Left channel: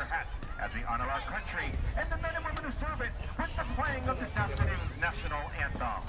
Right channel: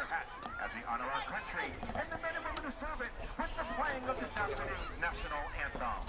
your hats as we honor our country and the men and women who serve it with the playing of this afternoon's national anthem.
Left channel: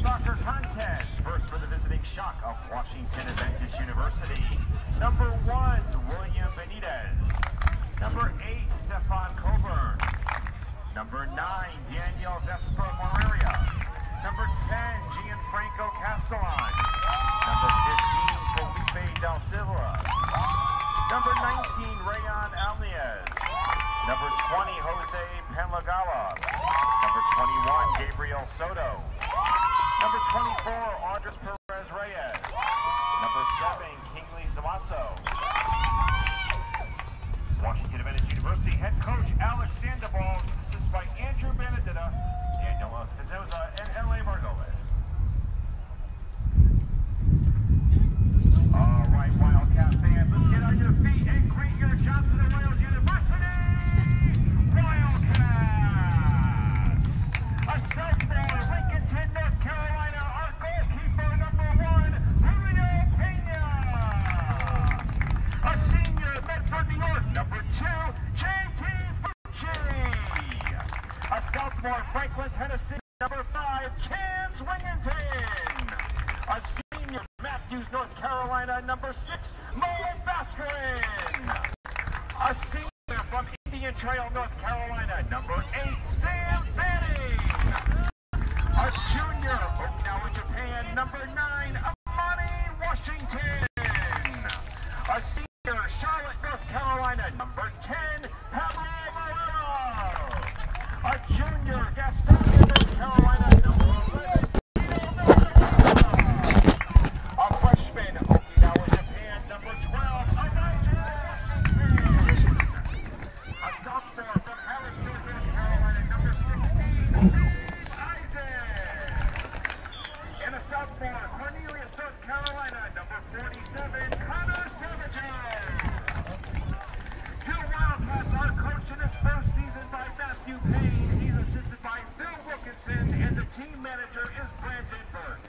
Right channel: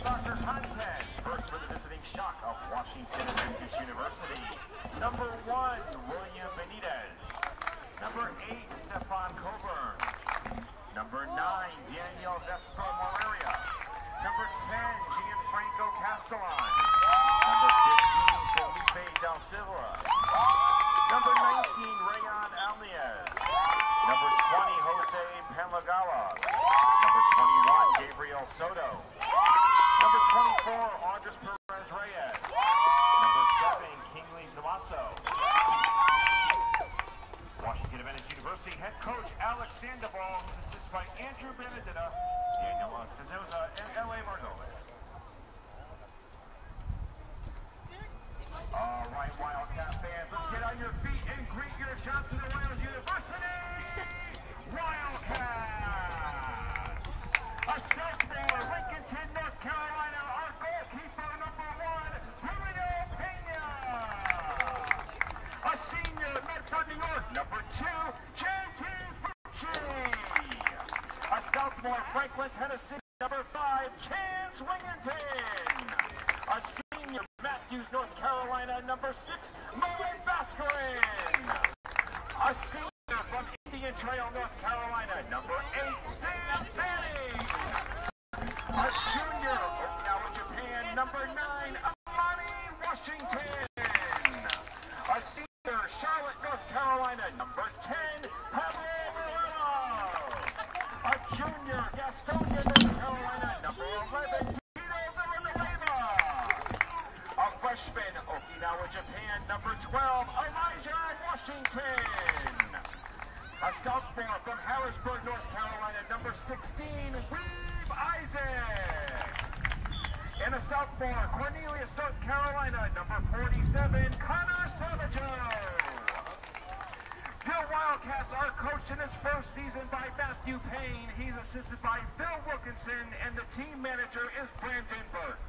Soccer contest. First for the visiting shock of Washington Adventist University. Number 1, William Benitez. Number 8, Stefan Coburn. Number 9, Daniel Vesper Moreria. Number 10, Gianfranco Castellan. Number 15, Felipe Del Silva. Number 19, Rayon Alniez. Number 20, Jose Penlagawa. Number 21, Gabriel Soto. Number 24, Andres Perez Reyes. Number 7, Kingsley Zamaso. Washington Adventist University head coach Alex Sandoval, assisted by Andrew Benedetta and Noah Cazoza and L.A. Margolis. All right, Wildcat fans, let's get on your feet and greet your Johnson & Wales University Wildcats! A sophomore, Lincolnton, North Carolina, our goalkeeper, number 1, Julio Pena. A senior, Medford, New York, number 2, J.T. Fucci. A sophomore, Franklin, Tennessee, number 5, Chance Wingington. A senior, Matthews, North Carolina, number 6, Mo Bascarin. A senior from Indian Trail, North Carolina, number 8, Sam Fanning. A junior, Okinawa, Japan, number 9, Amani Washington. A senior, Charlotte, North Carolina, number 10, Pablo Moreno. A junior, Gastonia, North Carolina, number 11, a freshman, Okinawa, Japan, number 12, Elijah Washington. A sophomore from Harrisburg, North Carolina, number 16, Reeve Isaac. And a sophomore, Cornelius, North Carolina, number 47, Connor Savageau. Your Wildcats are coached in his first season by Matthew Payne. He's assisted by Phil Wilkinson, and the team manager is Brandon Burke.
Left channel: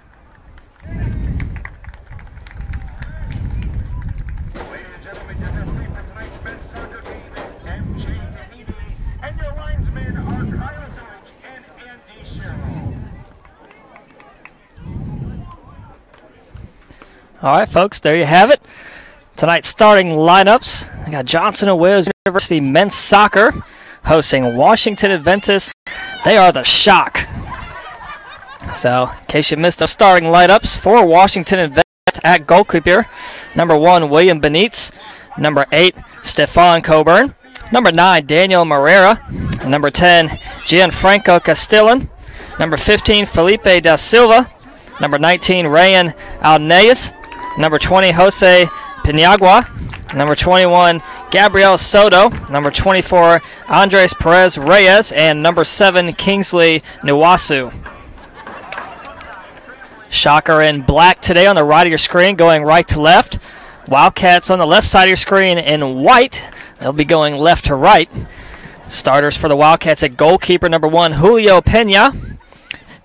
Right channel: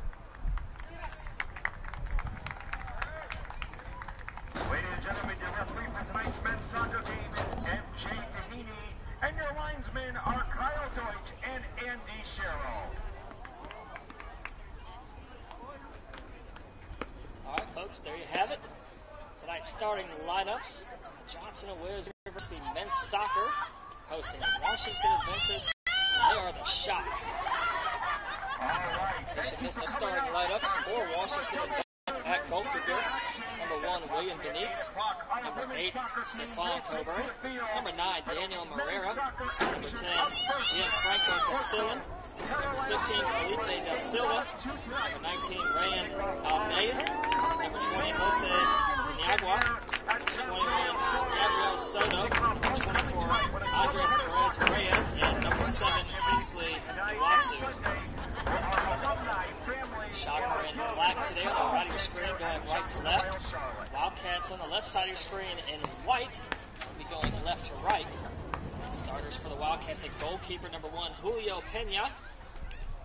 Ladies and gentlemen, your referee for tonight's men's soccer game is MJ Tahiti, and your linesmen are Kyle Deutsch and Andy Sherrill. All right, folks, there you have it. Tonight's starting lineups. I got Johnson & Wales University men's soccer hosting Washington Adventist. They are the shock. So, in case you missed the starting lineups for Washington Adventist at goalkeeper, number 1, William Benitez. Number 8, Stefan Coburn. Number 9, Daniel Moreira. Number 10, Gianfranco Castellan. Number 15, Felipe da Silva. Number 19, Rayon Alniez. Number 20, Jose Penagua. Number 21, Gabriel Soto. Number 24, Andres Perez Reyes. And number 7, Kingsley Nwasu. Shocker in black today on the right of your screen, going right to left. Wildcats on the left side of your screen in white. They'll be going left to right. Starters for the Wildcats at goalkeeper, number 1, Julio Pena.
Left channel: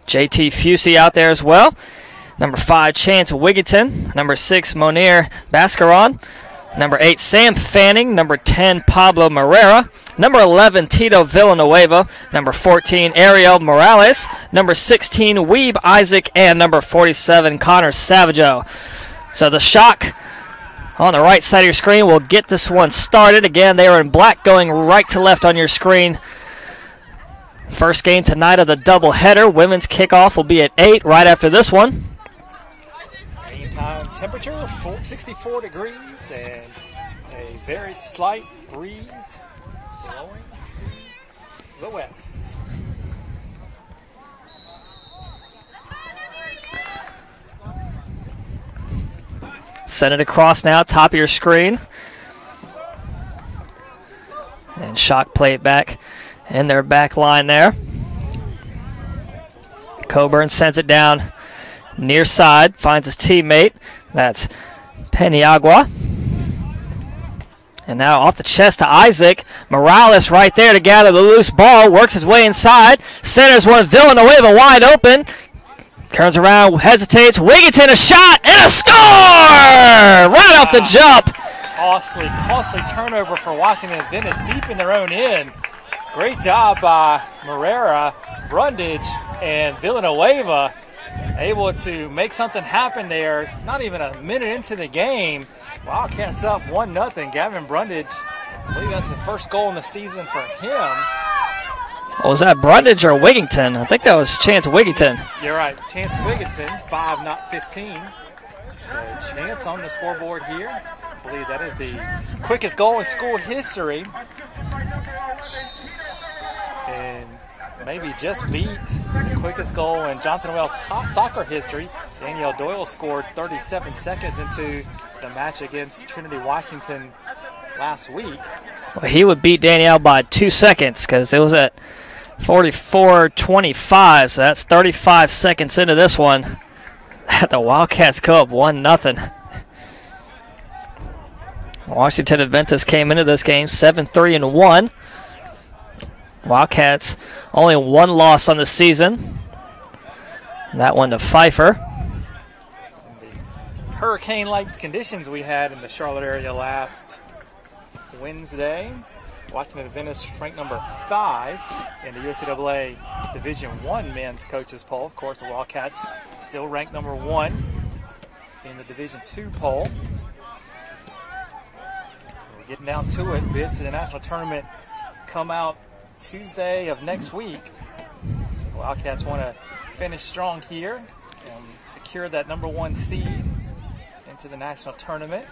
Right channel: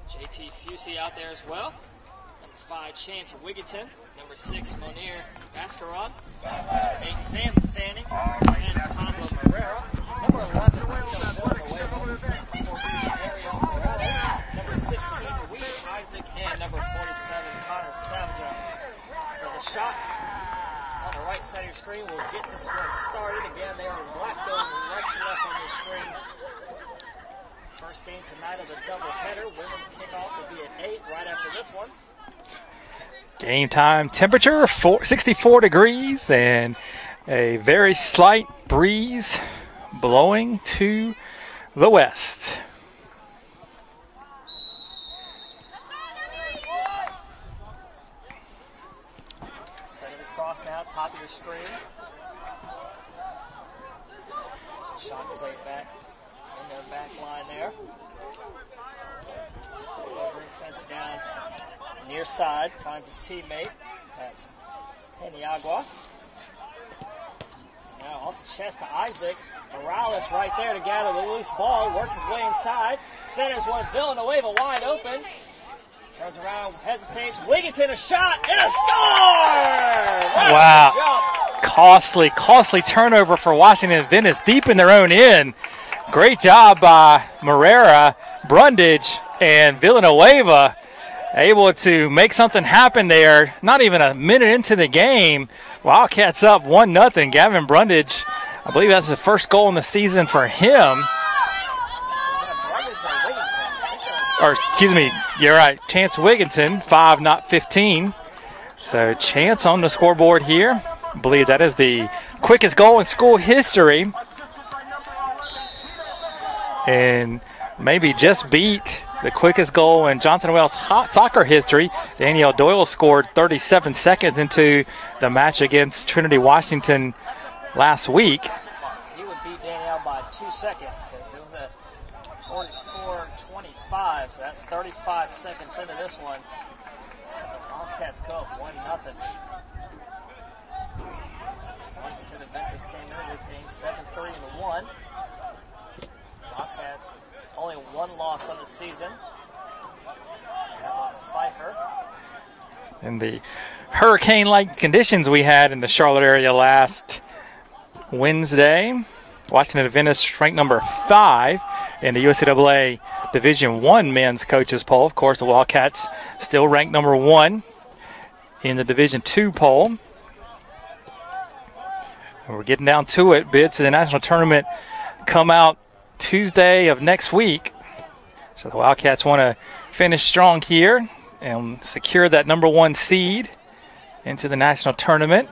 JT Fucci out there as well. Number 5, Chance Wigginton. Number 6, Monir Bascaron. Number 8, Sam Fanning. Number 10, Pablo Morera. Number 11, Tito Villanueva. Number 14, Ariel Morales. Number 16, Weeb Isaac. And number 47, Connor Savageau. So the Shock on the right side of your screen will get this one started. Again, they are in black going right to left on your screen. First game tonight of the doubleheader. Women's kickoff will be at 8 right after this one. Game time temperature 64 degrees and a very slight breeze blowing to the west. Send it across now, top of your screen. And Shock play it back in their back line there. Coburn sends it down near side, finds his teammate. That's Peniagua. And now off the chest to Isaac. Morales right there to gather the loose ball. Works his way inside. Centers one. Villanueva wide open. Turns around, hesitates. Wigginton, a shot, and a score! Right off the jump. Costly turnover for Washington Adventist deep in their own end. Great job by Morera, Brundage, and Villanueva able to make something happen there. Not even a minute into the game. Wildcats up 1-0. Gavin Brundage, I believe that's the first goal in the season for him. Was that Brundage or Wigginton? I think that was Chance Wigginton. You're right, Chance Wigginton, 5, not 15. So Chance on the scoreboard here. I believe that is the quickest goal in school history. And maybe just beat the quickest goal in Johnson & Wales soccer history. Danielle Doyle scored 37 seconds into the match against Trinity Washington last week. Well, he would beat Danielle by 2 seconds because it was at 44-25, so that's 35 seconds into this one. The Wildcats go up 1-0. Washington Adventist came into this game 7-3-1. Wildcats only one loss on the season. And that one to Pfeiffer. In the hurricane-like conditions we had in the Charlotte area last Wednesday, Washington Adventist ranked number 5 in the USCAA Division I men's coaches poll. Of course, the Wildcats still ranked number 1 in the Division II poll. We're getting down to it. Bids to the national tournament come out Tuesday of next week. So the Wildcats want to finish strong here and secure that number 1 seed into the national tournament.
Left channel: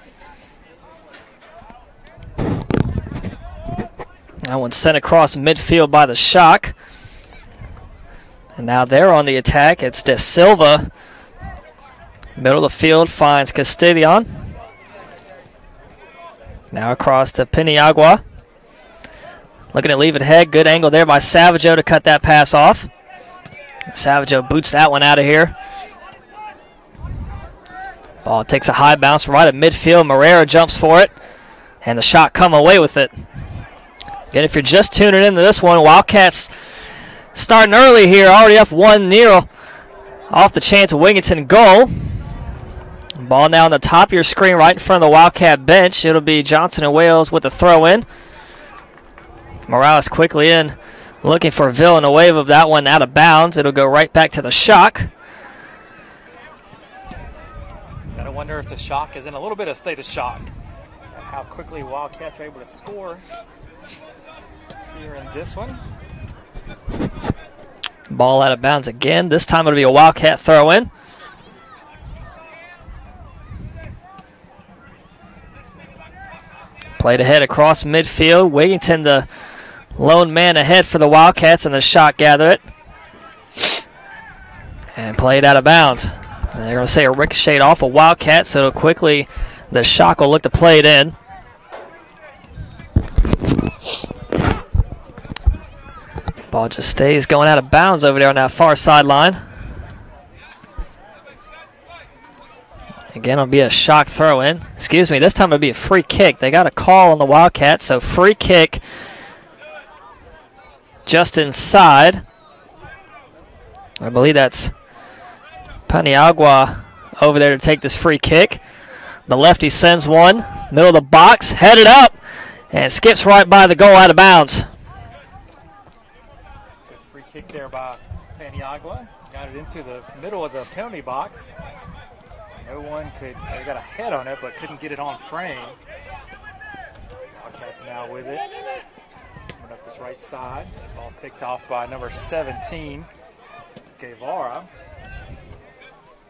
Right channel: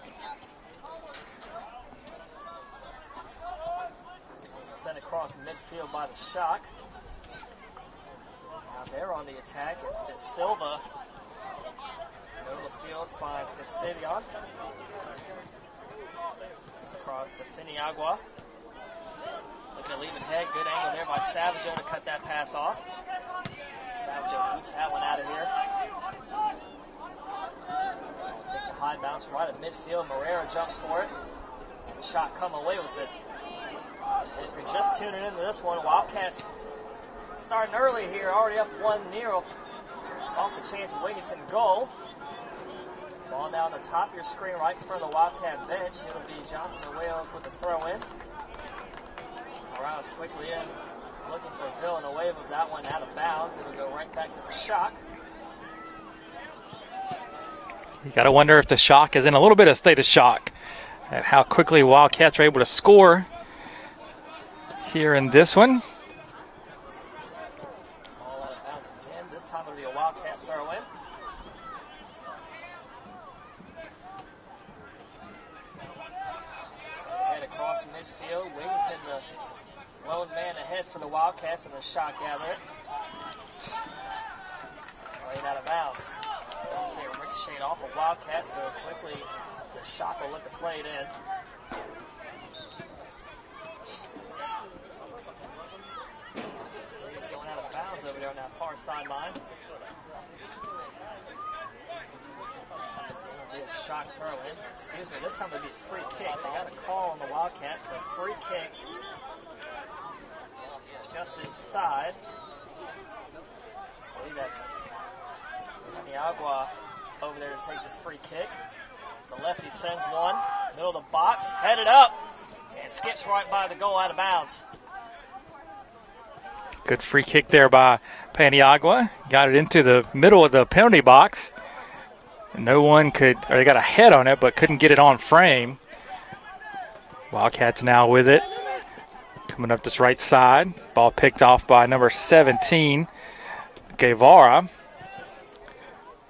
That one sent across midfield by the Shock. And now they're on the attack. It's De Silva. Middle of the field finds Castillon. Now across to Peniagua. Looking to leave it ahead. Good angle there by Savageau to cut that pass off. Savageau boots that one out of here. Ball takes a high bounce right at midfield. Morera jumps for it. And the Shock come away with it. Again, if you're just tuning into this one, Wildcats starting early here, already up 1-0 off the Chance Wigginton goal. Ball now on the top of your screen right in front of the Wildcat bench. It'll be Johnson & Wales with the throw in. Morales quickly in, looking for Villanueva. That one out of bounds. It'll go right back to the Shock. You got to wonder if the Shock is in a little bit of state of shock at how quickly Wildcats are able to score here in this one. Ball out of bounds again. This time it'll be a Wildcat throw in. Played ahead across midfield. Wigginton, the lone man ahead for the Wildcats, and the Shock gather it. And played out of bounds. They're going to say a ricochet off a Wildcat, so quickly the Shock will look to play it in. Ball just stays going out of bounds over there on that far sideline. Again, it'll be a Shock throw in. Excuse me, this time it'll be a free kick. They got a call on the Wildcats, so free kick just inside. I believe that's Paniagua over there to take this free kick. The lefty sends one, middle of the box, headed up, and skips right by the goal out of bounds. Good free kick there by Paniagua. Got it into the middle of the penalty box. No one could, or they got a head on it, but couldn't get it on frame. Wildcats now with it. Coming up this right side. Ball picked off by number 17, Guevara.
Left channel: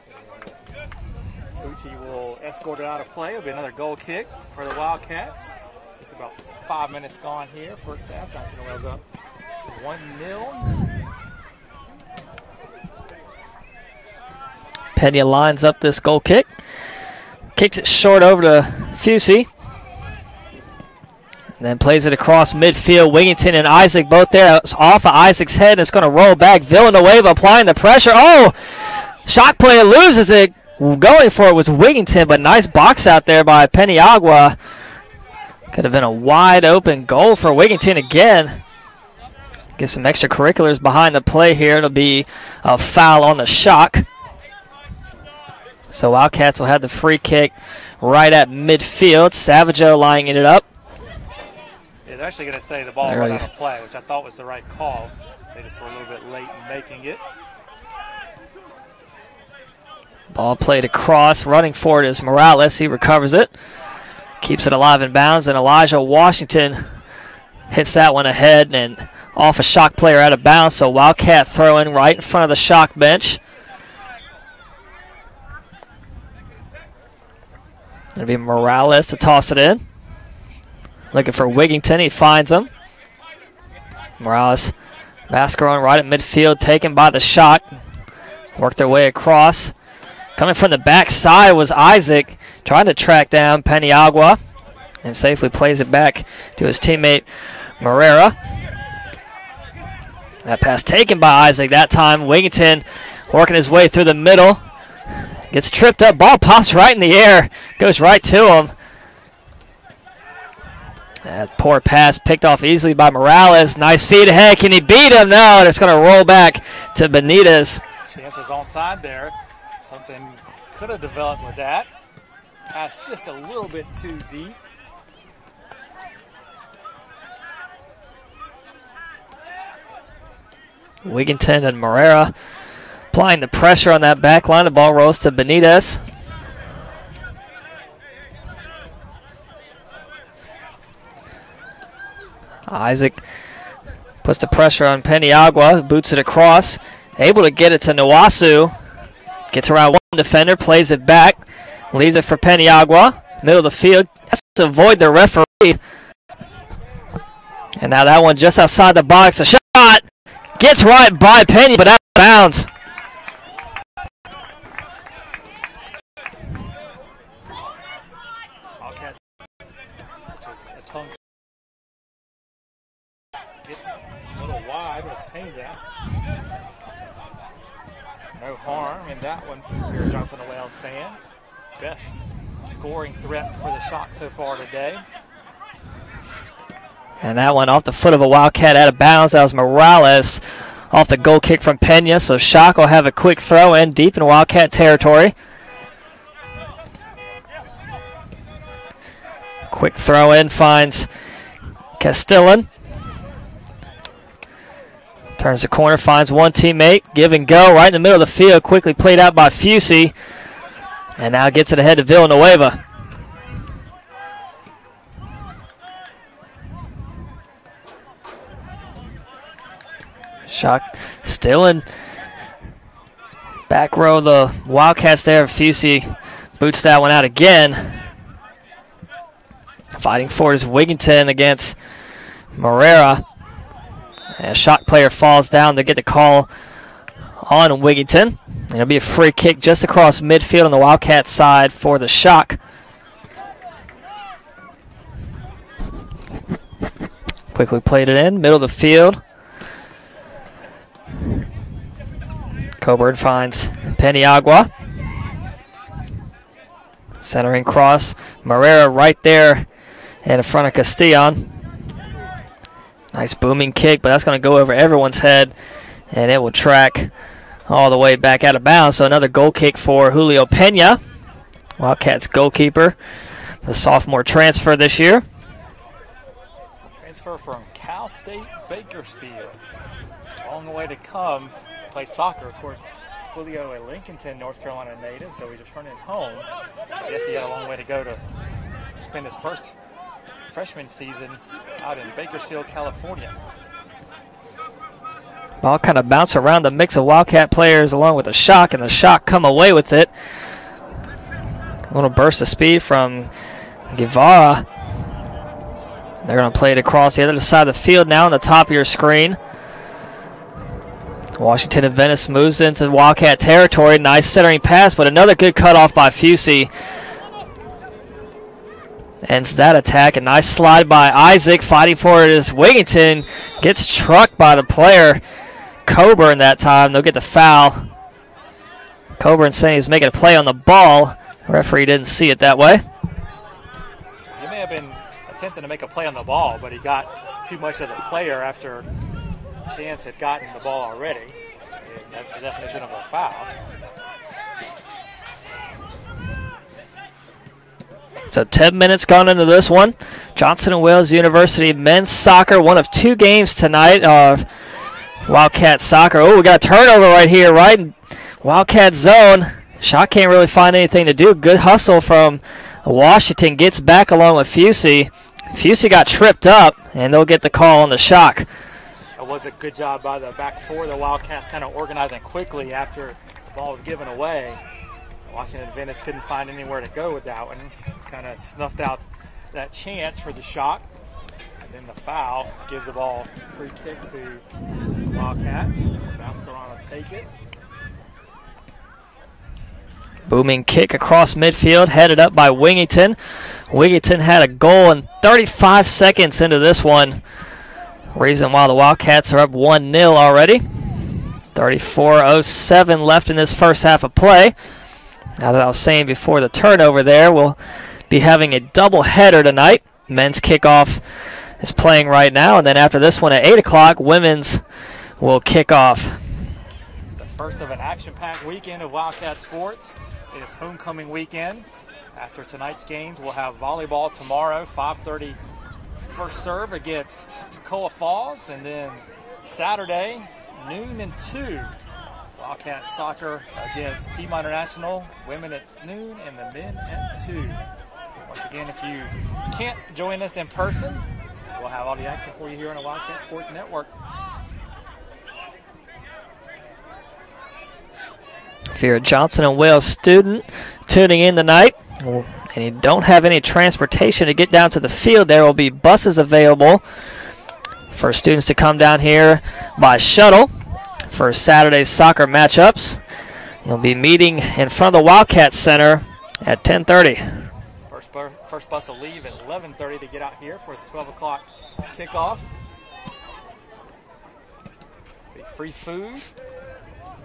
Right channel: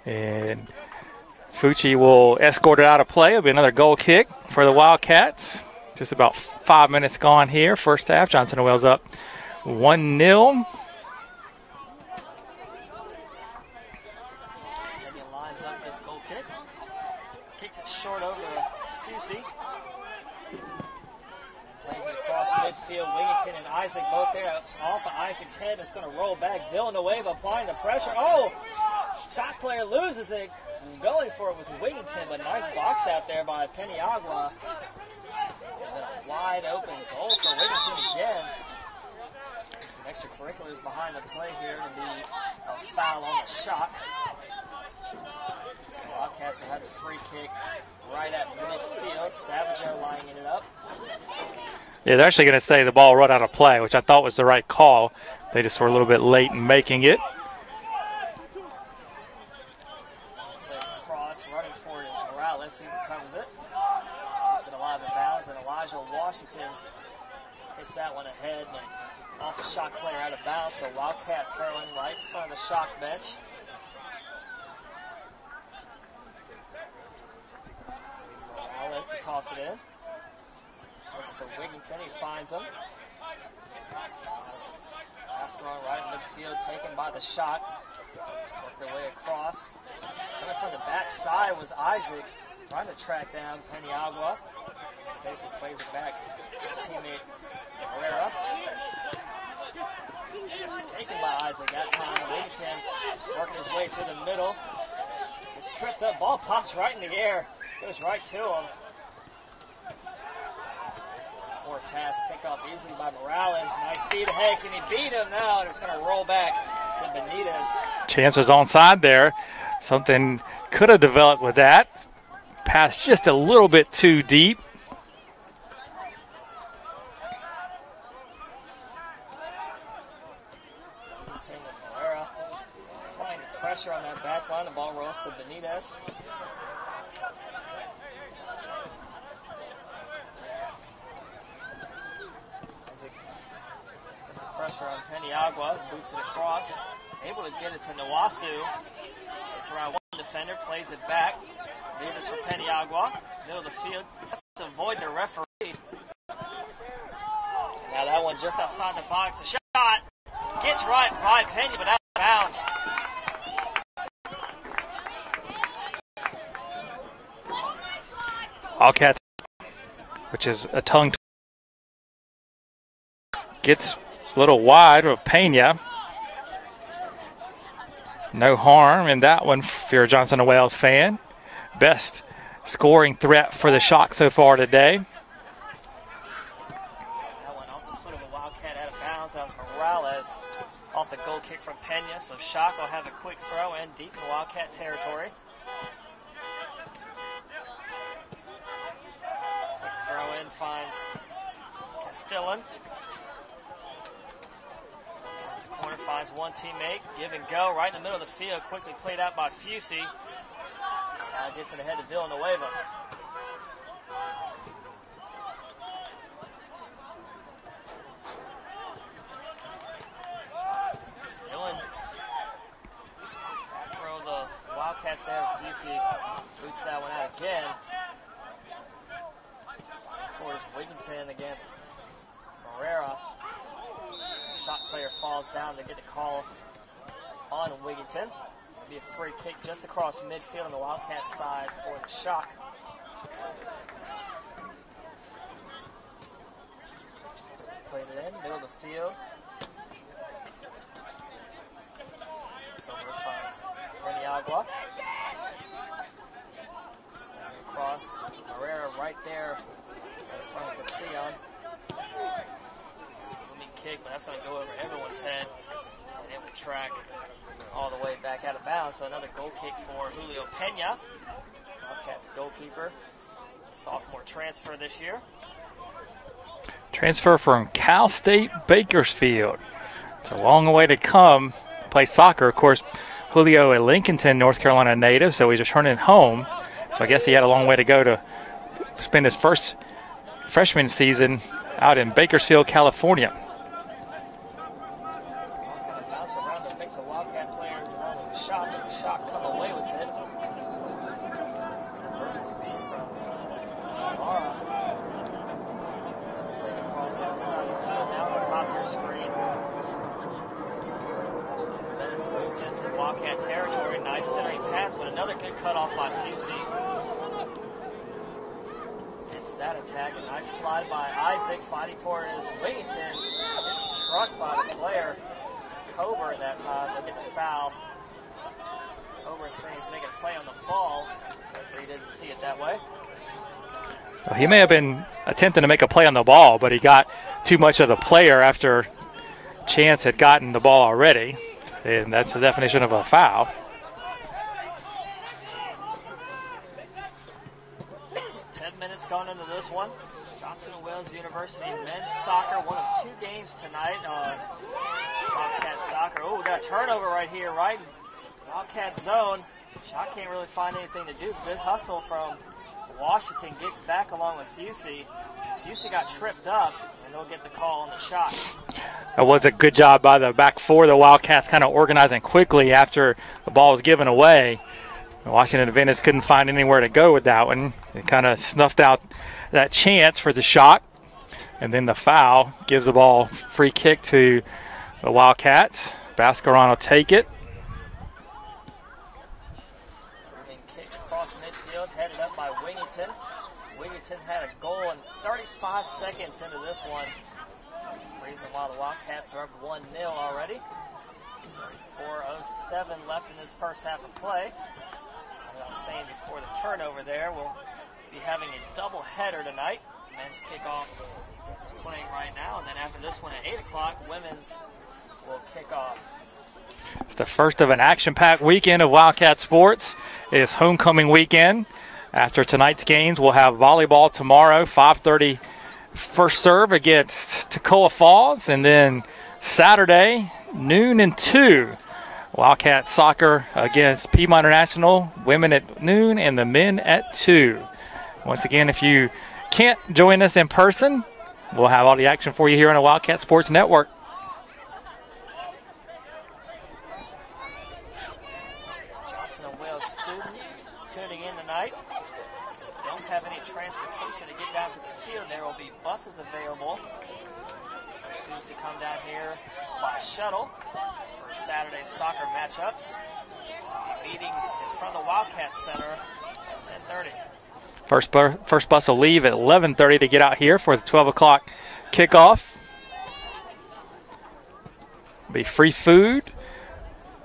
And Fucci will escort it out of play. It'll be another goal kick for the Wildcats. Just about 5 minutes gone here. First half, Johnson & Wales up 1-0. Pena lines up this goal kick. Kicks it short over to Fucci. Then plays it across midfield. Wigington and Isaac both there. It's off of Isaac's head. It's going to roll back. Villanueva applying the pressure. Oh! Shot player loses it. Going for it was Wigington, but nice box out there by Paniagua. Could have been a wide open goal for Wigington again. Get some extracurriculars behind the play here. It'll be a foul on the Shock. So Wildcats will have the free kick right at midfield. Savageau lining it up. Yeah, they're actually going to say the ball run out of play, which I thought was the right call. They just were a little bit late in making it. Ball played across. Running for it is Morales. He recovers it. Keeps it alive in bounds, and Elijah Washington hits that one ahead and off a Shock player out of bounds. So Wildcat throwing right in front of the Shock bench. It'll be Morales to toss it in. Looking for Wigington. He finds him. Morales, Mascaron right at midfield, taken by the Shock. Worked their way across. Coming from the backside was Isaac, trying to track down Paniagua, and safely plays it back to his teammate Morera. That pass taken by Isaac that time. Wigington working his way through the middle. Gets tripped up. Ball pops right in the air. Goes right to him. That poor pass picked off easily by Morales. Nice feed ahead. Can he beat him? No, and it's going to roll back to Benitez. Chance was onside there. Something could have developed with that. Pass just a little bit too deep. Wigington and Morera applying the pressure on that back line. The ball rolls to Benitez. Isaac puts the pressure on Paniagua, boots it across, able to get it to Nwasu. Gets around one defender, plays it back, leaves it for Paniagua. Middle of the field, has to avoid the referee. And now that one just outside the box. A shot gets right by Penny, but out of bounds. Wildcats, which is a tongue, gets a little wide with Pena. No harm in that one if you're a Johnson & Wales fan. Best scoring threat for the Shock so far today. And that one off the foot of a Wildcat out of bounds. That was Morales off the goal kick from Pena. So Shock will have a quick throw in deep in Wildcat territory. Quick throw in finds Castillan. Turns the corner, finds one teammate. Give and go right in the middle of the field. Quickly played out by Fucci. And now gets it ahead to Villanueva. Shock still in back row. The Wildcats there. Fucci boots that one out again. Fighting for it is Wigington against Morera. And a Shock player falls down to get the call on Wigington. And it'll be a free kick just across midfield on the Wildcat side for the Shock. Quickly played it in, middle of the field. Coburn finds Paniagua. Centering cross. Morera right there in front of Castillon. Nice booming kick, but that's going to go over everyone's head, and it will track all the way back out of bounds. So another goal kick for Julio Pena, Wildcats goalkeeper, the sophomore transfer this year. transfer from Cal State Bakersfield. It's a long way to come, play soccer. Of course, Julio a Lincolnton, North Carolina native, so he's returning home. So I guess he had a long way to go to spend his first freshman season out in Bakersfield, California. Ball kind of bounced around the mix of Wildcat players along with the Shock, and the Shock come away with it. A little burst of speed from Guevara. They're going to play it across the other side of the field now on the top of your screen. Washington Adventist moves into Wildcat territory. Nice centering pass, but another good cutoff by Fusey. Ends that attack. A nice slide by Isaac. Fighting for it is Wigington. Gets trucked by the player Coburn that time. They'll get the foul. Coburn saying he's making a play on the ball. The referee didn't see it that way. Well, he may have been attempting to make a play on the ball, but he got too much of the player after Chance had gotten the ball already, and that's the definition of a foul. So 10 minutes gone into this one. Johnson & Wales University men's soccer, one of two games tonight. Wildcat soccer. Oh, we got a turnover right here, right in Wildcat zone. Shock can't really find anything to do. Good hustle from Washington. Gets back along with Fusey. Fusey got tripped up, and they'll get the call on the Shock. That was a good job by the back four. The Wildcats kind of organizing quickly after the ball was given away. Washington Adventist couldn't find anywhere to go with that one. It kind of snuffed out that chance for the Shock. And then the foul gives the ball free kick to the Wildcats. Bascaron will take it. Booming kick across midfield, headed up by Wigington. Wigington had a goal in 35 seconds into this one. Reason why the Wildcats are up 1-0 already. 34:07 left in this first half of play. As I was saying before the turnover there, we'll be having a double header tonight. Men's kickoff is playing right now, and then after this one at 8 o'clock, women's will kick off. It's the first of an action-packed weekend of Wildcat sports. It is homecoming weekend. After tonight's games, we'll have volleyball tomorrow, 5:30 first serve against Toccoa Falls, and then Saturday, noon and 2. Wildcat soccer against Piedmont International, women at noon and the men at 2. Once again, if you can't join us in person, we'll have all the action for you here on the Wildcat Sports Network. If you're a Johnson & Wales student tuning in tonight, and you don't have any transportation to get down to the field, there will be buses available for students to come down here by shuttle for Saturday's soccer matchups. You'll be meeting in front of the Wildcat Center at 10:30. First bus will leave at 11:30 to get out here for the 12 o'clock kickoff. Be free food.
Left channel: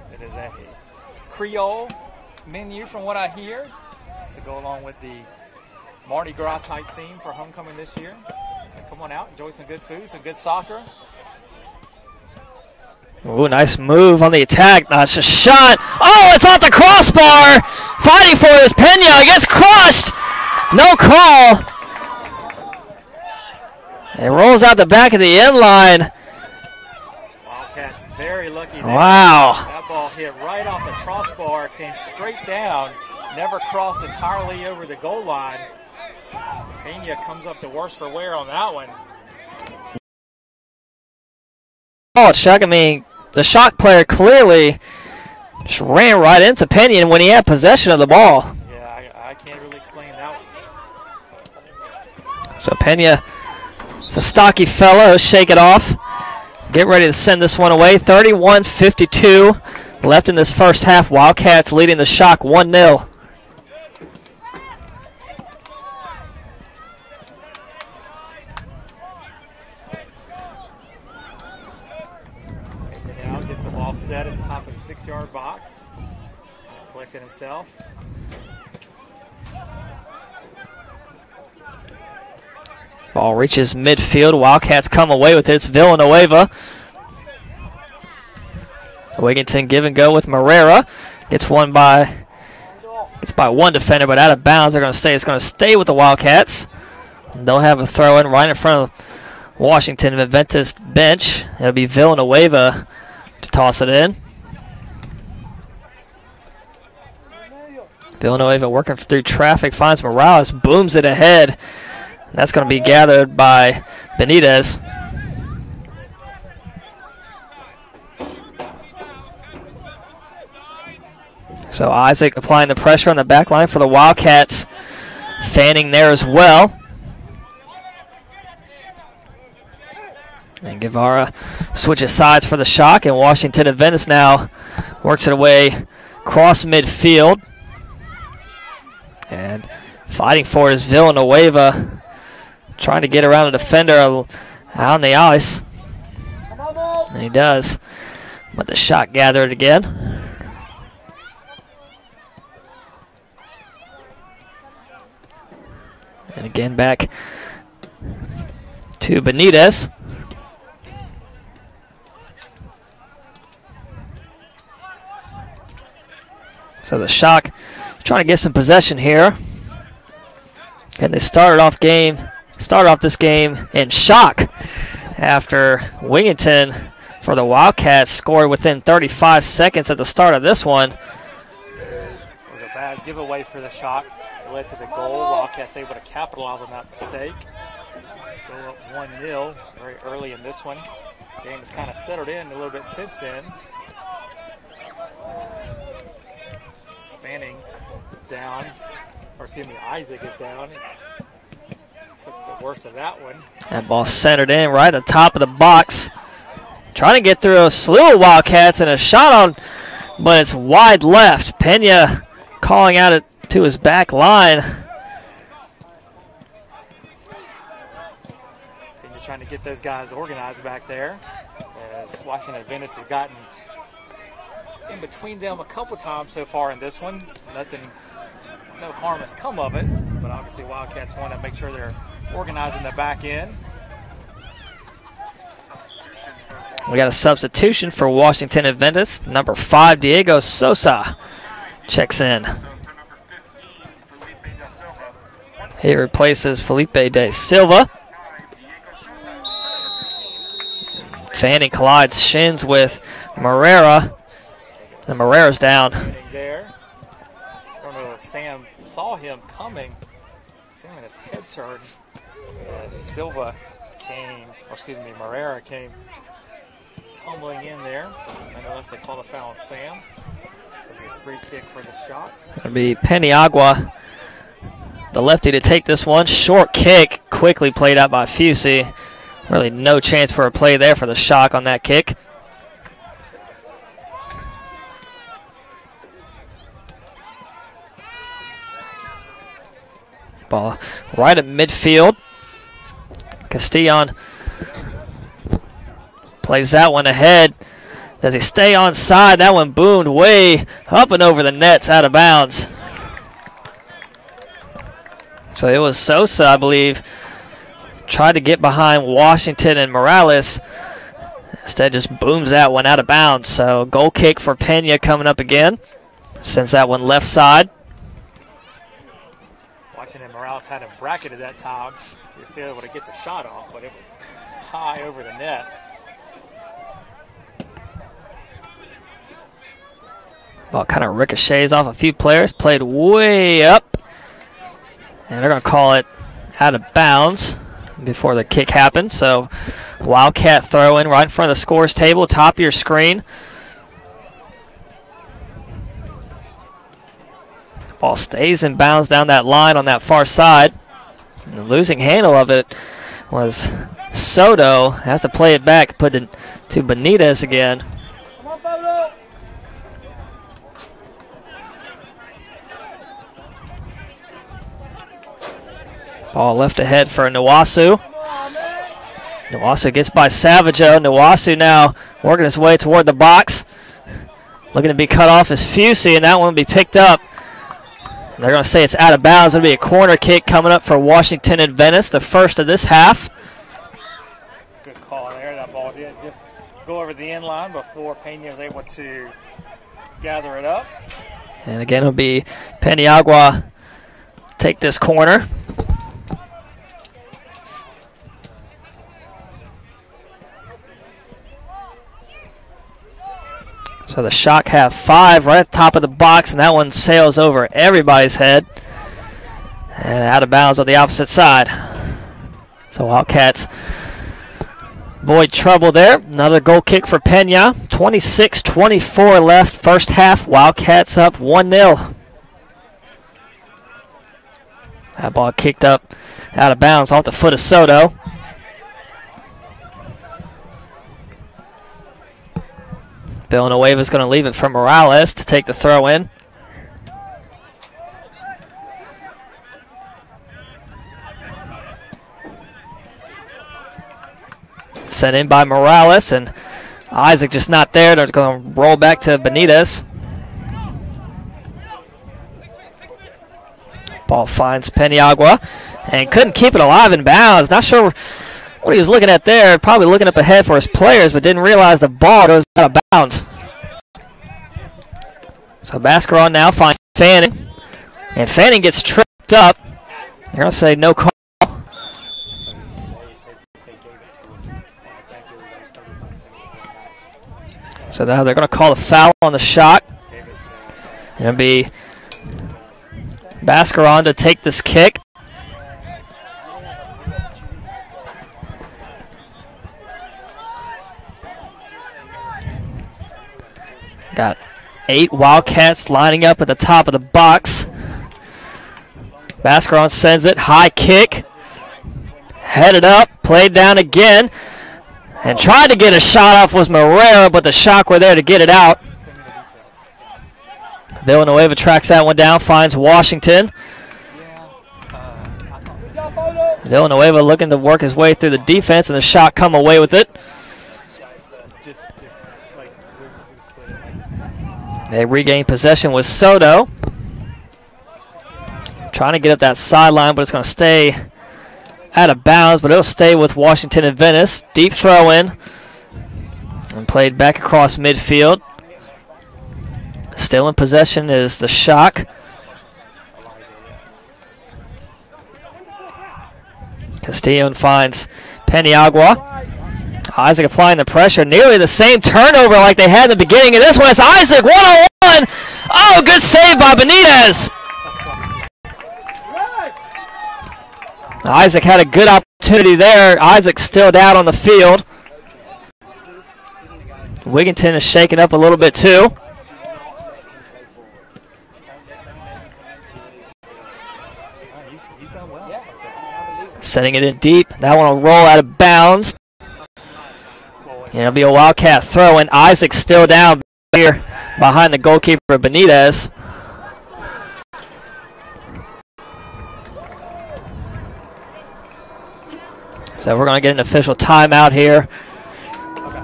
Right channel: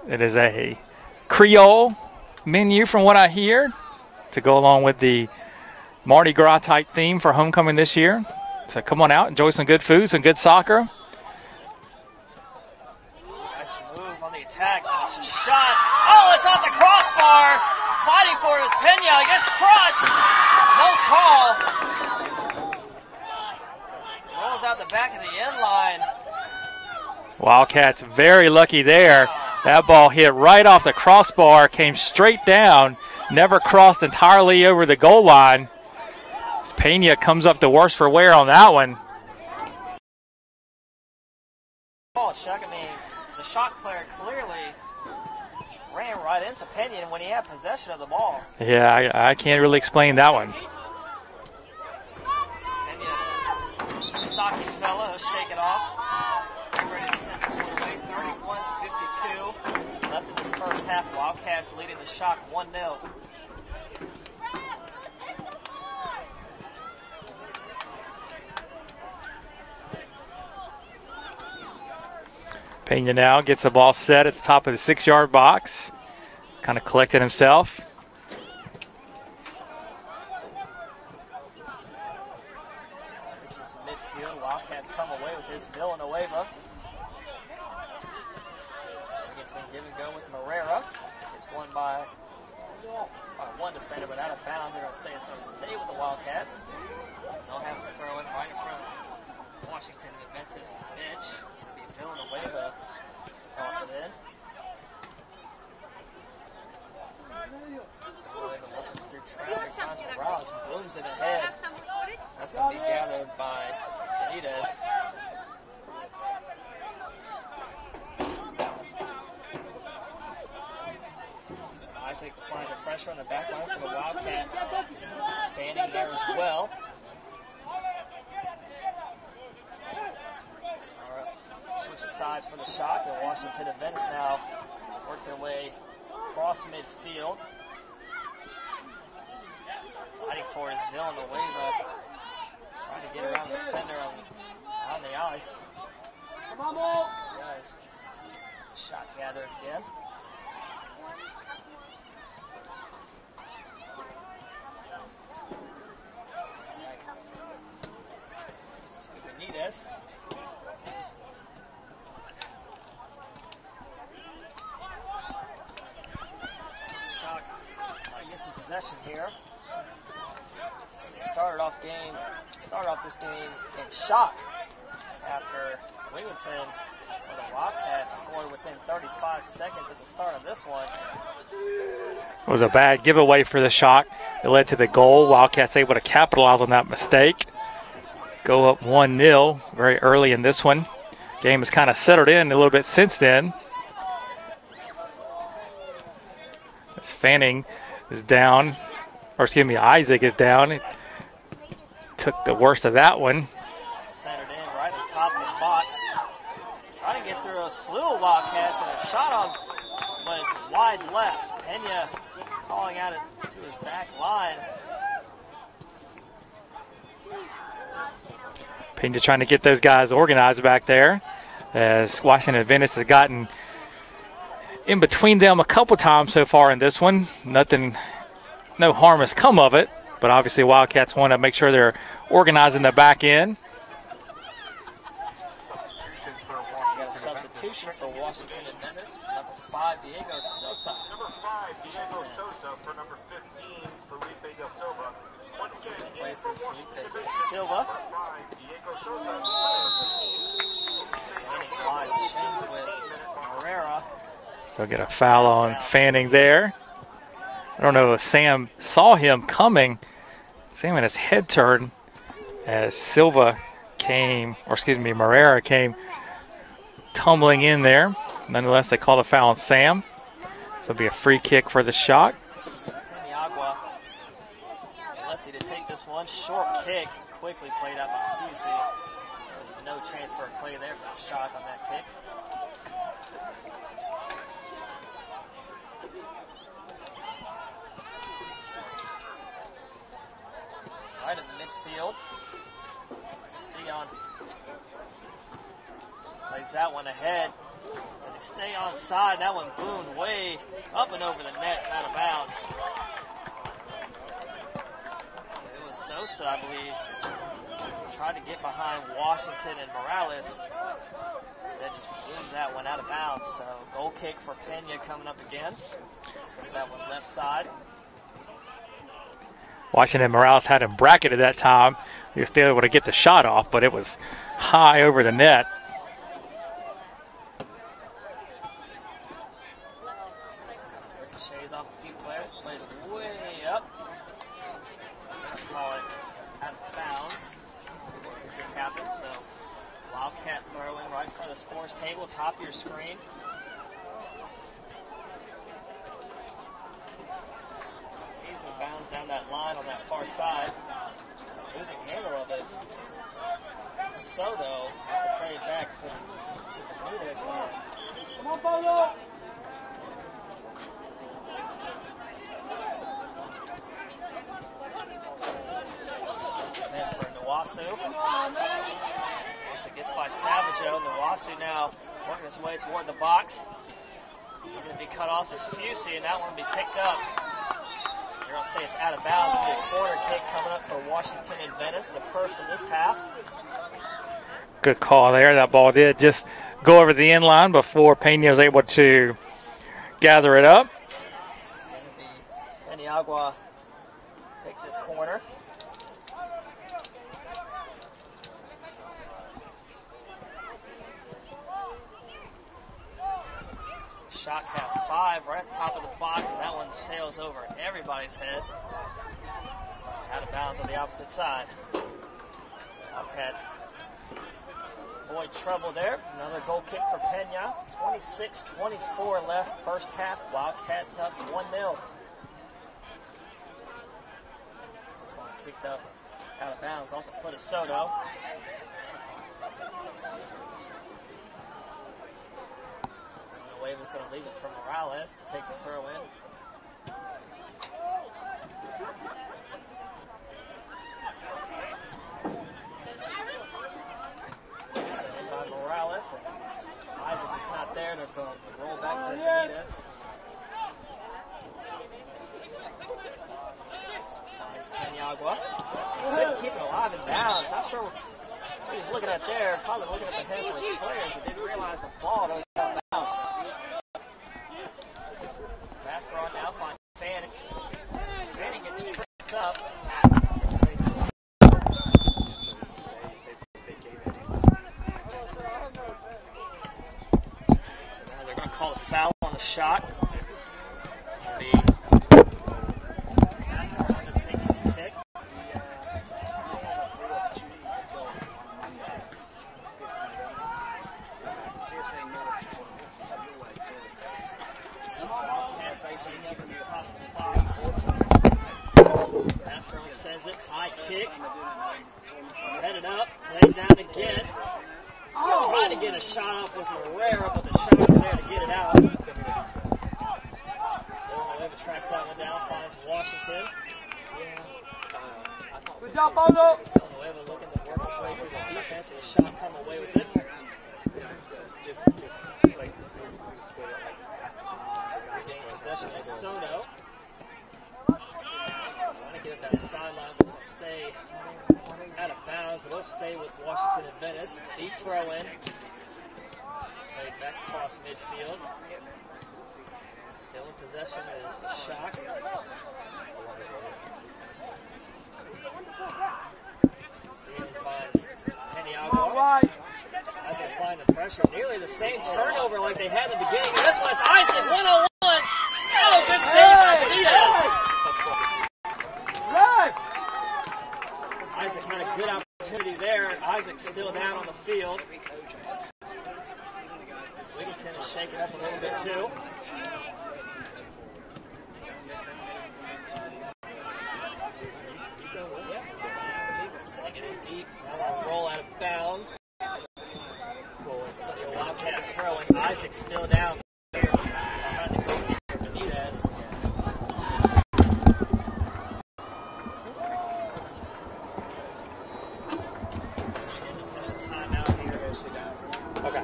It is a Creole menu from what I hear, to go along with the Mardi Gras type theme for homecoming this year. So come on out, enjoy some good food, some good soccer. Ooh, nice move on the attack. That's a shot. Oh, it's off the crossbar. Fighting for it is Pena. It gets crushed. No call. It rolls out the back of the end line. Wildcats very lucky there. Wow. That ball hit right off the crossbar, came straight down, never crossed entirely over the goal line. Pena comes up the worst for wear on that one. Oh, Chuck, I mean, the Shock player clearly just ran right into Pena when he had possession of the ball. Yeah, I can't really explain that one. So Pena, it's a stocky fellow. He'll shake it off. Get ready to send this one away. 31:52 left in this first half. Wildcats leading the Shock 1-0. Pena now gets the ball set at the top of the 6-yard box. Kind of collected himself. Ball reaches midfield. Wildcats come away with it. It's Villanueva. Wigington give and go with Marrera. Gets by one defender, but out of bounds. They're going to say it's going to stay with the Wildcats. They'll have a throw in right in front of Washington Adventist bench. It'll be Villanueva to toss it in. Villanueva working through traffic, finds Morales, booms it ahead. That's going to be gathered by Benitez. So Isaac applying the pressure on the back line for the Wildcats. Fanning there as well. And Guevara switches sides for the Shock, and Washington Adventist now works it away across midfield. And fighting for it is Villanueva, trying to get around a defender out on the ice. And he does. But the Shock gather it again. And again back to Benitez. So the Shock trying to get some possession here. And they started off this game in shock after Wingington for the Wildcats scored within 35 seconds at the start of this one. It was a bad giveaway for the Shock. It led to the goal. Wildcats able to capitalize on that mistake. Go up 1-0 very early in this one. Game has kind of settled in a little bit since then. As Fanning is down, or excuse me, Isaac is down. He took the worst of that one. That ball centered in right at the top of the box. Trying to get through a slew of Wildcats and a shot on, but it's wide left. Pena calling out it to his back line. Pena trying to get those guys organized back there, as Washington Adventist has gotten in between them a couple times so far in this one. No harm has come of it, but obviously Wildcats want to make sure they're organizing the back end. We got a substitution for Washington Adventist. Number 5, Diego Sosa checks in. He replaces Felipe de Silva. Fanning collides shins with Morera. So get a and foul Morera's on down. Fanning there. I don't know if Sam saw him coming. Sam had his head turned as Morera came tumbling in there. Nonetheless, they call the foul on Sam. So it'll be a free kick for the Shock. It'll be Peniagua, the lefty, to take this one. Short kick, quickly played out by Fusey. Really no chance for a play there for the Shock on that kick. Ball right at midfield. Castillon plays that one ahead. Does he stay on side? That one boomed way up and over the nets, out of bounds. So it was Sosa, I believe, tried to get behind Washington and Morales. Instead just booms that one out of bounds. So goal kick for Pena coming up again. Sends that one left side. Washington Morales had him bracketed that time. He was still able to get the shot off, but it was high over the net. Ball kind of ricochets off a few players, played way up. And they're going to call it out of bounds before the kick happened. So Wildcat throw in right in front of the scores table, top of your screen. Ball stays in bounds down that line on that far side. And the losing handle of it was Soto. Has to play it back, put it to Benitez again. Come on, Pablo. Ball left ahead for Nwasu. Nwasu gets by Savaggio. Nwasu now working his way toward the box. Looking to be cut off is Fusey, and that one will be picked up. They're going to say it's out of bounds. It'll be a corner kick coming up for Washington Adventist, the first of this half. Good call there. That ball did just go over the end line before Pena was able to gather it up. And again, it'll be Peniagua take this corner. So the Shock have 5 right at the top of the box, and that one sails over everybody's head. And out of bounds on the opposite side. So Wildcats avoid trouble there. Another goal kick for Pena. 26-24 left, first half. Wildcats up 1-0. That ball kicked up out of bounds off the foot of Soto. Villanueva's going to leave it for Morales to take the throw in. Sent in by Morales, and Isaac just not there. They're going to roll back to Benitez. Ball finds Peniagua and couldn't keep it alive in bounds. Not sure what he was looking at there. Probably looking up ahead for his players, but didn't realize the ball goes out of bounds. So Bascaron now finds Fanning, and Fanning gets tripped up. They're going to say no call. So now they're going to call a foul on the Shock. It'll be Bascaron to take this kick. Got 8 Wildcats lining up at the top of the box. Bascaron sends it, high kick. Headed up, played down again. And tried to get a shot off was Morera, but the Shock were there to get it out. Villanueva tracks that one down, finds Washington. Villanueva looking to work his way through the defense, and the Shock come away with it. They regain possession with Soto. Trying to get up that sideline, but it's going to stay out of bounds, but it'll stay with Washington Adventist. Deep throw in and played back across midfield. Still in possession is the Shock. Castillo finds Peniagua. Isaac applying the pressure. Nearly the same turnover like they had in the beginning of this one. It's Isaac, 1-on-1. Oh, good save by Benitez. Isaac had a good opportunity there. Isaac's still down on the field. Wigginton is shaken up a little bit too. Sending it in deep. That one will roll out of bounds. And it'll be a Wildcat throw, and Isaac's still down here behind the goalkeeper, Benitez. So we're going to get an official timeout here. Okay.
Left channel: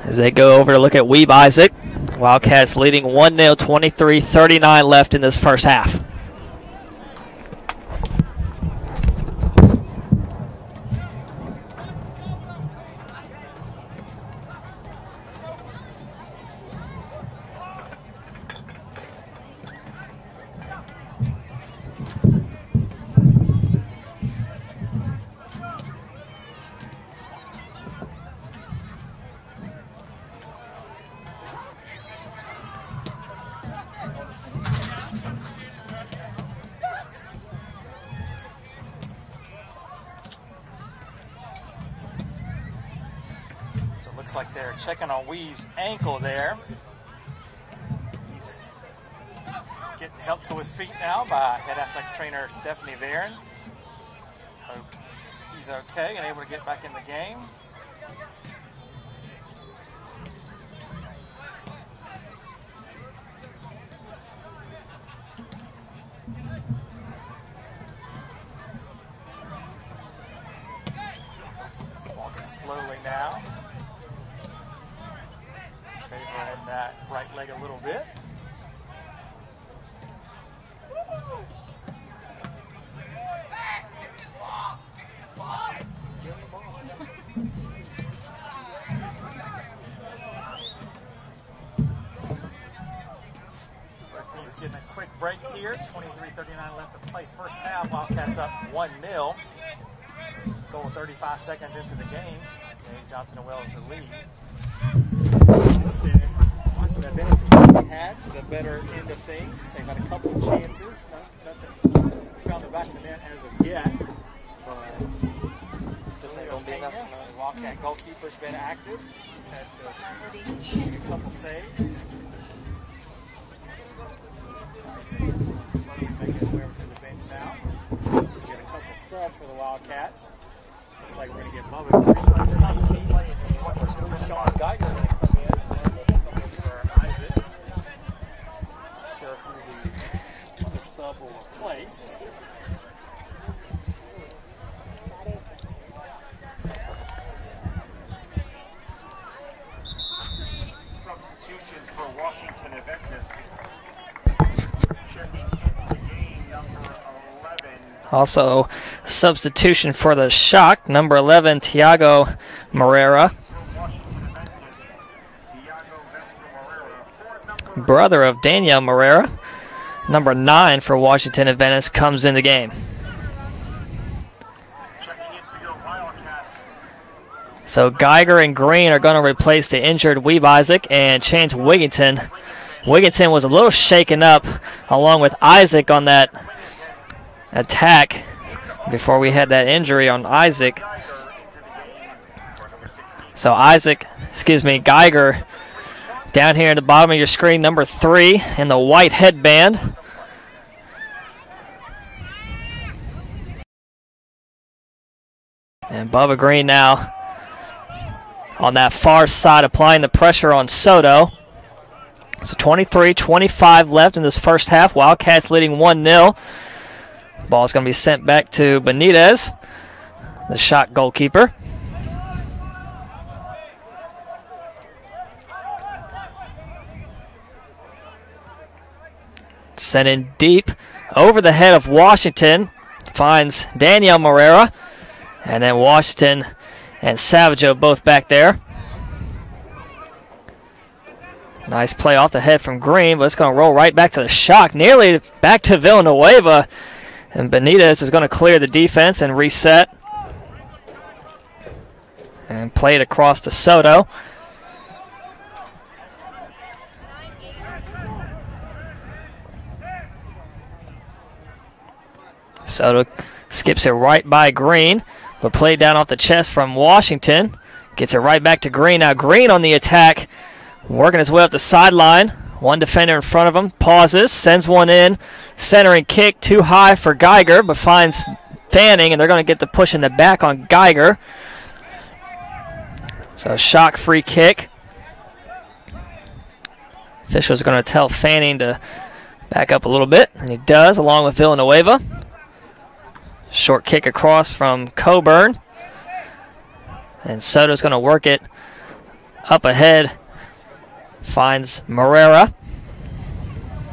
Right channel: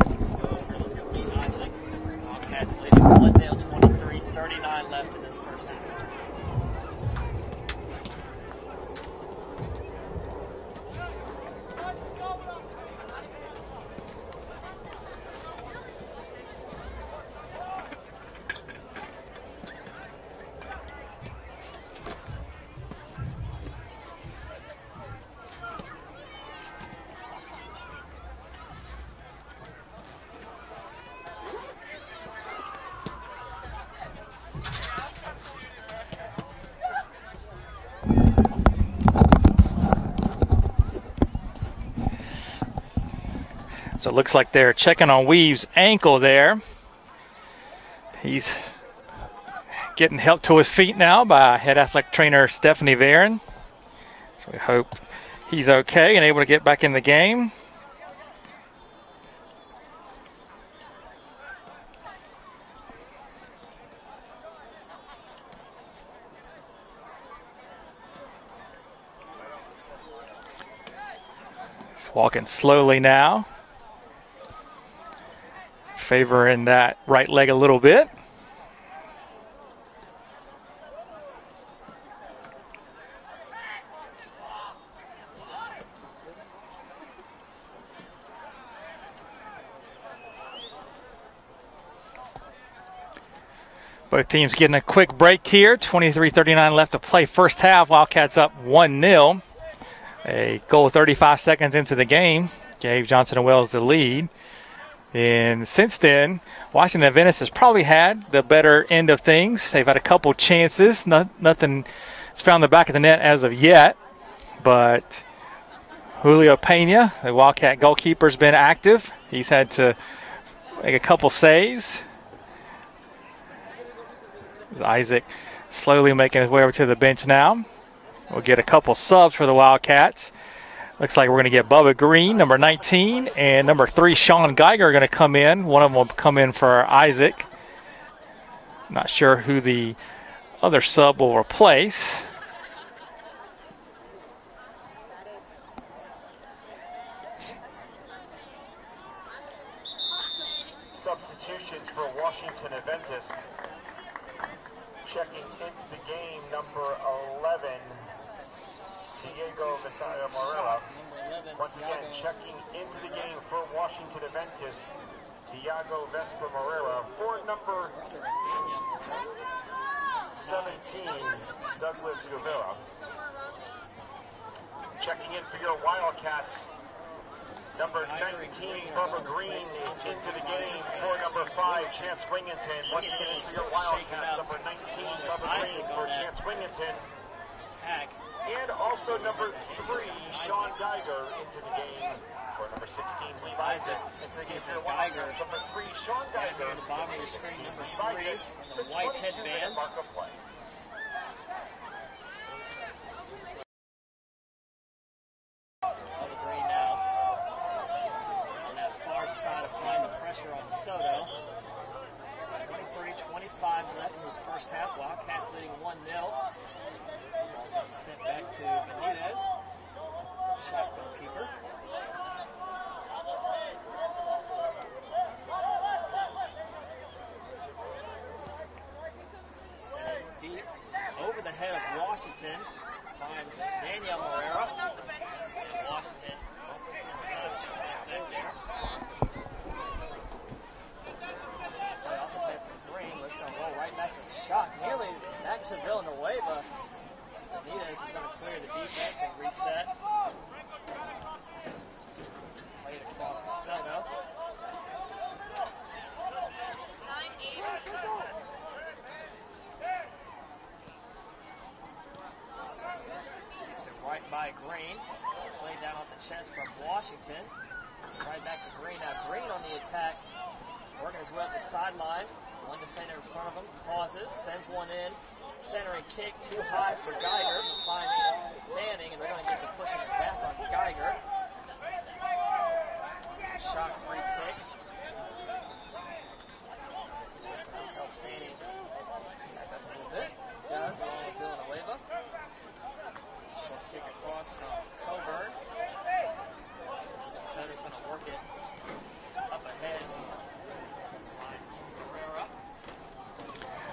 As they go over to look at Weeb Isaac. Wildcats leading 1-0, 23-39 left in this first half. So it looks like they're checking on Weave's ankle there. He's getting help to his feet now by head athletic trainer Stephanie Varon. So we hope he's okay and able to get back in the game. He's walking slowly now, favoring that right leg a little bit. Both teams getting a quick break here. 23-39 left to play first half. Wildcats up 1-0. A goal 35 seconds into the game gave Johnson & Wales the lead. And since then, Washington Adventist has probably had the better end of things. They've had a couple chances. Nothing has found the back of the net as of yet. But Julio Pena, the Wildcat goalkeeper, has been active. He's had to make a couple saves. Isaac slowly making his way over to the bench now. We'll get a couple subs for the Wildcats. Looks like we're going to get Bubba Green, number 19, and number 3, Sean Geiger, are going to come in. One of them will come in for Isaac. Not sure who the other sub will replace. Substitutions for Washington Adventist. Checking into the game, number 11. Also, substitution for the Shock, number 11, Tiago Moreira. Brother of Daniel Moreira. Number 9 for Washington Adventist comes in the game. So Geiger and Green are going to replace the injured Weeb Isaac and change Wigginton. Wigginton was a little shaken up along with Isaac on that attack before we had that injury on Isaac. So Geiger down here at the bottom of your screen, number 3 in the white headband. And Bubba Green now on that far side applying the pressure on Soto. So 23-25 left in this first half. Wildcats leading 1-0. Ball's going to be sent back to Benitez, the Shock goalkeeper. Sent in deep over the head of Washington. Finds Daniel Moreira. And then Washington and Savageau both back there. Nice play off the head from Green, but it's going to roll right back to the Shock. Nearly back to Villanueva. And Benitez is going to clear the defense and reset. And play it across to Soto. Soto skips it right by Green, but played down off the chest from Washington. Gets it right back to Green. Now Green on the attack, working his way up the sideline. One defender in front of him, pauses, sends one in. Centering kick too high for Geiger, but finds Fanning, and they're going to get the push in the back on Geiger. So Shock free kick. Official's going to tell Fanning to back up a little bit, and he does, along with Villanueva. Short kick across from Coburn. And Soto's going to work it up ahead. Finds Moreira.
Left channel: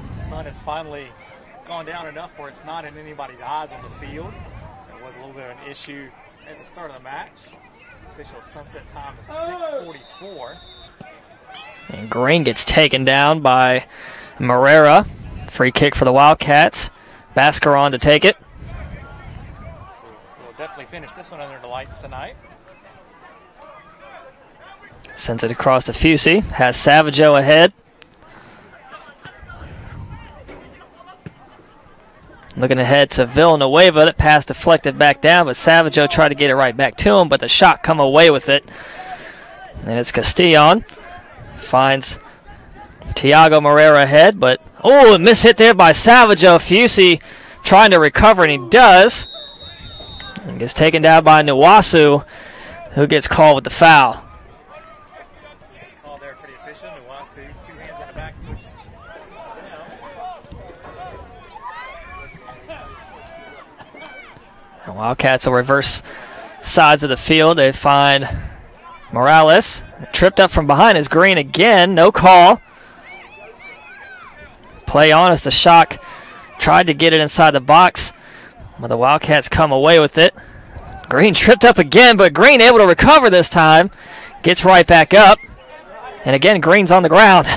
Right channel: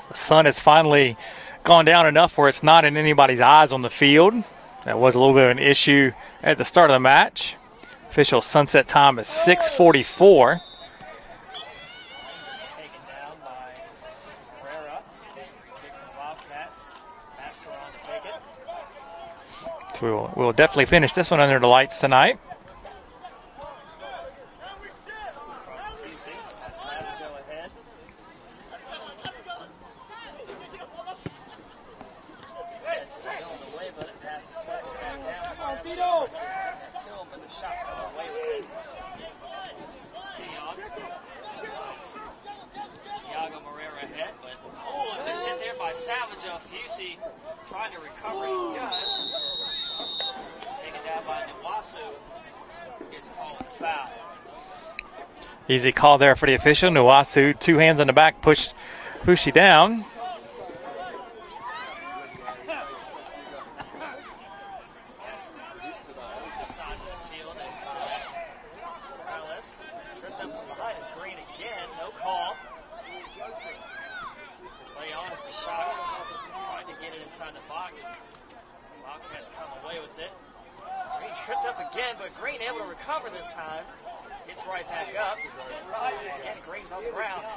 The sun has finally gone down enough where it's not in anybody's eyes on the field. That was a little bit of an issue at the start of the match. Official sunset time is 6:44. And Green gets taken down by Moreira. Free kick for the Wildcats. Bascaron to take it. So we'll definitely finish this one under the lights tonight. Sends it across to Fusey. Has Savageau ahead. Looking ahead to Villanueva. That pass deflected back down, but Savageau tried to get it right back to him, but the shot come away with it. And it's Castillon. Finds Tiago Moreira ahead, but a miss hit there by Savageau. Fusey trying to recover, and he does. And gets taken down by Nuwasu, who gets called with the foul. Easy call there for the official. Nuwasu, 2 hands on the back, pushed you down. And Wildcats will reverse sides of the field. They find Morales. Tripped up from behind is Green again. No call. Play on as the Shock tried to get it inside the box, but the Wildcats come away with it. Green tripped up again, but Green able to recover this time. Gets right back up. And again, Green's on the ground.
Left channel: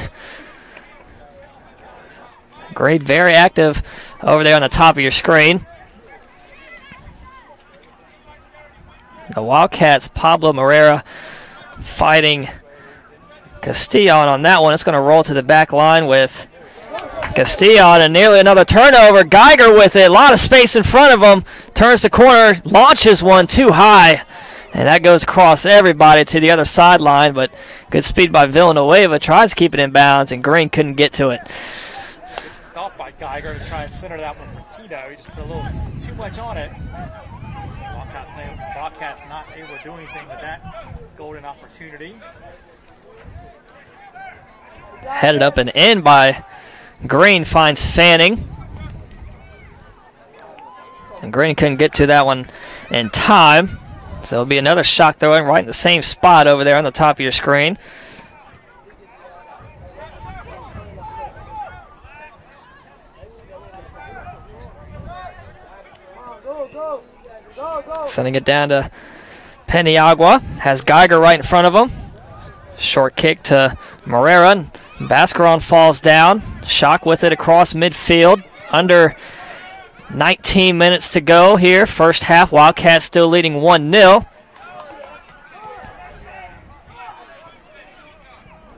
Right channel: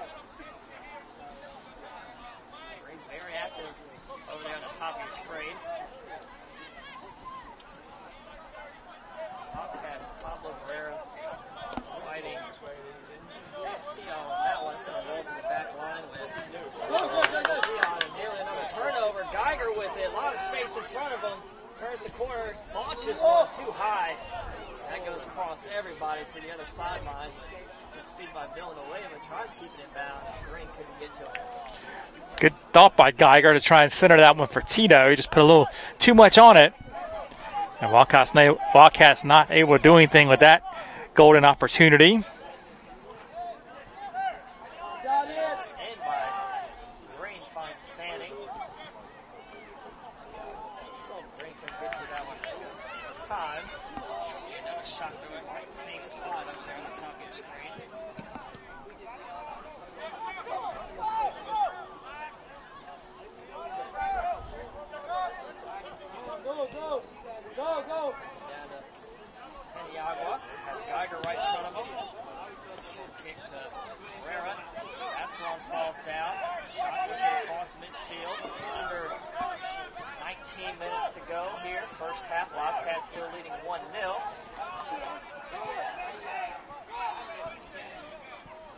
Green very active over there on the top of your screen. The Wildcats, Pablo Moreira fighting Castillon on that one. It's going to roll to the back line with Castillon, and nearly another turnover. Geiger with it. A lot of space in front of him. Turns the corner, launches one too high. And that goes across everybody to the other sideline, but good speed by Villanueva. Tries to keep it in bounds, and Green couldn't get to it. Good thought by Geiger to try and center that one for Tito. He just put a little too much on it. And Wildcats not able to do anything with that golden opportunity. Headed up and in by Green, finds Fanning. And Green couldn't get to that one in time. So it'll be another shot throwing right in the same spot over there on the top of your screen. Sending it down to Peniagua. Has Geiger right in front of him. Short kick to Morera. Bascaron falls down. Shock with it across midfield. Under 19 minutes to go here. First half, Wildcats still leading 1-0.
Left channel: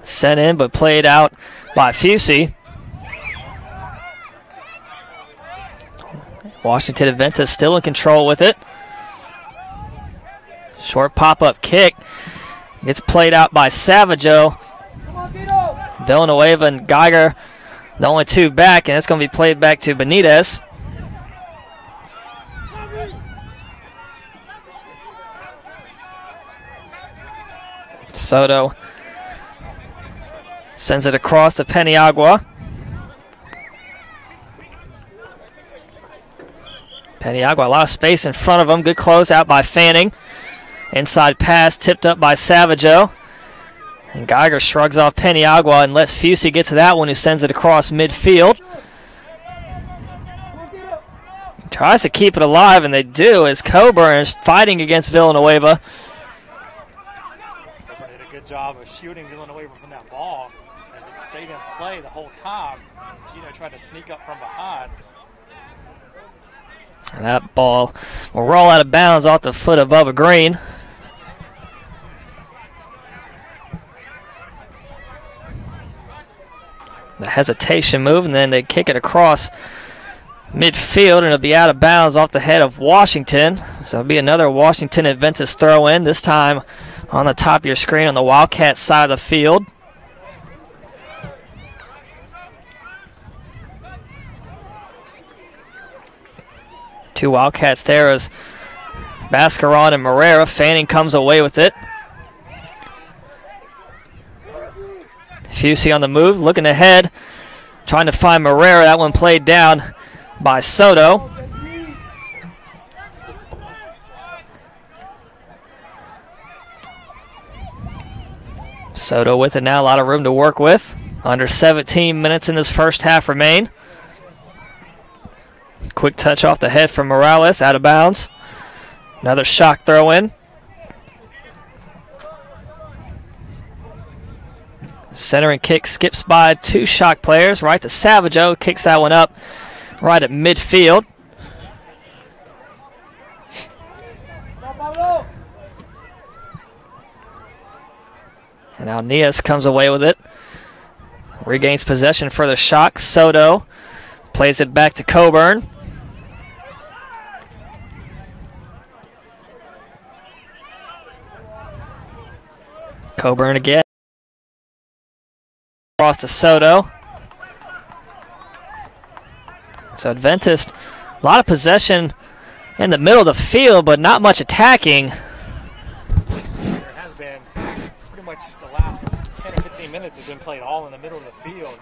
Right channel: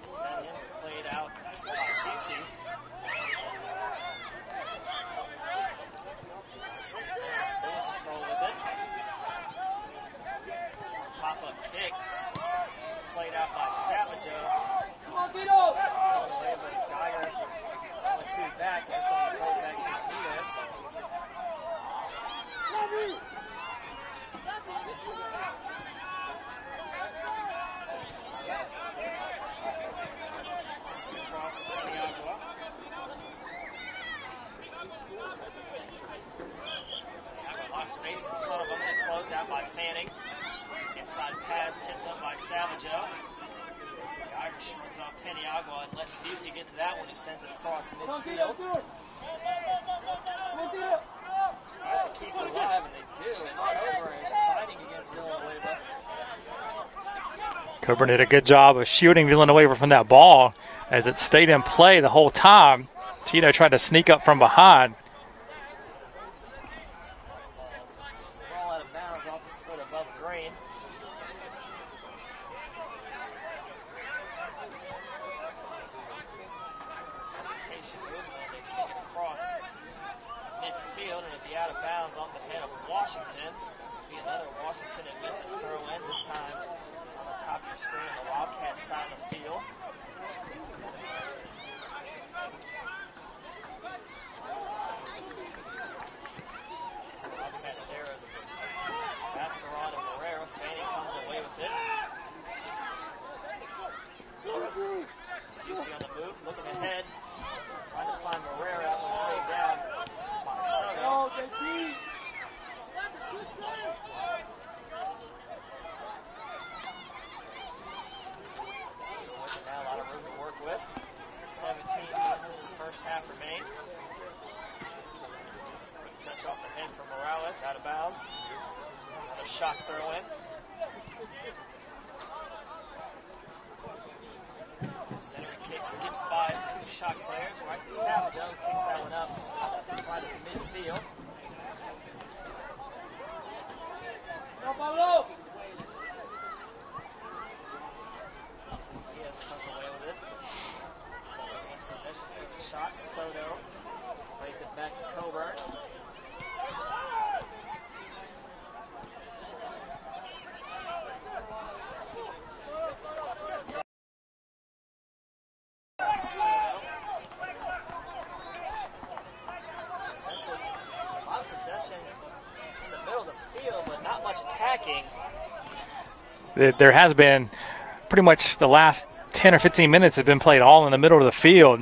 Sent in but played out by Fusey. Washington Adventist still in control with it. Short pop-up kick. Gets played out by Savaggio. Villanueva and Geiger, the only two back, and it's going to be played back to Benitez. Soto sends it across to Peniagua. Peniagua, a lot of space in front of him. Good close out by Fanning. Inside pass tipped up by Savaggio. And Geiger shrugs off Peniagua and lets Fusey get to that one, who sends it across midfield. Tries to keep it alive, and they do, as Coburn is fighting against Villanueva. Coburn did a good job of shielding Villanueva from that ball as it stayed in play the whole time. Tito tried to sneak up from behind. And that ball will roll out of bounds off the foot of Bubba Green. The hesitation move, and then they kick it across midfield, and it'll be out of bounds off the head of Washington. So it'll be another Washington Adventist throw in, this time on the top of your screen on the Wildcat side of the field. Two Wildcats there as Bascaron and Morera. Fanning comes away with it. Fusey on the move, looking ahead, trying to find Morera. That one played down by Soto. Soto with it now, a lot of room to work with. Under 17 minutes in this first half remain. Quick touch off the head from Morales, out of bounds. Another shock throw in. Centering kick skips by two shock players, right to Savaggio, kicks that one up right at midfield. And now Nias comes away with it. Regains possession for the shock. Soto plays it back to Coburn. Coburn again. Across to Soto. So Adventist, a lot of possession in the middle of the field, but not much attacking. There has been pretty much the last 10 or 15 minutes have been played all in the middle of the field.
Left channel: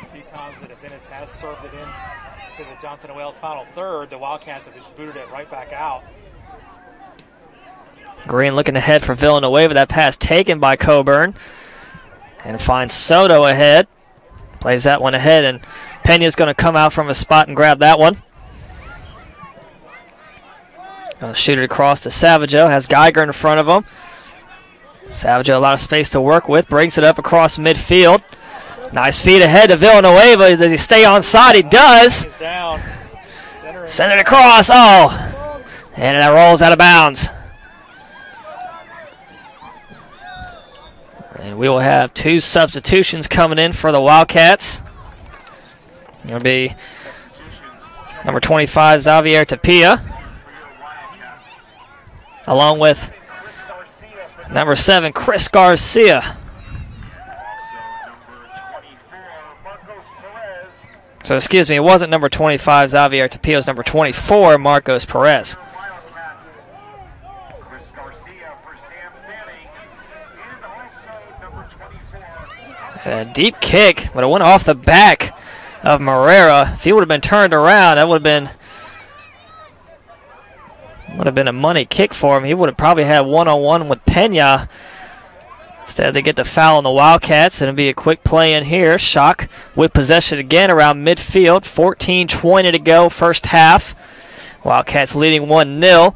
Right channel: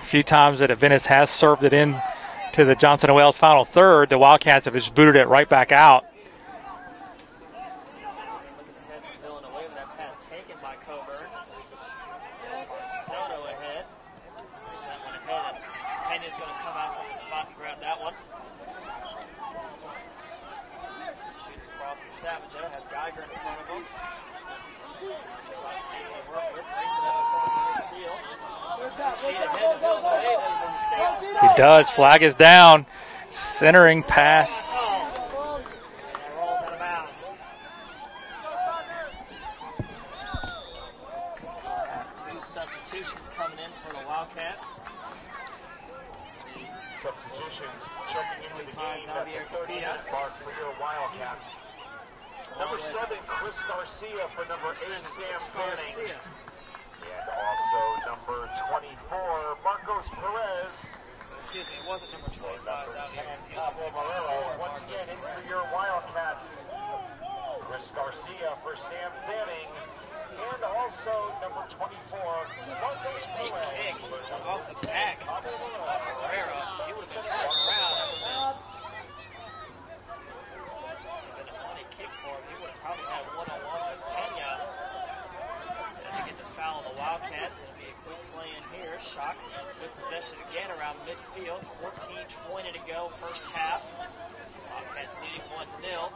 A few times that Adventist has served it in to the Johnson & Wales final third, the Wildcats have just booted it right back out. Green looking ahead for Villanueva. That pass taken by Coburn. And finds Soto ahead. Plays that one ahead, and Pena's going to come out from his spot and grab that one. Shoot it across to Savaggio. Has Geiger in front of him. Savaggio, a lot of space to work with. Brings it up across midfield. Nice feed ahead to Villanueva. Does he stay on side? He does. Flag is down. Centering. Send it across. Oh. And that rolls out of bounds. And we will have 2 substitutions coming in for the Wildcats. It'll be number 25, Xavier Tapia, along with number 7, Chris Garcia. So, excuse me, it wasn't number 25, Xavier Tapia. It was number 24, Marcos Perez. And a deep kick, but it went off the back of Morera. If he would have been turned around, that would have been a money kick for him. He would have probably had one-on-one with Pena. Instead, they get the foul on the Wildcats, and it'll be a quick play in here. Shock with possession again around midfield. 14:20 to go, first half. Wildcats leading 1-0.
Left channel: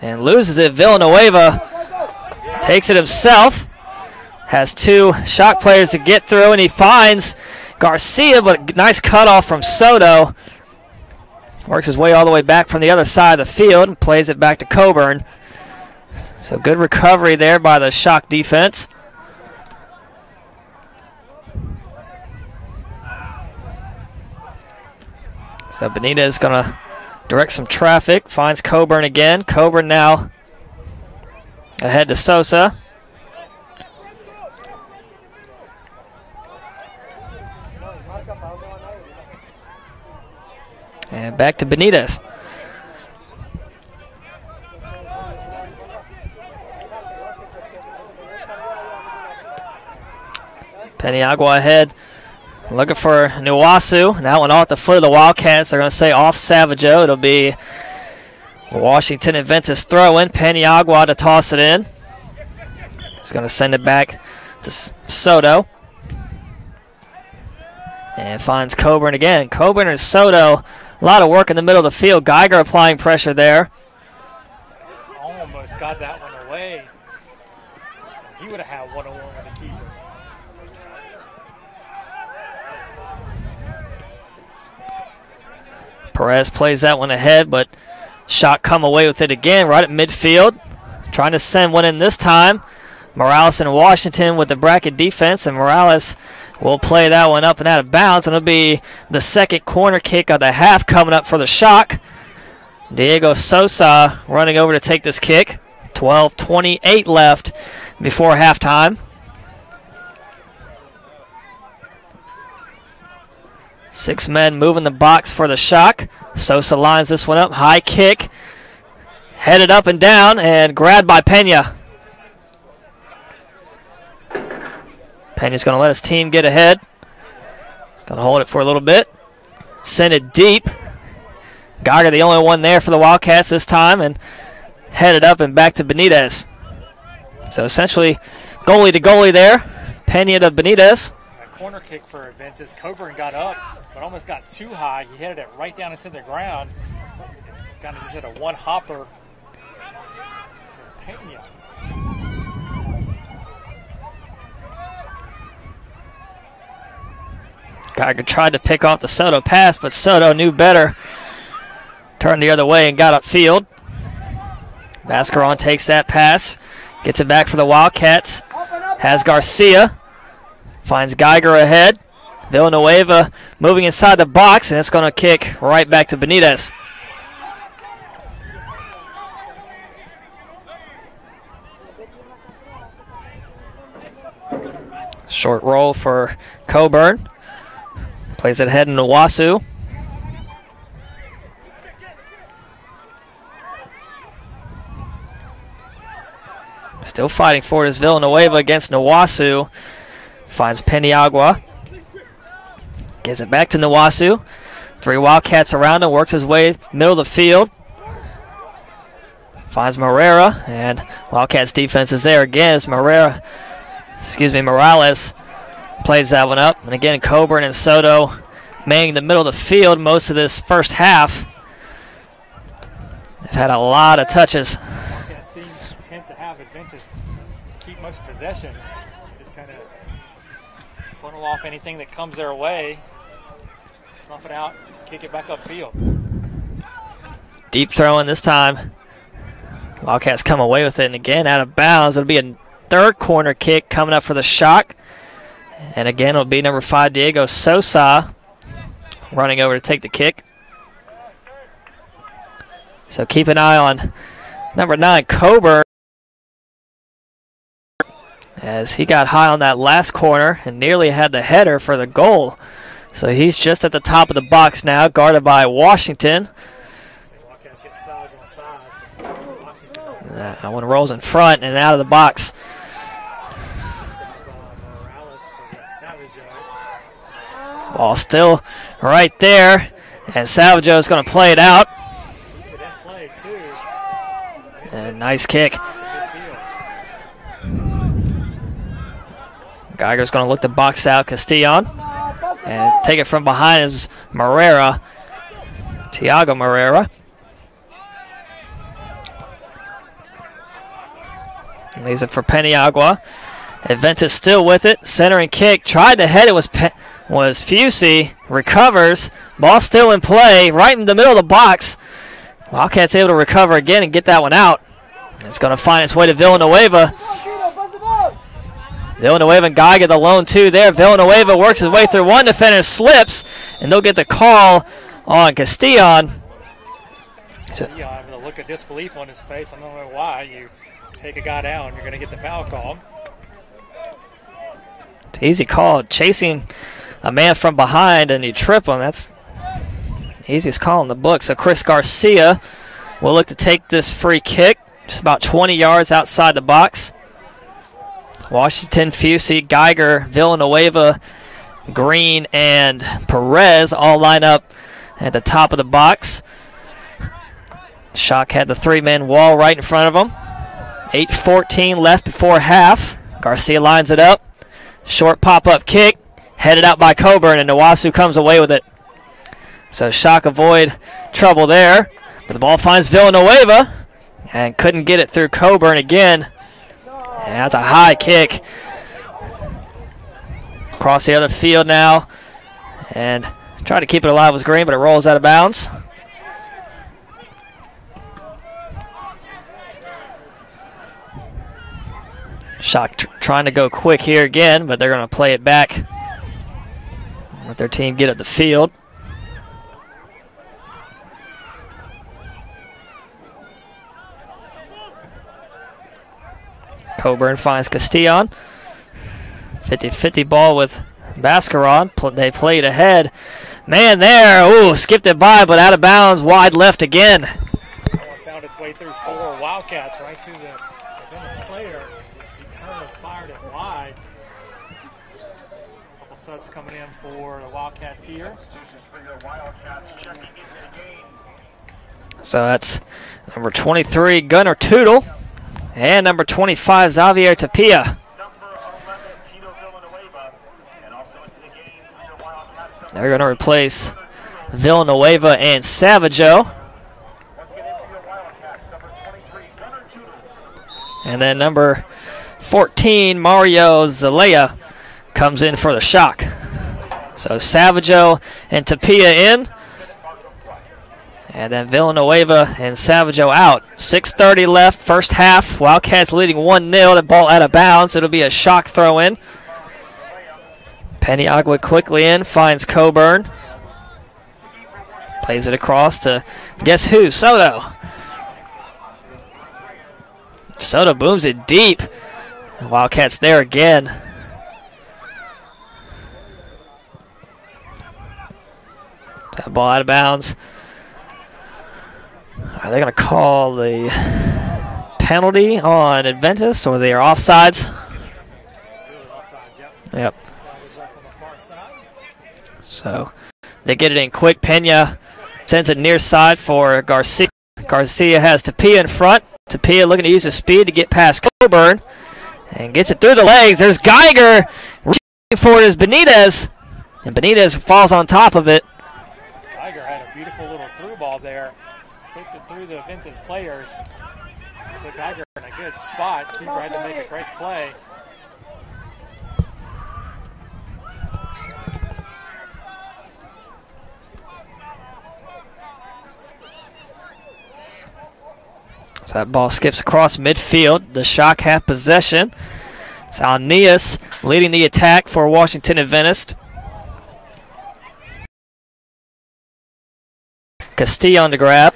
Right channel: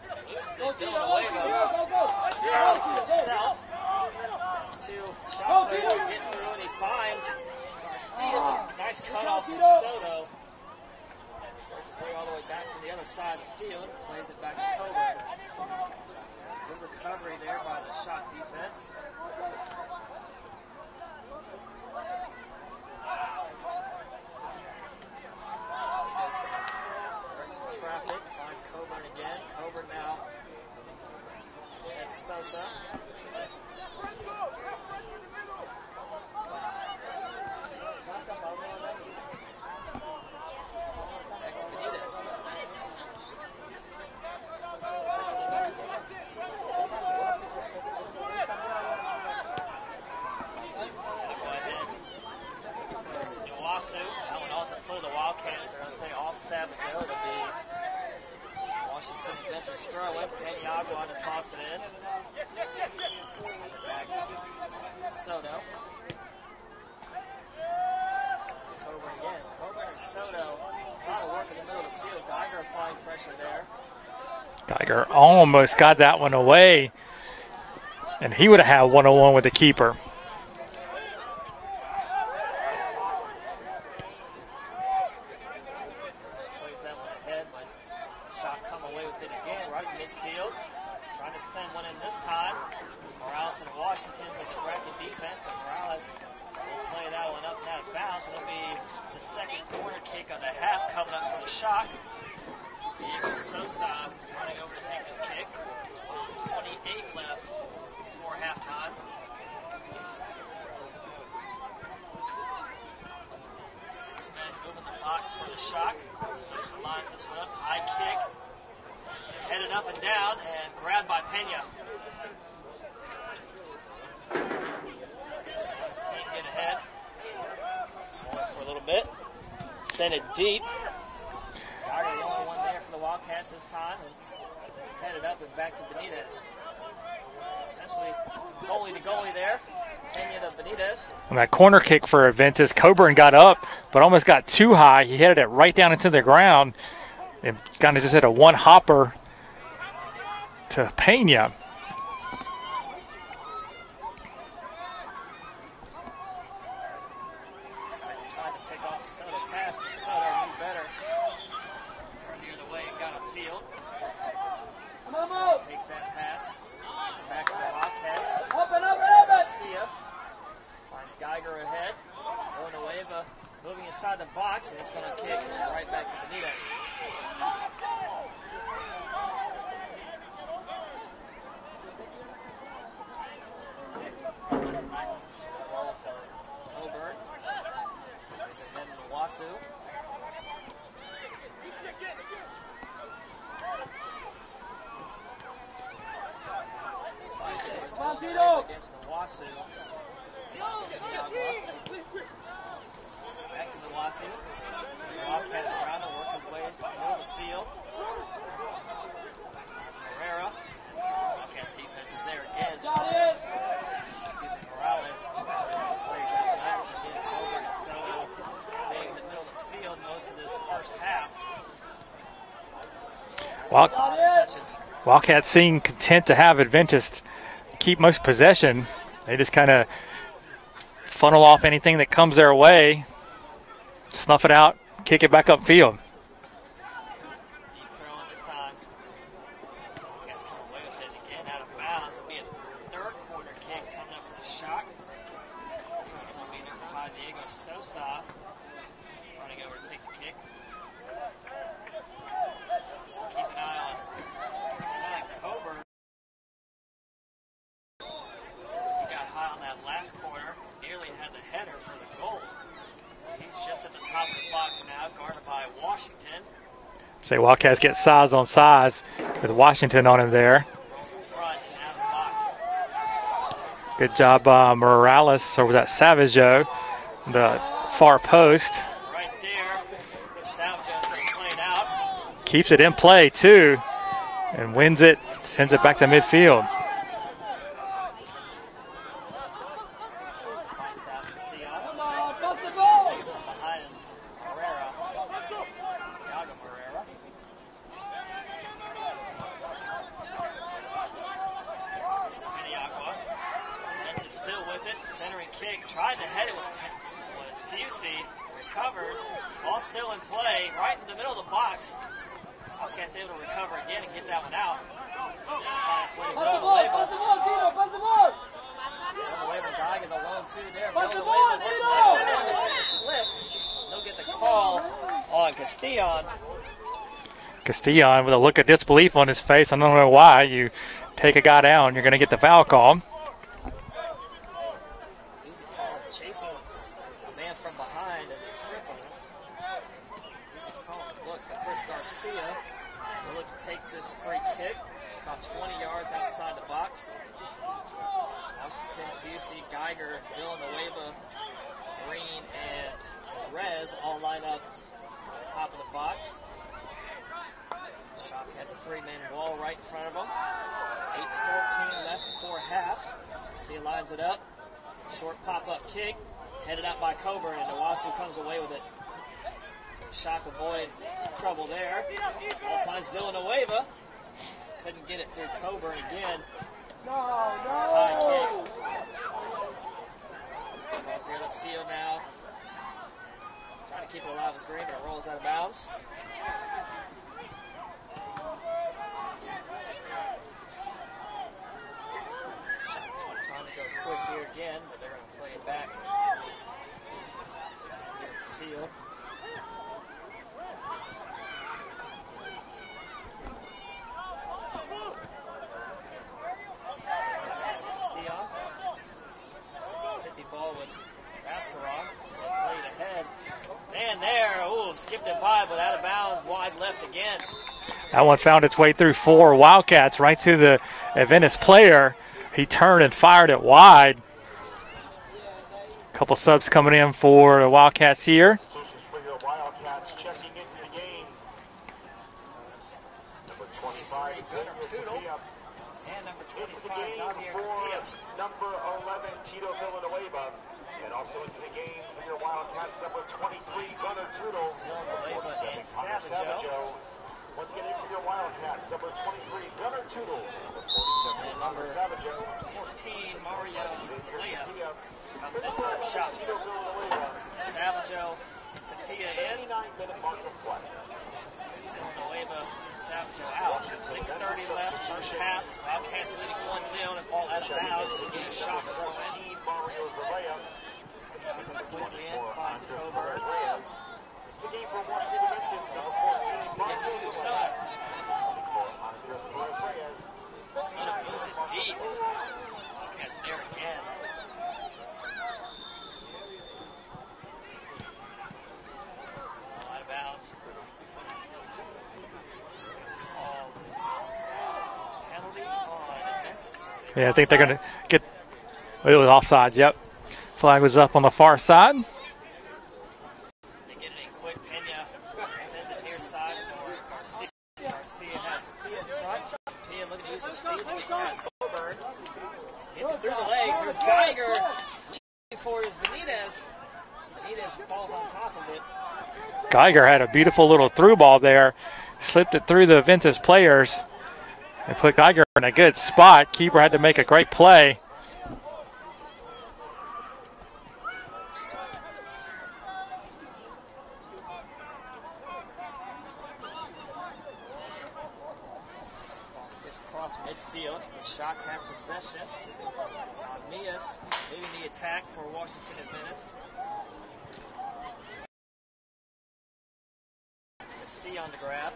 And loses it. Villanueva takes it himself. Has 2 Shock players to get through, and he finds Garcia, but nice cutoff from Soto. Works his way all the way back from the other side of the field and plays it back to Coburn. So good recovery there by the Shock defense. So Benitez going to direct some traffic, finds Coburn again. Coburn now ahead to Sosa. And back to Benitez. Peniagua ahead, looking for Nuwasu. That one off the foot of the Wildcats. They're going to say off Savageau. It'll be Washington Adventist throw-in. Peniagua to toss it in. He's going to send it back to Soto. And finds Coburn again. Coburn and Soto, a lot of work in the middle of the field. Geiger applying pressure there. Geiger almost got that one away, and he would have had one-on-one with the keeper. Perez plays that one ahead, but Shock come away with it again right at midfield. Trying to send one in this time. Morales and Washington with the bracket defense, and Morales will play that one up and out of bounds, and it'll be the second corner kick of the half coming up for the Shock. Diego Sosa running over to take this kick. 12:28 left before halftime. Six men moving the box for the Shock. Sosa lines this one up. High kick. Headed up and down and grabbed by Pena. Pena's going to let his team get ahead. He's going to hold it for a little bit. Send it deep. Geiger the only one there for the Wildcats this time, and headed up and back to Benitez. So essentially goalie to goalie there. Pena to Benitez. On that corner kick for Adventist, Coburn got up, but almost got too high. He headed it right down into the ground and kind of just hit a one-hopper to Pena. Geiger tried to pick off the Soto pass, but Soto knew better. Turned the other way and got upfield. Mascaron takes that pass, gets it back for the Wildcats. Has Garcia. Finds Geiger ahead. Villanueva moving inside the box, and it's going to kick right back to Benitez. Short roll for Coburn. Plays it ahead in Nuwasu. Still fighting for it is Villanueva against Nuwasu. Finds Peniagua. Gives it back to Nuwasu. Three Wildcats around him. Works his way middle of the field. Finds Morales. And Wildcats defense is there again as Morales plays that one up. And again, Coburn and Soto manning the middle of the field most of this first half. They've had a lot of touches. Wildcats seem content to have Adventist keep most possession. They just kind of funnel off anything that comes their way, snuff it out, kick it back upfield. Deep throw in this time. Wildcats come away with it, and again out of bounds. It'll be a third corner kick coming up for the Shock. And again, it'll be number 5, Diego Sosa, running over to take the kick. So keep an eye on number 9, Coburn, as he got high on that last corner and nearly had the header for the goal. So he's just at the top of the box now, guarded by Washington. Say Wildcats get size on size with Washington on him there. That one rolls in front and out of the box. Good job, Morales, or was that Savaggio? The Ball still post. Right there, and Savaggio is going to play it out. Keeps it in play too, and wins it. Nice kick. Sends it back to midfield. Geiger's going to look to box out Castillon, and take it from behind is Tiago Moreira. Leaves it for Peniagua. Adventist still with it. Centering kick. Tried to head it was Fusey. Recovers. Ball still in play. Right in the middle of the box. Wildcats able to recover again and get that one out. It's going to find its way to Villanueva. Villanueva and Geiger the lone 2 there. Villanueva works his way through one defender. Slips. And they'll get the call on Castillon. Castillon with a look of disbelief on his face. I don't know why. You take a guy down, you're going to get the foul call. It's an easy call. Chasing a man from behind and you trip him. That's the easiest call in the book. So Chris Garcia will look to take this free kick. Just about 20 yards outside the box. Washington, Fusey, Geiger, Villanueva, Green, and Perez all line up at the top of the box. Shock had the 3-man wall right in front of them. 8:14 left before half. Garcia lines it up. Short pop-up kick, headed out by Coburn, and Nawasu comes away with it. So Shock avoid trouble there. But the ball finds Villanueva and couldn't get it through Coburn again. And that's a high kick. Across the other field now. And trying to keep it alive was Green, but it rolls out of bounds. Shock trying to go quick here again, but they're going to play it back. Let their team get up the field. Coburn finds Castillon. 50-50 ball with Bascaron. They played ahead. Man there, ooh, skipped it by, but out of bounds, wide left again. That one found its way through 4 Wildcats right to the Adventist player. He turned and fired it wide. A couple subs coming in for the Wildcats here. So that's number 23, Gunnar Tootle, and number 25, Xavier Tapia. They're going to replace Villanueva and Savaggio. And then number 14, Mario Zelaya, comes in for the Shock. So Savaggio and Tapia in. And then Villanueva and Savaggio out. 6:30 left, first half. Wildcats leading 1-0. The ball out of bounds. It'll be a Shock throw in. Peniagua quickly in, finds Coburn. Plays it across to guess who? Soto. Soto booms it deep. Wildcats there again. That ball out of bounds. Are they going to call the penalty on Adventist, or they are offsides? It was offsides, yep. Yep. Flag was up on the far side. So they get it in quick. Pena sends it near side for Garcia. Garcia has Tapia in front. Tapia looking to use his speed to get past Coburn and gets it through the legs. There's Geiger. Reaching for it is Benitez, and Benitez falls on top of it. Geiger had a beautiful little through ball there. Slipped it through the Adventist players. They put Geiger in a good spot. Keeper had to make a great play. So that ball skips across midfield. The Shock have possession. It's Alnias leading the attack for Washington Adventist. Castillo on the grab.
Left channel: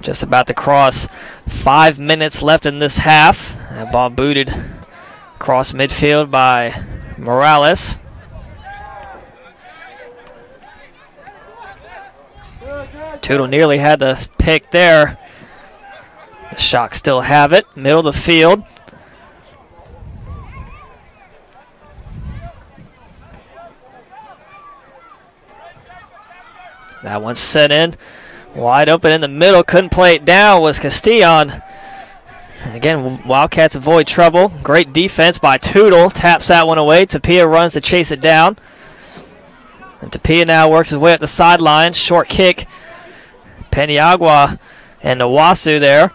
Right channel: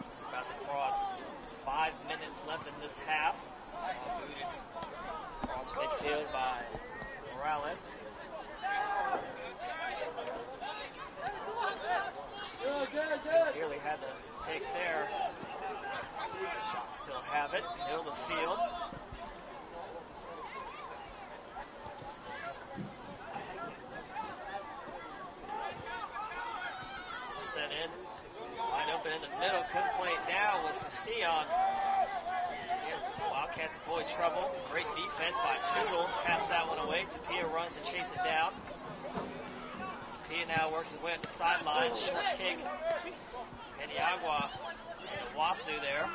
Just about to cross. 5 minutes left in this half. That ball booted across midfield by Morales. Tootle nearly had the pick there. The Shock still have it. Middle of the field. That one set in. Wide open in the middle. Couldn't play it down was Castillon. And again, Wildcats avoid trouble. Great defense by Tootle. Taps that one away. Tapia runs to chase it down. And Tapia now works his way up the sideline. Short kick. Peniagua and Nawasu there.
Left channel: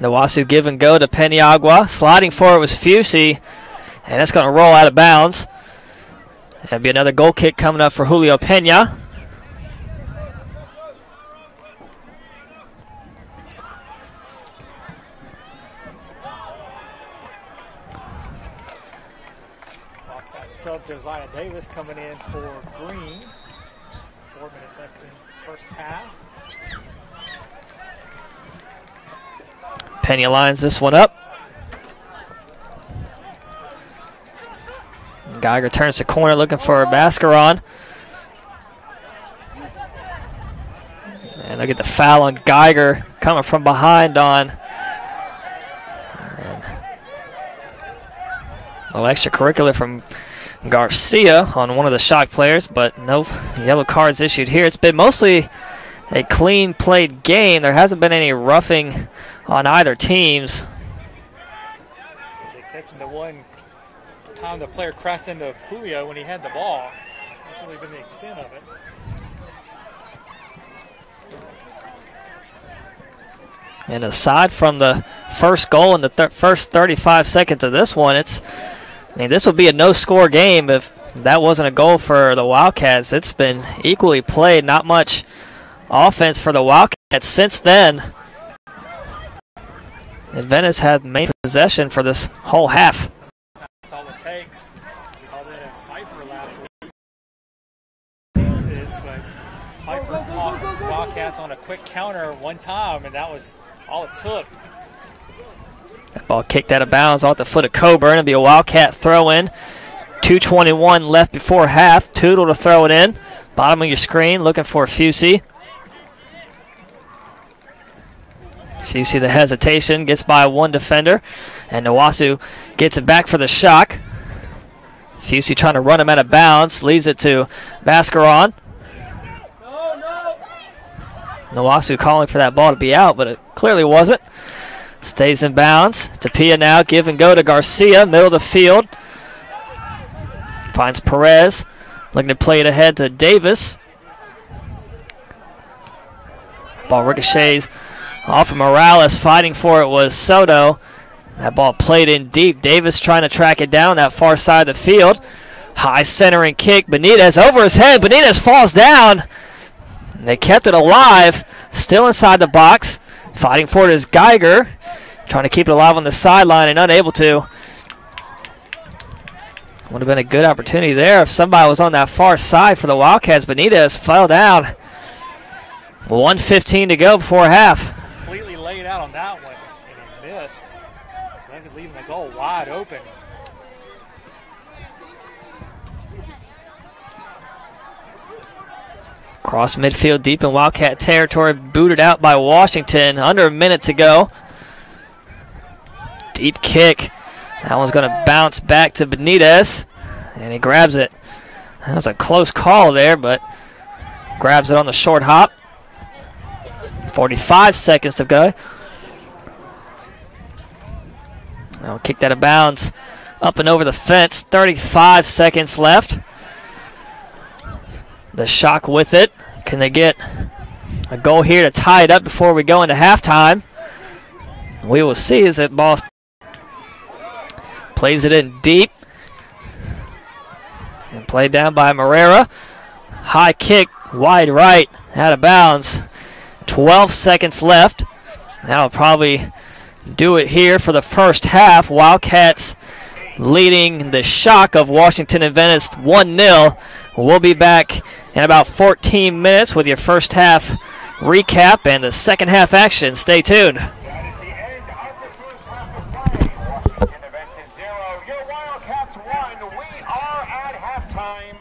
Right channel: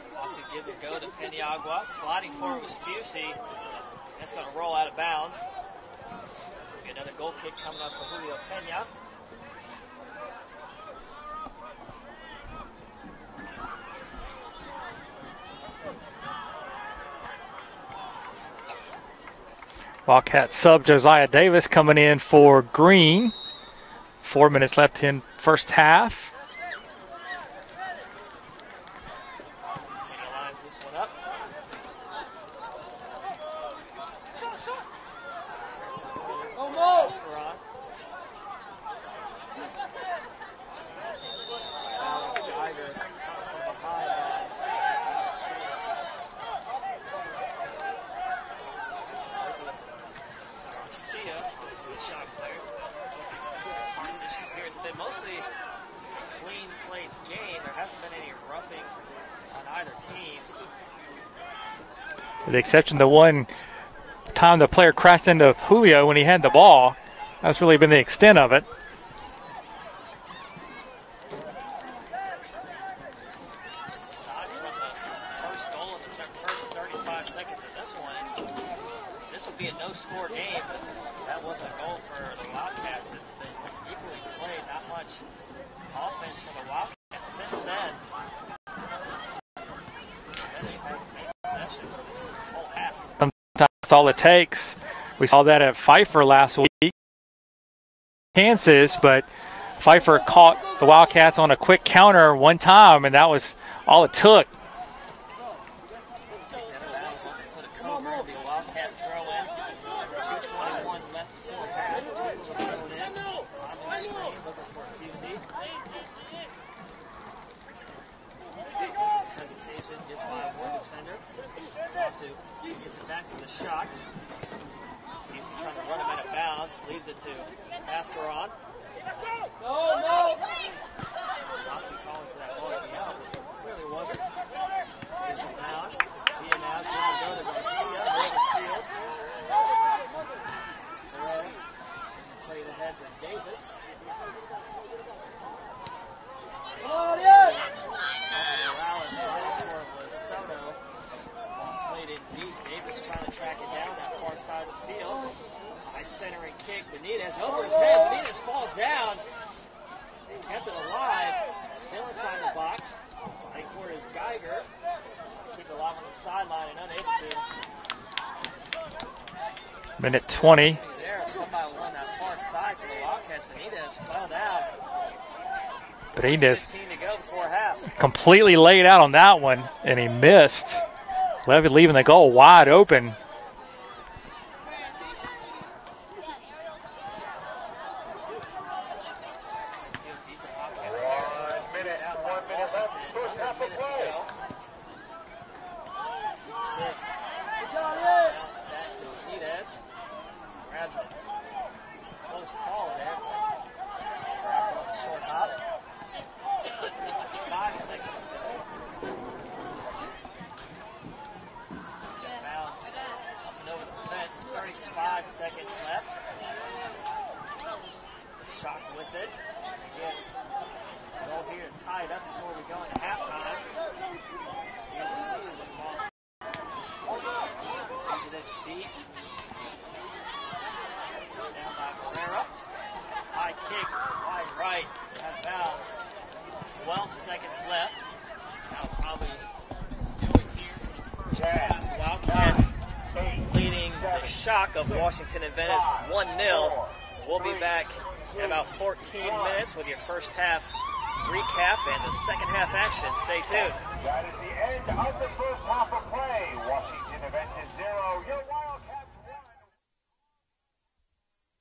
Nawasu give and go to Peniagua. Sliding for it was Fusey. And that's going to roll out of bounds. That'll be another goal kick coming up for Julio Pena. Wildcat sub Josiah Davis coming in for Green. 4 minutes left in first half. Pena lines this one up. Geiger turns the corner looking for Mascaron. And look at the foul on Geiger coming from behind on. A little extracurricular from Garcia on one of the Shock players, but no yellow cards issued here. It's been mostly a clean played game. There hasn't been any roughing on either teams. With the exception of the one time the player crashed into Julio when he had the ball. That's really been the extent of it. And aside from the first goal in the first 35 seconds of this one, this would be a no-score game if that wasn't a goal for the Wildcats. It's been equally played. Not much offense for the Wildcats since then. Adventist had main possession for this whole half. That's all it takes. We saw that at Pfeiffer last week. Chances, but Pfeiffer caught the Wildcats on a quick counter one time, and that was all it took. That ball kicked out of bounds off the foot of Coburn. It'll be a Wildcat throw-in. 2:21 left before half. Tootle to throw it in. Bottom of your screen, looking for Fusey. Fusey, the hesitation, gets by one defender. And Nawasu gets it back for the Shock. Fusey trying to run him out of bounds. Leads it to Mascaron. Nawasu calling for that ball to be out, but it clearly wasn't. Stays in bounds. Tapia now give and go to Garcia, middle of the field. Finds Perez, looking to play it ahead to Davis. Ball ricochets off of Morales. Fighting for it was Soto. That ball played in deep. Davis trying to track it down that far side of the field. High centering kick. Benitez over his head. Benitez falls down. They kept it alive. Still inside the box. Fighting for it is Geiger. Trying to keep it alive on the sideline and unable to. Would have been a good opportunity there if somebody was on that far side for the Wildcats. Benitez fell down. 1:15 to go before half. Completely laid out on that one, and he missed. Levy leaving the goal wide open. Cross midfield deep in Wildcat territory, booted out by Washington. Under a minute to go. Deep kick. That one's going to bounce back to Benitez, and he grabs it. That was a close call there, but grabs it on the short hop. 45 seconds to go. I'll kick that out of bounds. Up and over the fence. 35 seconds left. The Shock with it. Can they get a goal here to tie it up before we go into halftime? We will see as that ball plays it in deep. And played down by Morera. High kick, wide right, out of bounds. 12 seconds left. That'll probably do it here for the first half. Wildcats leading the Shock of Washington Adventist 1-0. We'll be back in about 14 minutes with your first half recap and the second half action. Stay tuned. That is the end of the first half of play. Washington Adventist 0, your Wildcats 1. We are at halftime.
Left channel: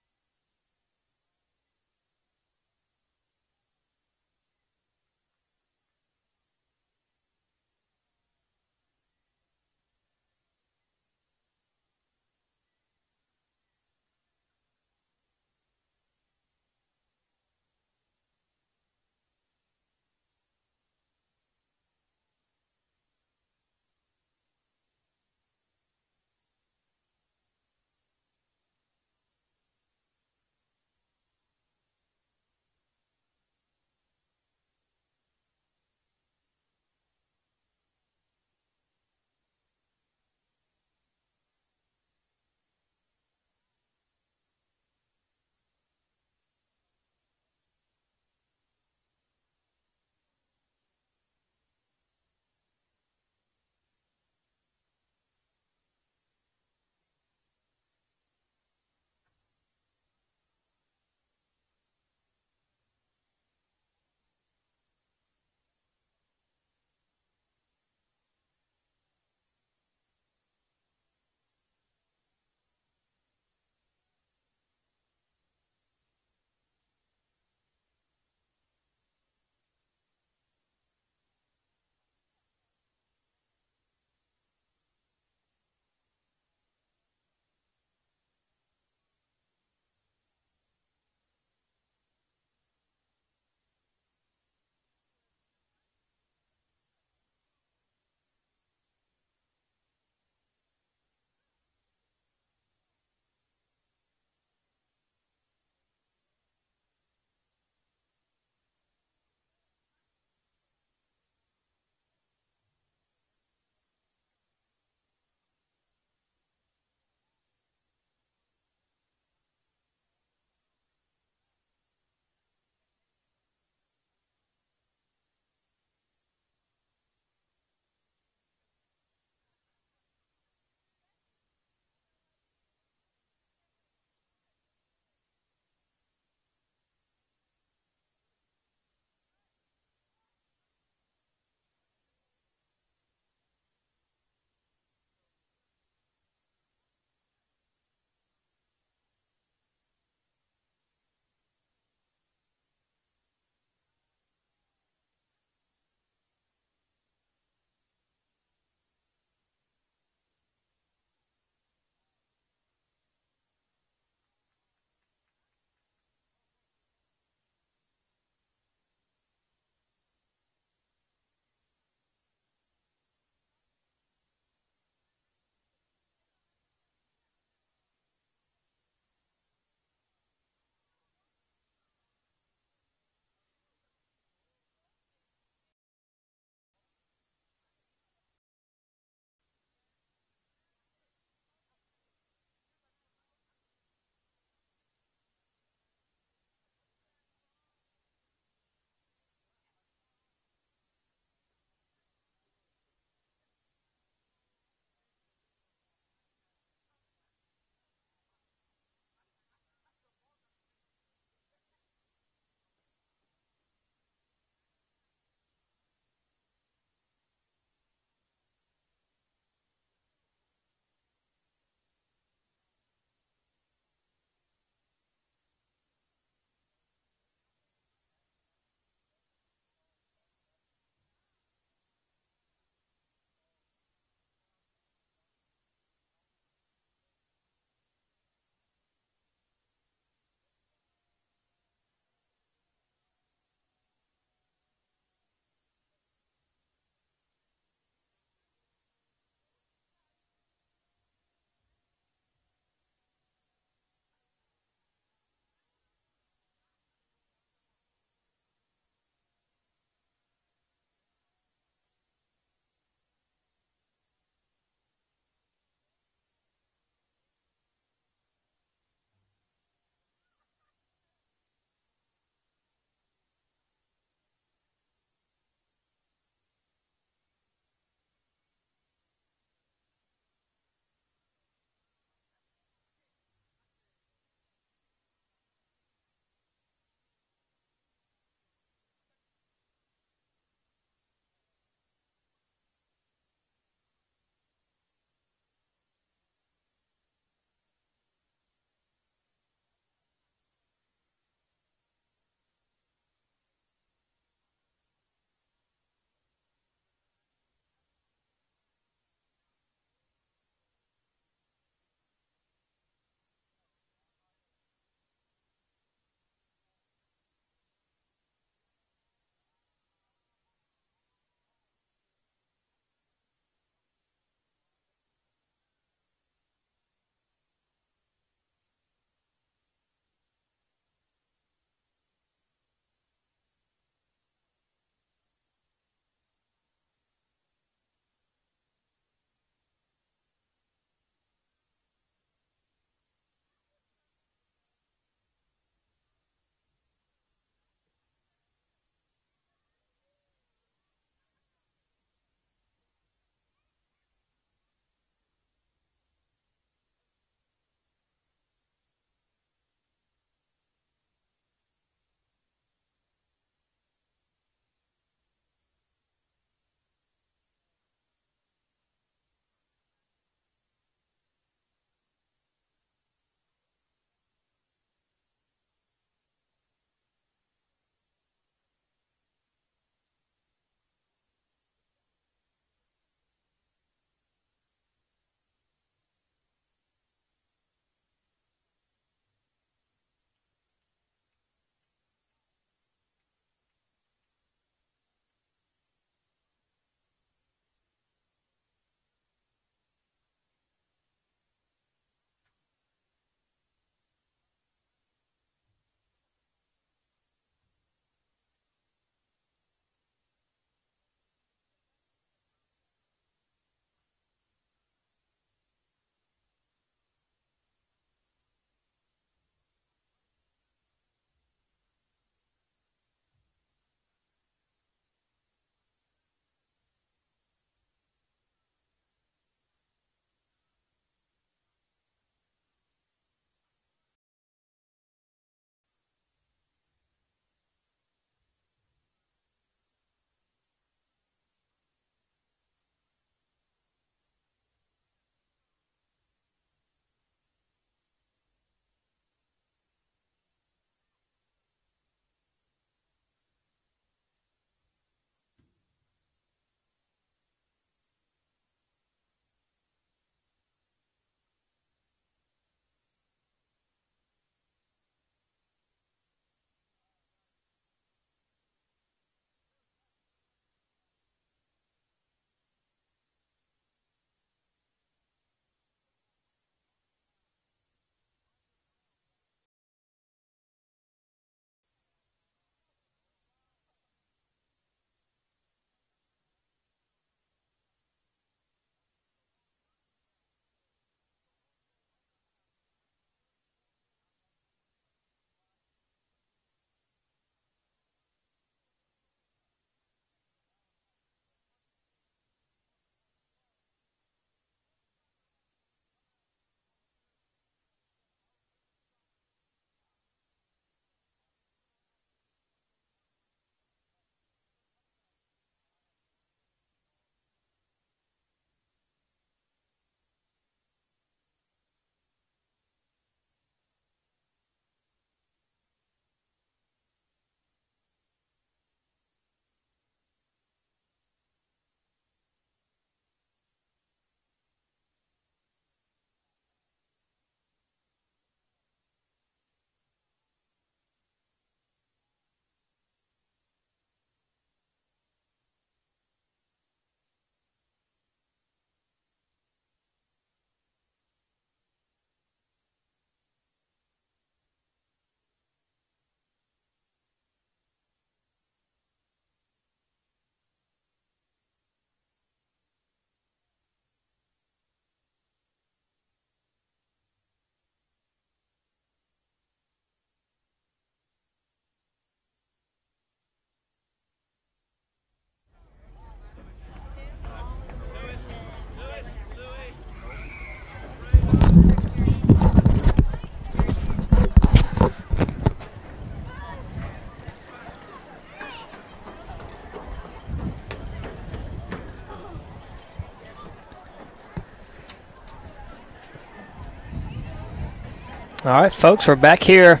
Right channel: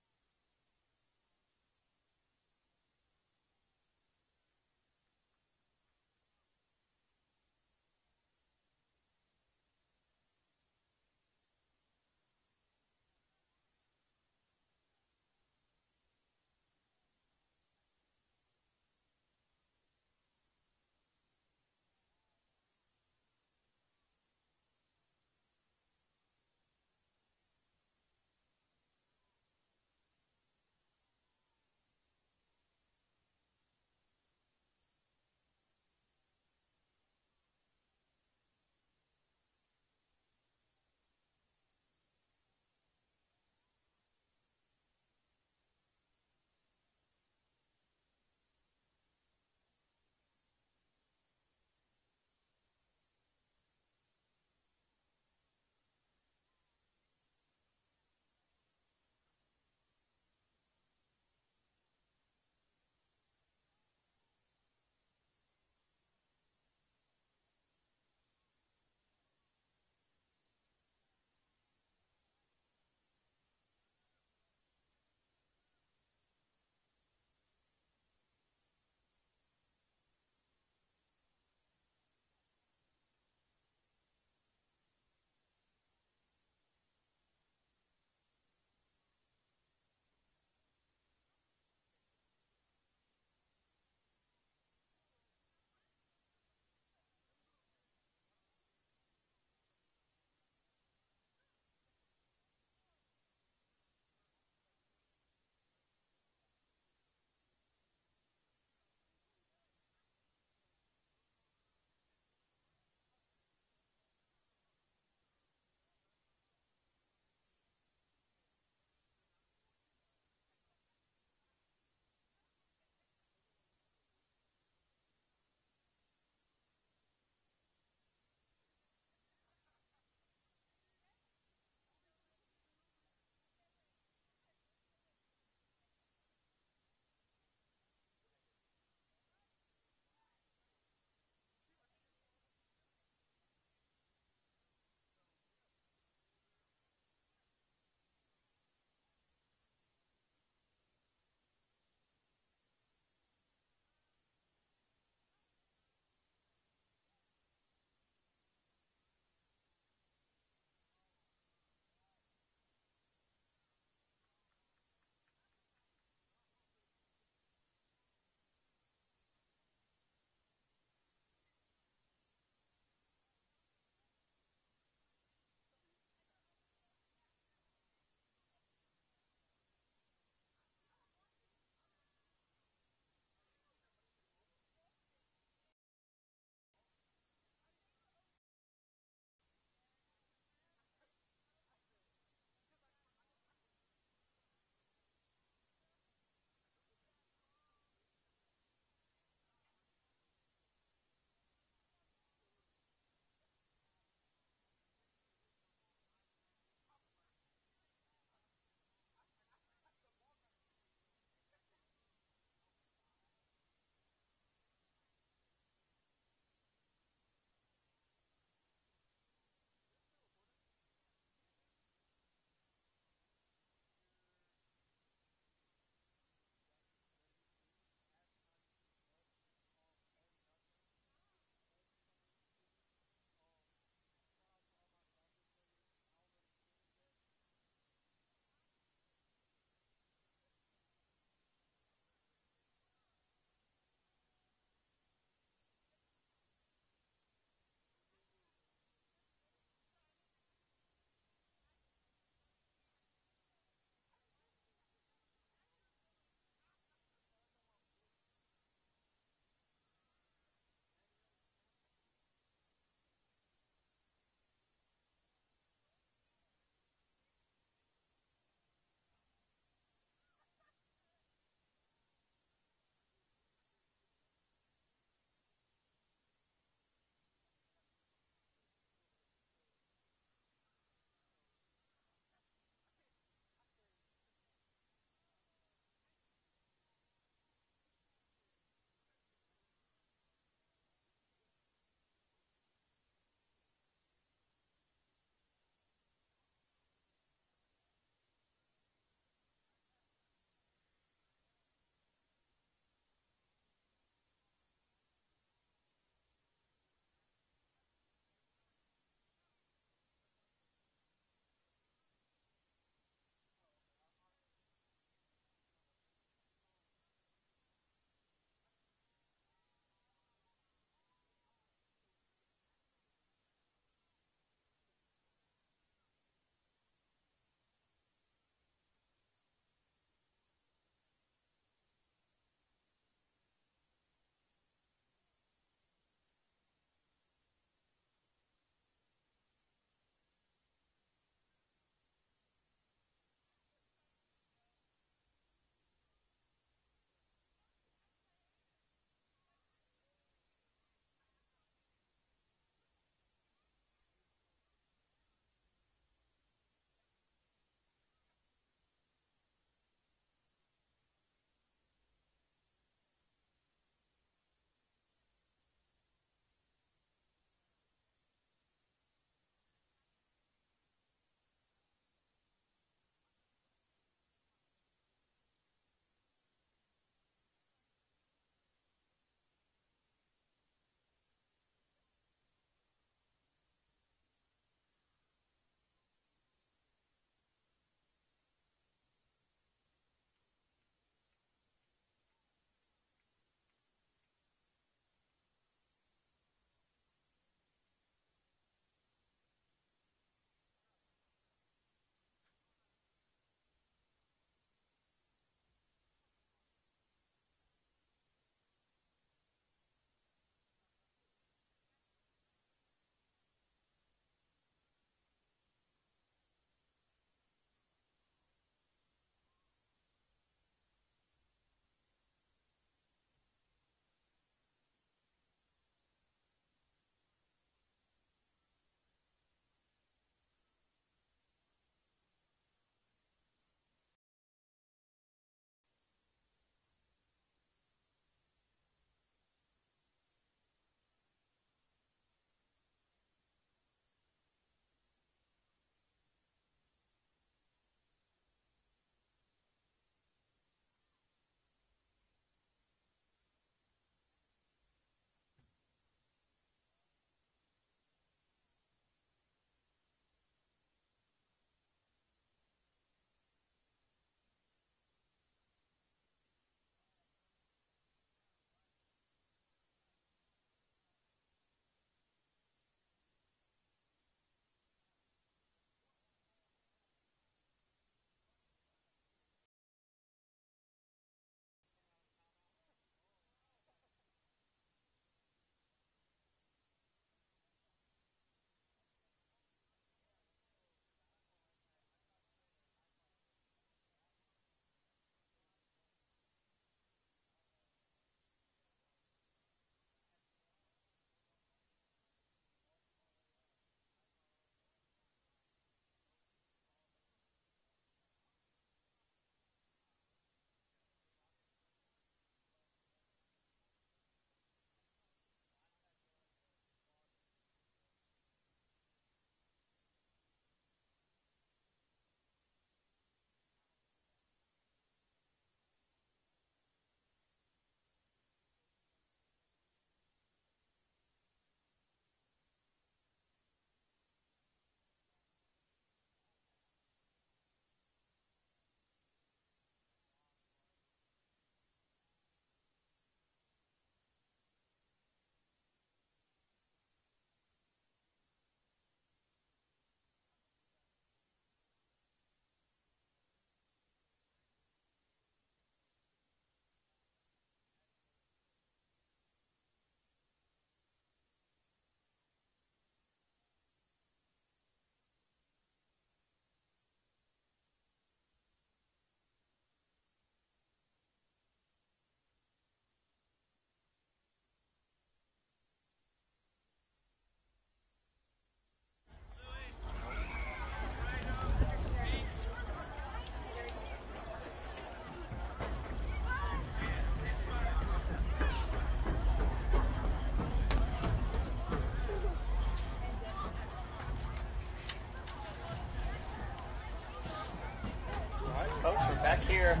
All right, folks, we're back here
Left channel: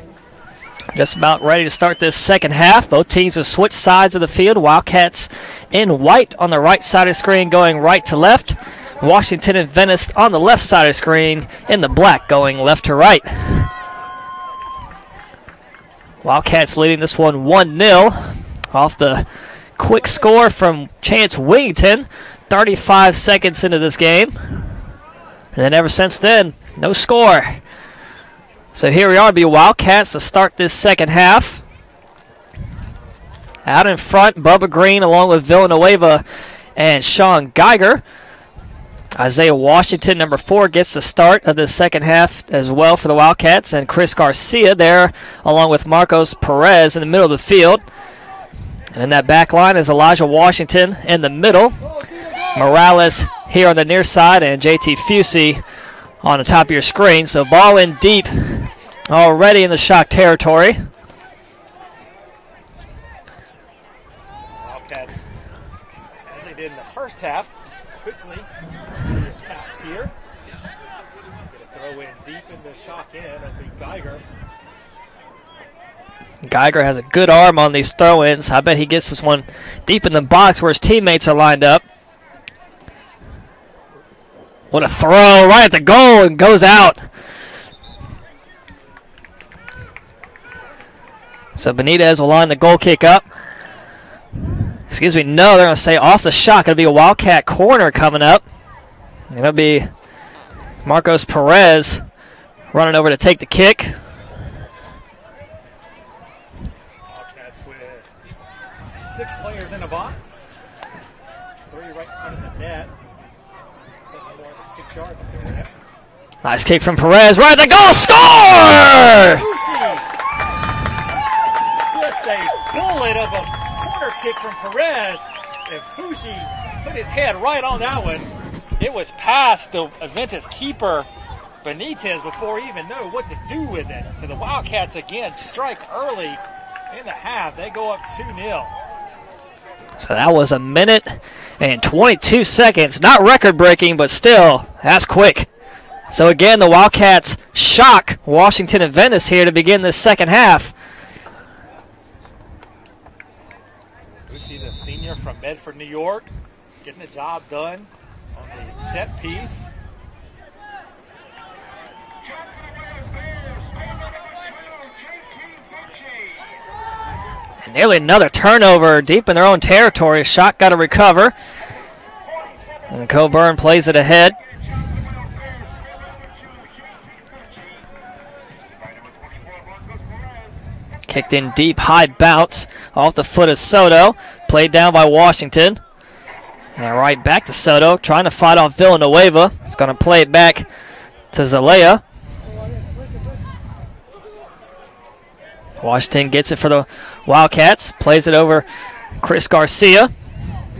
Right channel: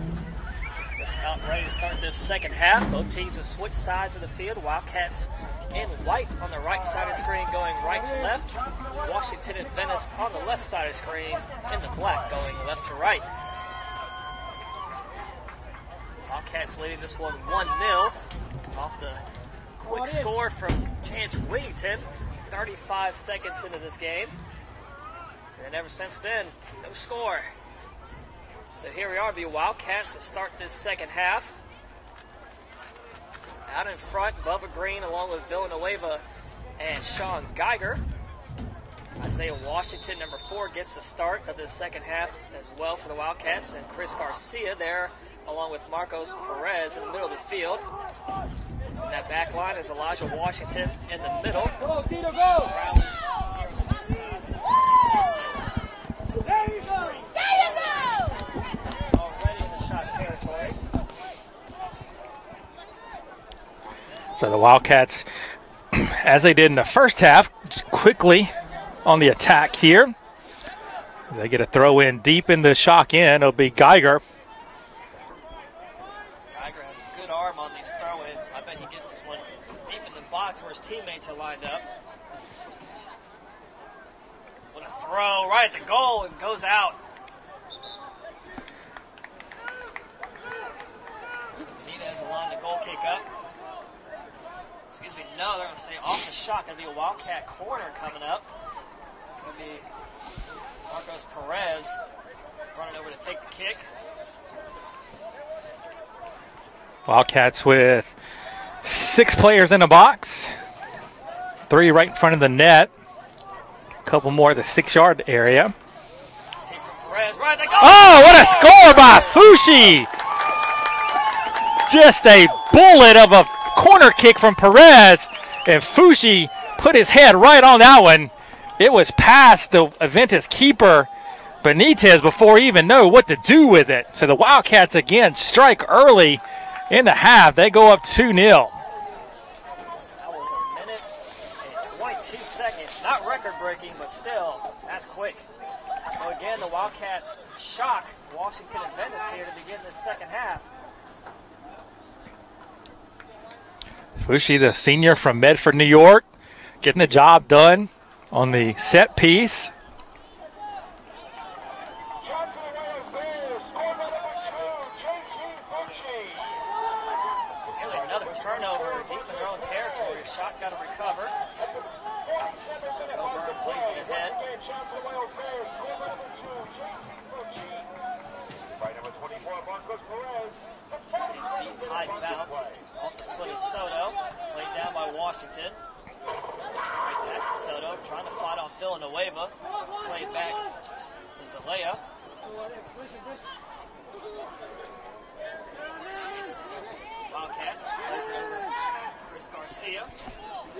just about ready to start this second half. Both teams have switched sides of the field. Wildcats in white on the right side of the screen going right to left. Washington Adventist on the left side of the screen in the black going left to right. Wildcats leading this one 1-0 off the quick score from Chance Wingington 35 seconds into this game. And then ever since then, no score. So here we are, the Wildcats to start this second half. Out in front, Bubba Green along with Villanueva and Sean Geiger. Isaiah Washington, number 4, gets the start of the second half as well for the Wildcats. And Chris Garcia there along with Marcos Perez in the middle of the field. And in that back line is Elijah Washington in the middle. Morales here on the near side and JT Fusey on the top of your screen. So ball in deep already in the Shock territory. So the Wildcats, as they did in the first half, quickly on the attack here. They get a throw in deep in the Shock end. It'll be Geiger. Geiger has a good arm on these throw-ins. I bet he gets this one deep in the box where his teammates are lined up. What a throw right at the goal and goes out. So Benitez will line the goal kick up. Excuse me, no, they're going to say off the Shock. It'll be a Wildcat corner coming up. It'll be Marcos Perez running over to take the kick. Wildcats with 6 players in the box. 3 right in front of the net. A couple more at the 6-yard area. Nice kick from Perez. Right at the goal. Oh, what a score by Fushi! Just a bullet of a corner kick from Perez. And Fushi put his head right on that one. It was past the Adventist keeper, Benitez, before he even knew what to do with it. So the Wildcats again strike early in the half. They go up 2-0. So that was a minute and 22 seconds. Not record-breaking, but still, that's quick. So again, the Wildcats shock Washington Adventist here to begin this second half. Fushi, the senior from Medford, New York, getting the job done on the set piece. And nearly another turnover deep in their own territory. Shock got to recover. And Coburn plays it ahead. Kicked in deep, high bounce off the foot of Soto. Played down by Washington. And right back to Soto, trying to fight off Villanueva. He's going to play it back to Zalea. Washington gets it for the Wildcats. Plays it over Chris Garcia.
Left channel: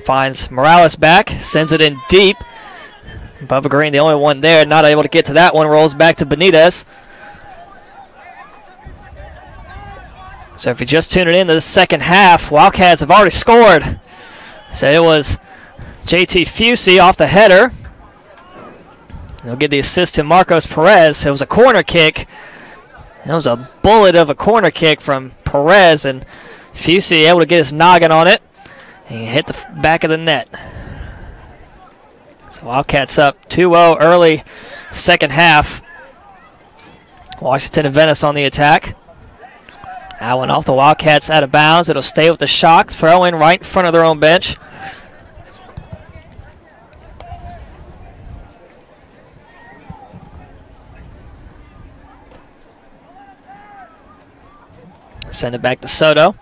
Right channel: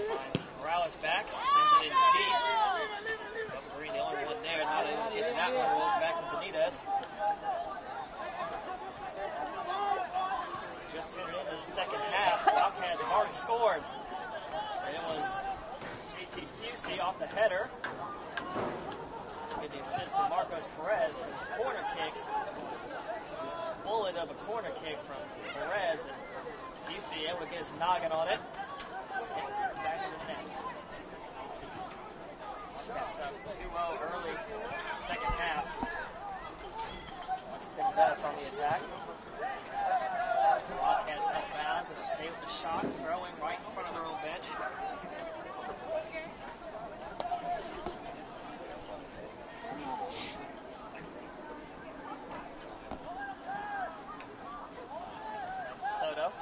Finds Morales back. Sends it in deep. Bubba Green, the only one there, not able to get to that one. Rolls back to Benitez. So if you're just tuning in to the second half, Wildcats have already scored. So it was JT Fusey off the header. He'll get the assist to Marcos Perez. It was a corner kick. It was a bullet of a corner kick from Perez, and Fusey able to get his noggin on it. And he hit the back of the net. So Wildcats up 2-0 early second half. Washington Adventist on the attack. That one off the Wildcats out of bounds. It'll stay with the Shock. Throw in right in front of their own bench. Send it back to Soto.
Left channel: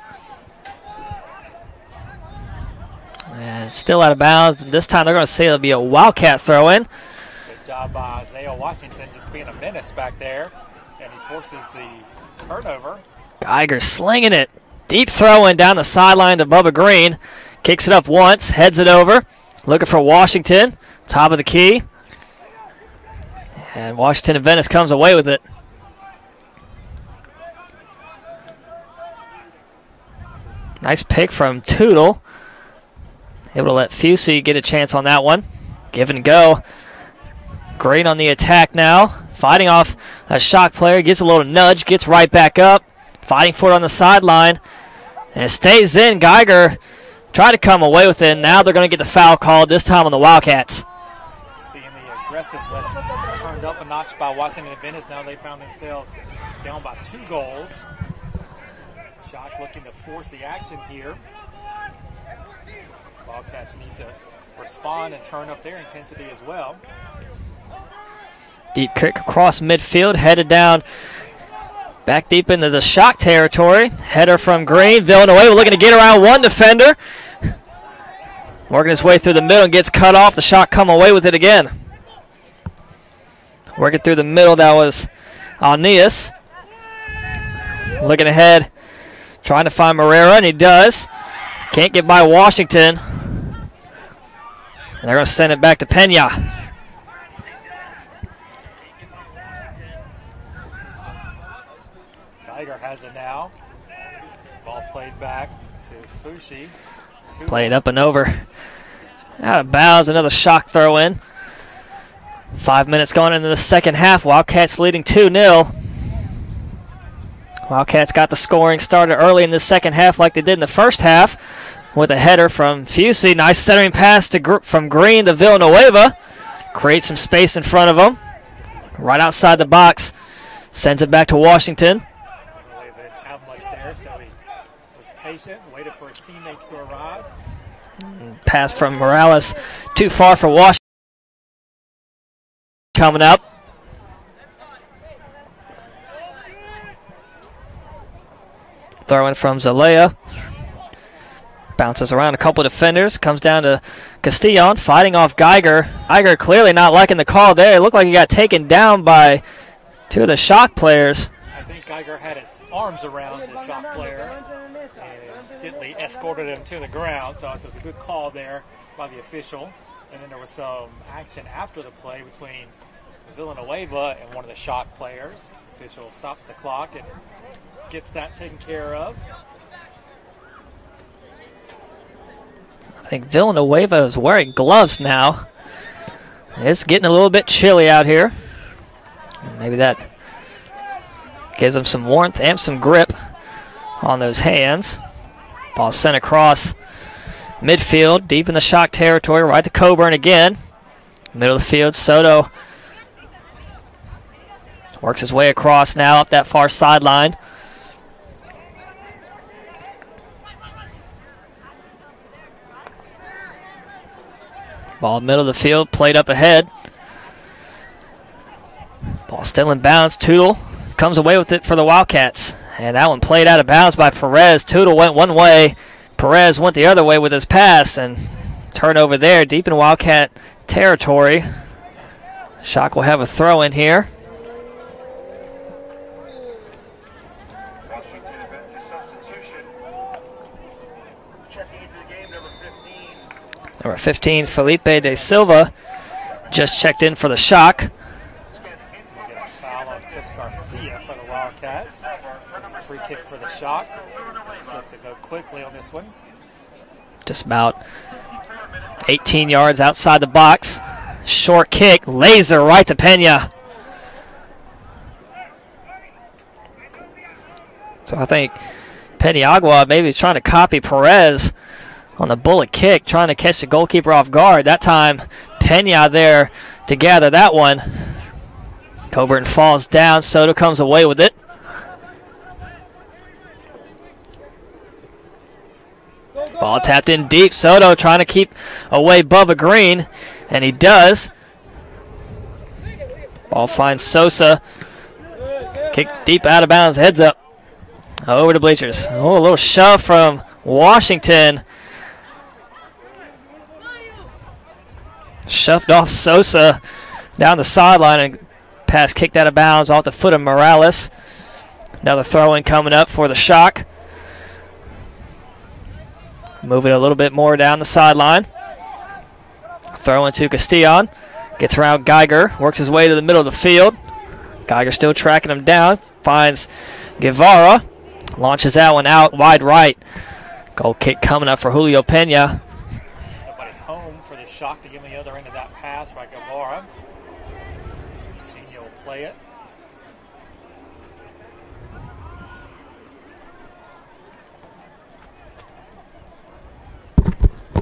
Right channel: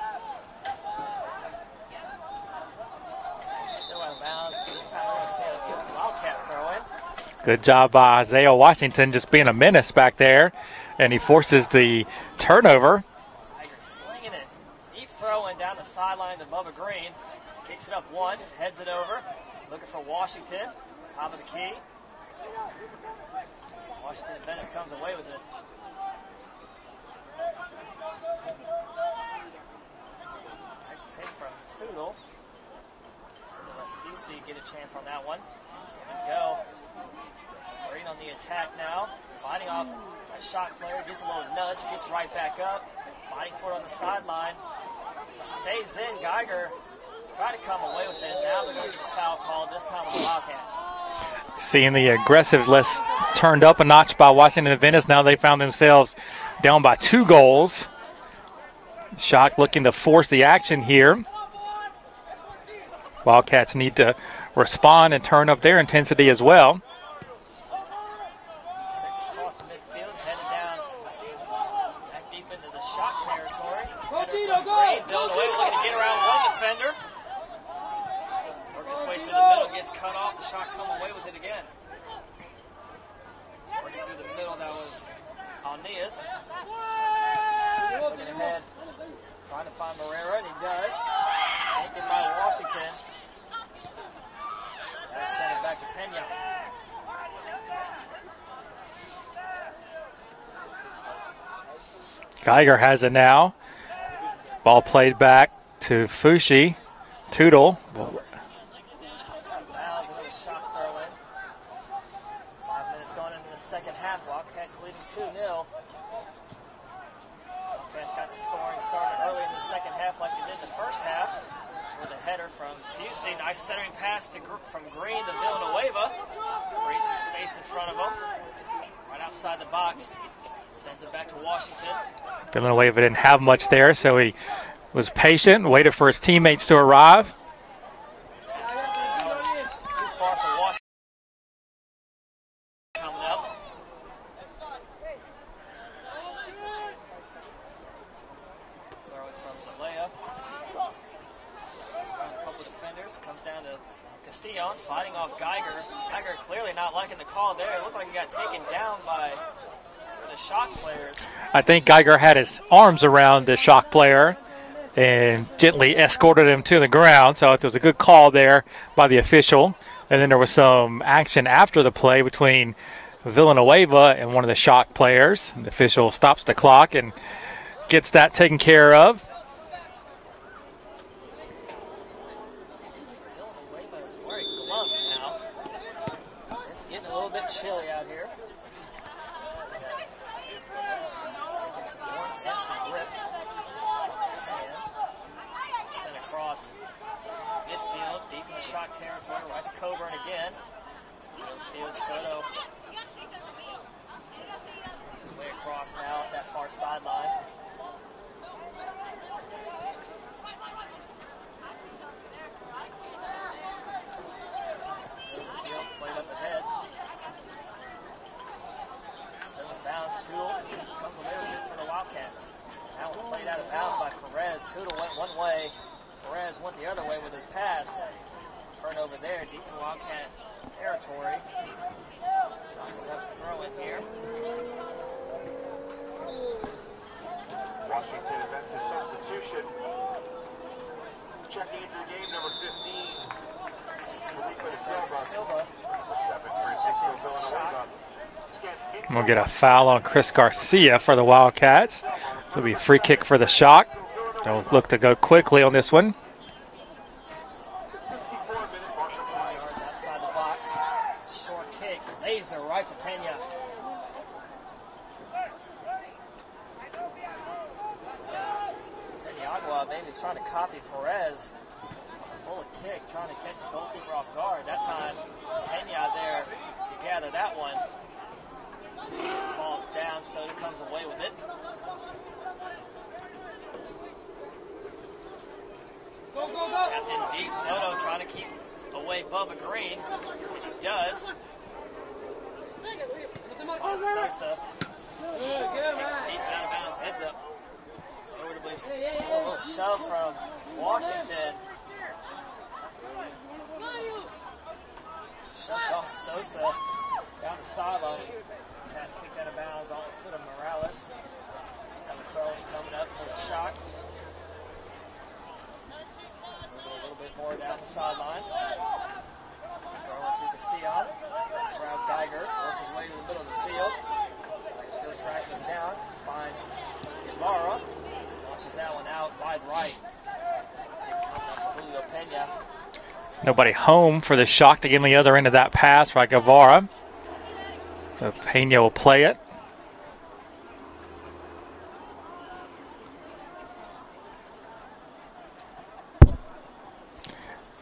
And still out of bounds. This time they're going to say it'll be a Wildcat throw in. Good job by Isaiah Washington just being a menace back there. And he forces the turnover. Geiger slinging it. Deep throw in down the sideline to Bubba Green. Kicks it up once, heads it over. Looking for Washington. Top of the key. And Washington Adventist comes away with it. Nice pick from Tootle. Able to let Fusey get a chance on that one. Give and go. Green on the attack now. Fighting off a shock player. Gets a little nudge. Gets right back up. Fighting for it on the sideline. And it stays in. Geiger tried to come away with it. Now they're going to get the foul called, this time on the Wildcats. Seeing the aggressiveness turned up a notch by Washington Adventist. Now they found themselves down by 2 goals. Shock looking to force the action here. Wildcats need to respond and turn up their intensity as well. Deep kick across midfield, headed down back deep into the Shock territory. Header from Green. Villanueva looking to get around one defender. Working his way through the middle and gets cut off. The Shock come away with it again. Working through the middle, that was Alnias. Looking ahead, trying to find Moreira, and he does. Can't get by Washington. And they're going to send it back to Pena. Geiger has it now. Ball played back to Fushi. Tootle. Played up and over. Out of bounds, another Shock throw in. 5 minutes going into the second half. Wildcats leading 2-0. Wildcats got the scoring started early in the second half like they did in the first half with a header from Fusey. Nice centering pass from Green to Villanueva. Creates some space in front of him. Right outside the box. Sends it back to Washington. Villanueva didn't have much there, so he was patient, waited for his teammates to arrive. Pass from Morales. Too far for Washington. Coming up. Throw-in from Zalea. Bounces around a couple of defenders. Comes down to Castillon, fighting off Geiger. Geiger clearly not liking the call there. It looked like he got taken down by 2 of the Shock players. I think Geiger had his arms around the Shock player and gently escorted him to the ground. So it was a good call there by the official. And then there was some action after the play between Villanueva and one of the Shock players. The official stops the clock and gets that taken care of. I think Villanueva is wearing gloves now. It's getting a little bit chilly out here. Maybe that gives him some warmth and some grip on those hands. Ball sent across midfield, deep in the Shock territory, right to Coburn again. Middle of the field, Soto works his way across now up that far sideline. Ball middle of the field, played up ahead. Ball still in bounds. Tootle comes away with it for the Wildcats. And that one played out of bounds by Perez. Tootle went one way. Perez went the other way with his pass. And turnover there deep in Wildcat territory. Shock will have a throw in here. Washington Adventist substitution. Checking into the game, number 15. Number 15, Felipe de Silva, just checked in for the Shock. We'll get a foul on Chris Garcia for the Wildcats. So it'll be a free kick for the Shock. They'll look to go quickly on this one. Just about 18 yards outside the box. Short kick, laser right to Pena. So I think Peniagua maybe trying to copy Perez on the bullet kick, trying to catch the goalkeeper off guard. That time, Pena there to gather that one. Coburn falls down. Soto comes away with it. Ball tapped in deep. Soto trying to keep away Bubba Green, and he does. Ball finds Sosa. Kick deep out of bounds, heads up. Over the bleachers. Oh, a little shove from Washington. Shoved off Sosa down the sideline, and pass kicked out of bounds off the foot of Morales. Another throw-in coming up for the Shock. Moving a little bit more down the sideline. Throw into Castillon. Gets around Geiger, works his way to the middle of the field. Geiger still tracking him down, finds Guevara, launches that one out wide right. Goal kick coming up for Julio Pena. Nobody home for the Shock to get on the other end of that pass by Guevara. So Pena will play it.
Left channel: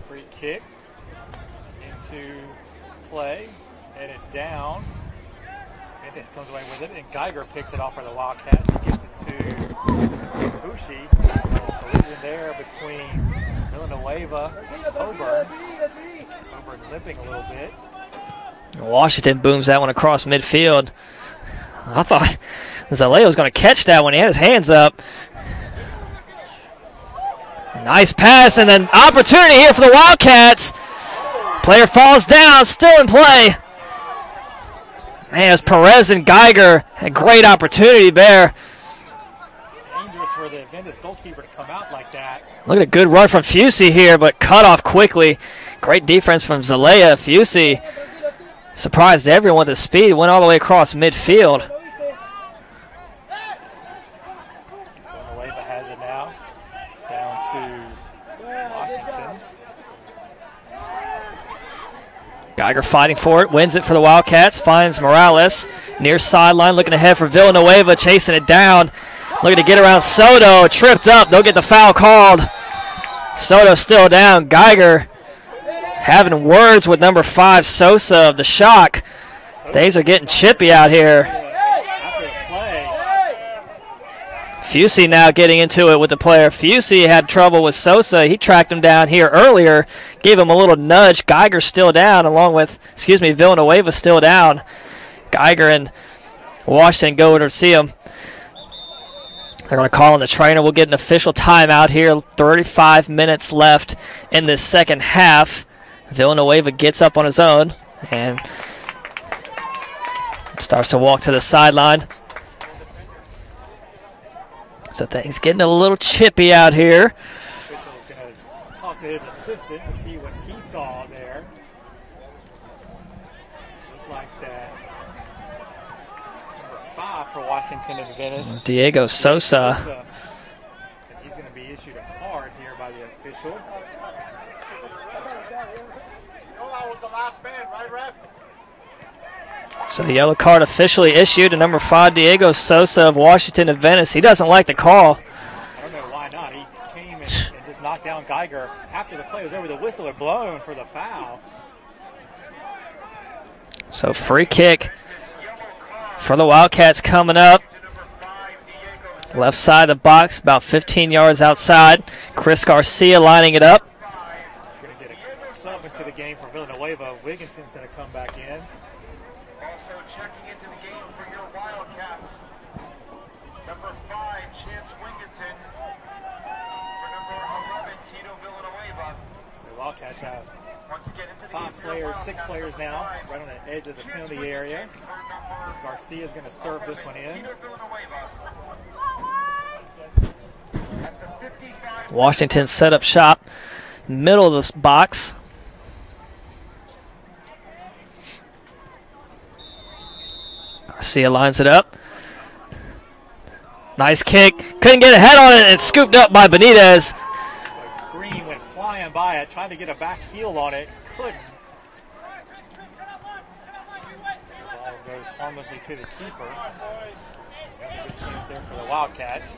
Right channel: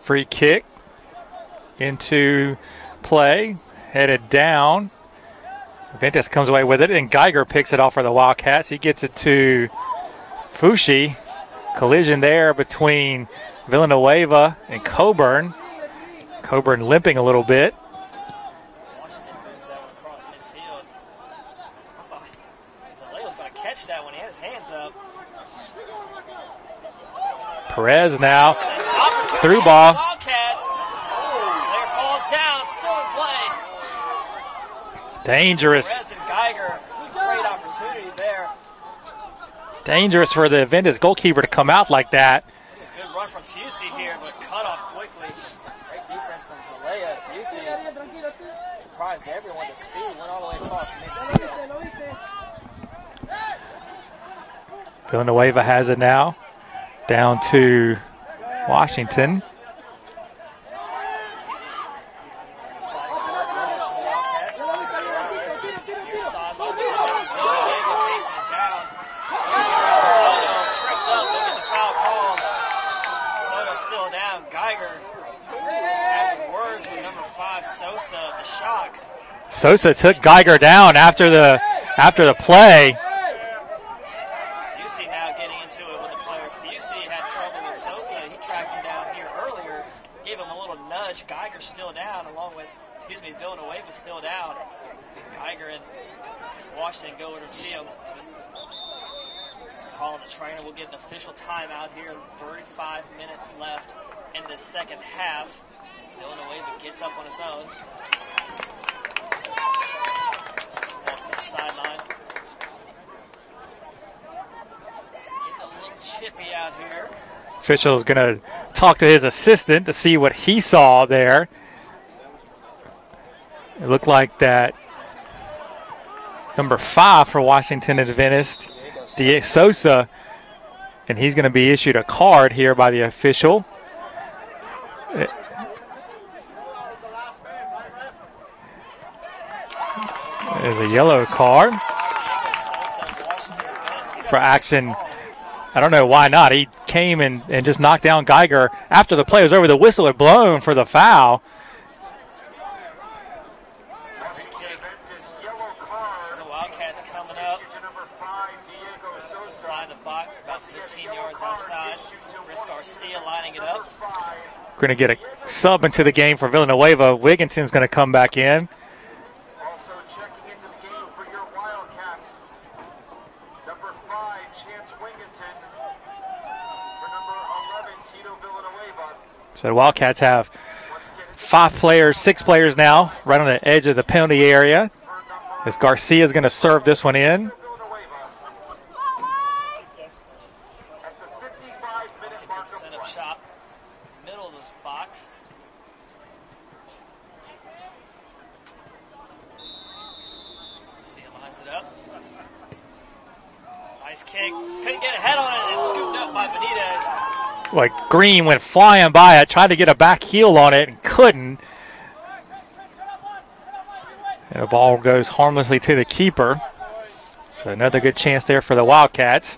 Free kick into play, headed down. Adventist comes away with it, and Geiger picks it off for the Wildcats. He gets it to Fushi. Collision there between Villanueva and Coburn. Coburn limping a little bit. Washington booms that one across midfield. I thought Zaleo was going to catch that one. He had his hands up. Nice pass, and an opportunity here for the Wildcats. Player falls down, still in play. As Perez and Geiger, a great opportunity there. Dangerous for the Adventist goalkeeper to come out like that. Look at a good run from Fusi here, but cut off quickly. Great defense from Zalea. Fusi surprised everyone with the speed, went all the way across midfield. Villanueva has it now. Down to Washington. Geiger fighting for it, wins it for the Wildcats, finds Morales. Near sideline, looking ahead for Villanueva, chasing it down. Looking to get around Soto, tripped up, they'll get the foul called. Soto still down. Geiger having words with number 5, Sosa of the Shock. Sosa took Geiger down after the play. Fusi now getting into it with the player. Fusi had trouble with Sosa. He tracked him down here earlier, gave him a little nudge. Geiger still down, along with, Villanueva still down. Geiger and Washington go to see him. They're going to call on the trainer. We'll get an official timeout here. 35 minutes left in this second half. Villanueva gets up on his own and starts to walk to the sideline. So things getting a little chippy out here. Official is going to talk to his assistant to see what he saw there. It looked like that number 5 for Washington Adventist, Diego Sosa. And he's going to be issued a card here by the official. So the yellow card officially issued to number 5, Diego Sosa of Washington Adventist. He doesn't like the call. I don't know why not. He came and just knocked down Geiger after the play was over. The whistle had blown for the foul. So free kick for the Wildcats coming up. Left side of the box, about 15 yards outside. Chris Garcia lining it up. Going to get a sub into the game for Villanueva. Wigginson's going to come back in. Also checking into the game for your Wildcats. Number 5, Chance Wigginson. For number 11, Tito Villanueva. So the Wildcats have 6 players now, right on the edge of the penalty area. As Garcia is going to serve this one in. Washington set up shop, middle of this box. Garcia lines it up. Nice kick. Couldn't get a head on it and scooped up by Benitez. Like Green went flying by it, tried to get a back heel on it and couldn't. And the ball goes harmlessly to the keeper. So another good chance there for the Wildcats.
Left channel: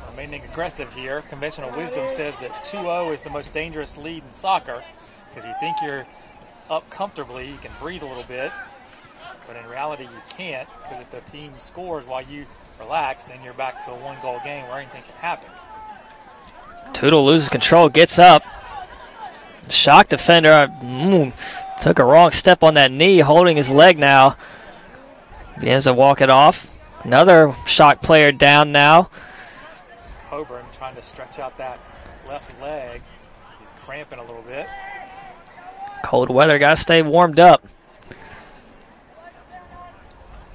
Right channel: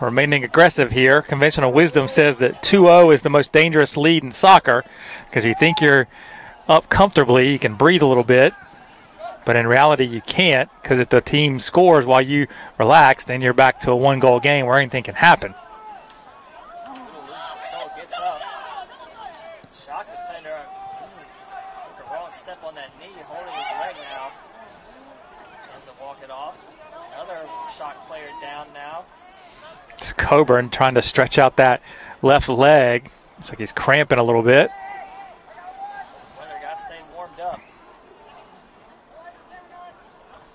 Remaining aggressive here. Conventional wisdom says that 2-0 is the most dangerous lead in soccer because you think you're up comfortably, you can breathe a little bit. But in reality, you can't, because if the team scores while you relax, then you're back to a 1-goal game where anything can happen. Tootle loses control, gets up. Shock defender took a wrong step on that knee, holding his leg now. Begins to walk it off. Another Shock player down now. It's Coburn trying to stretch out that left leg. Looks like he's cramping a little bit. Cold weather, got to stay warmed up.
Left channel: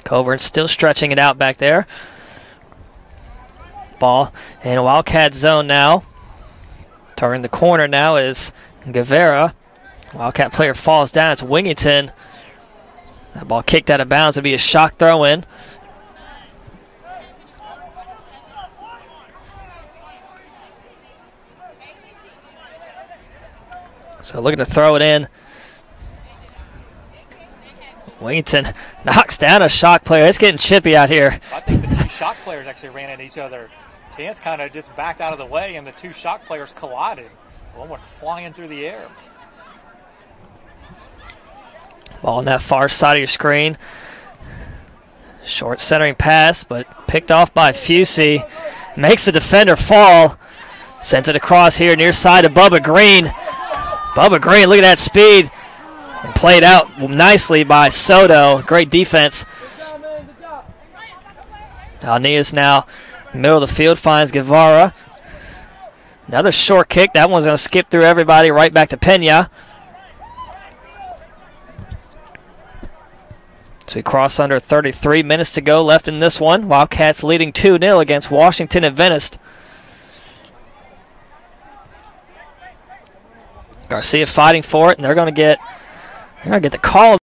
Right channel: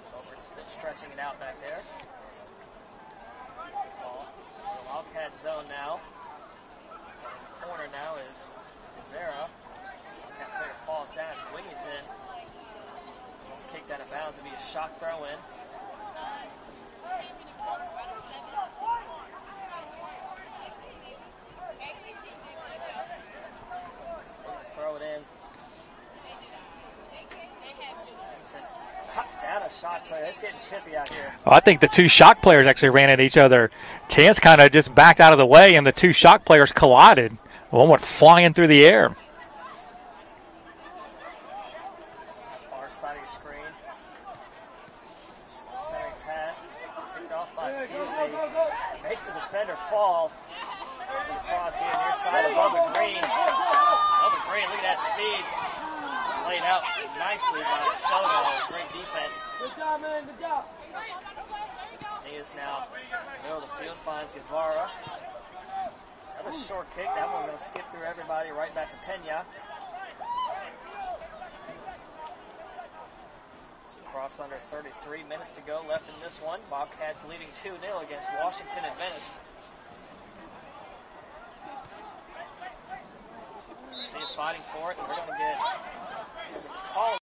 Coburn still stretching it out back there. Ball in Wildcat zone now. Turning the corner now is Guevara. Wildcat player falls down. It's Wingington. That ball kicked out of bounds. It'll be a shock throw in. So looking to throw it in. Wingington knocks down a shock player. It's getting chippy out here. Well, I think the two shock players actually ran at each other. Chance kind of just backed out of the way, and the two shock players collided. One went flying through the air. Ball on that far side of your screen. Short centering pass, but picked off by Fusey. Makes the defender fall. Sends it across here near side of Bubba Green. Bubba Green, look at that speed. Played out nicely by Soto. Great defense. Alnias now middle of the field finds Guevara. Another short kick. That one's going to skip through everybody right back to Pena. So we cross under 33 minutes to go left in this one. Wildcats leading 2-0 against Washington Adventist. Garcia fighting for it, and they're going to get the call.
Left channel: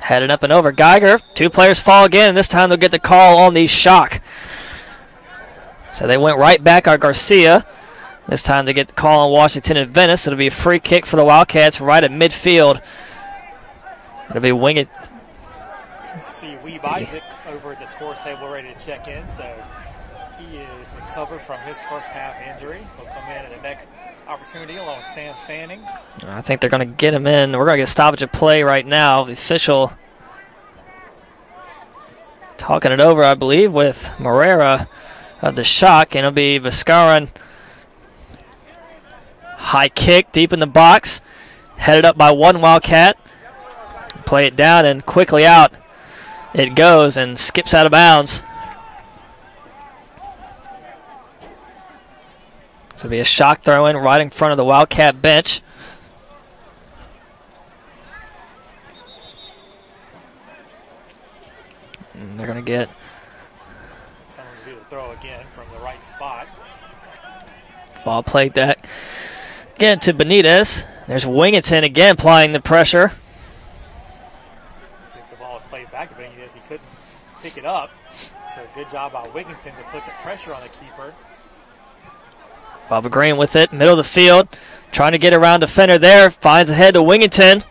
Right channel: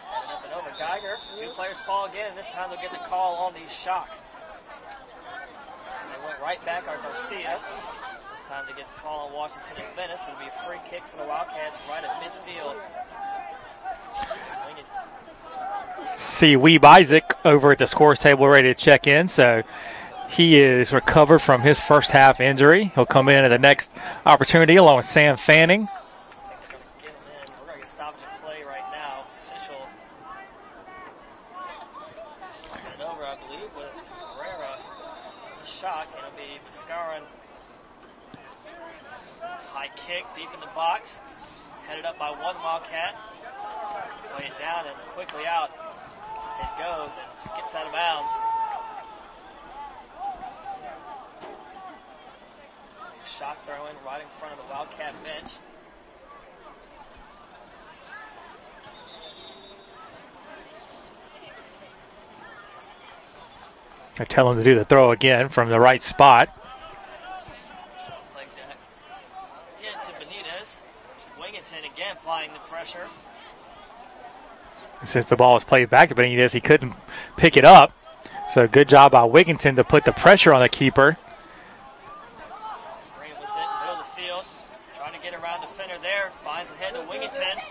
Headed up and over. Geiger. Two players fall again, and this time they'll get the call on the shock. So they went right back on Garcia. This time they get the call on Washington Adventist. It'll be a free kick for the Wildcats right at midfield. It'll be Winged. See Weeb Isaac over at the scores table ready to check in. So he is recovered from his first half injury. He'll come in at the next opportunity along with Sam Fanning. I think they're going to get him in. We're going to get a stoppage of play right now. The official talking it over, I believe, with Morera of the shock. And it'll be Viscaran. High kick deep in the box. Headed up by one Wildcat. Play it down and quickly out. It goes and skips out of bounds. So it'll be a shock throw in right in front of the Wildcat bench. And they're going to get. They're telling him to do the throw again from the right spot. Ball played that again to Benitez. There's Wingington again applying the pressure. Since the ball was played back to Benitez, he couldn't pick it up. So good job by Wigginton to put the pressure on the keeper. Bubba Green with it, middle of the field. Trying to get around defender there. Finds ahead to Wingington.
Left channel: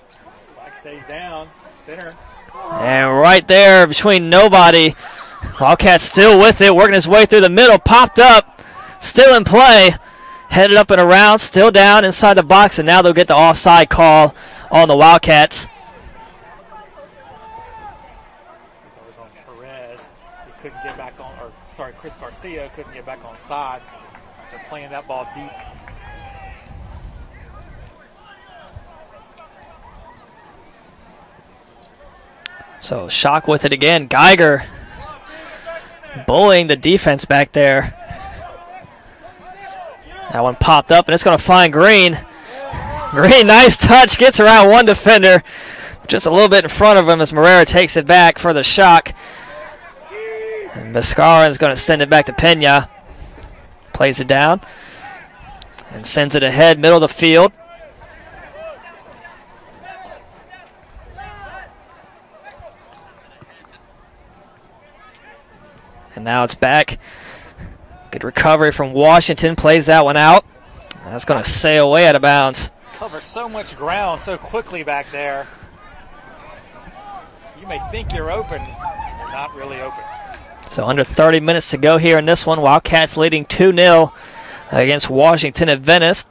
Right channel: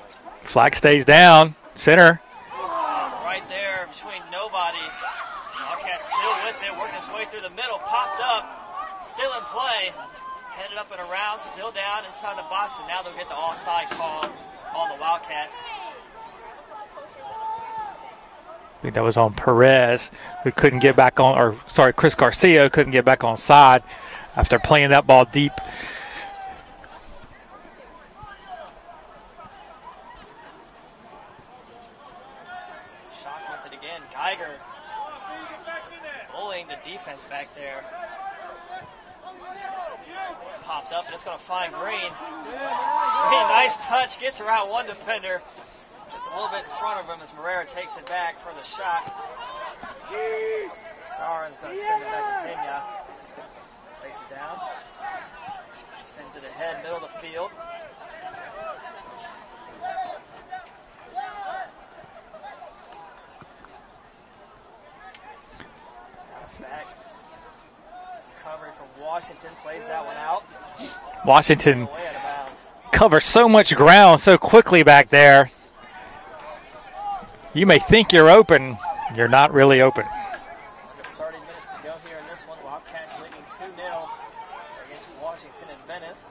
Flag stays down. Center. And right there between nobody. Wildcat still with it, working his way through the middle. Popped up. Still in play. Headed up and around, still down inside the box, and now they'll get the offside call on the Wildcats. I think that was on Perez, who couldn't get back on, or sorry, Chris Garcia couldn't get back on side after playing that ball deep. So Shock with it again. Geiger bullying the defense back there. That one popped up, and it's going to find Green. Green, nice touch, gets around one defender. Just a little bit in front of him as Morera takes it back for the Shock. And Mascaren's going to send it back to Pena. Plays it down and sends it ahead, middle of the field. And now it's back. Good recovery from Washington. Plays that one out. That's going to sail away out of bounds. Cover so much ground so quickly back there. You may think you're open. You're not really open. So under 30 minutes to go here in this one. Wildcats leading 2-0 against Washington Adventist.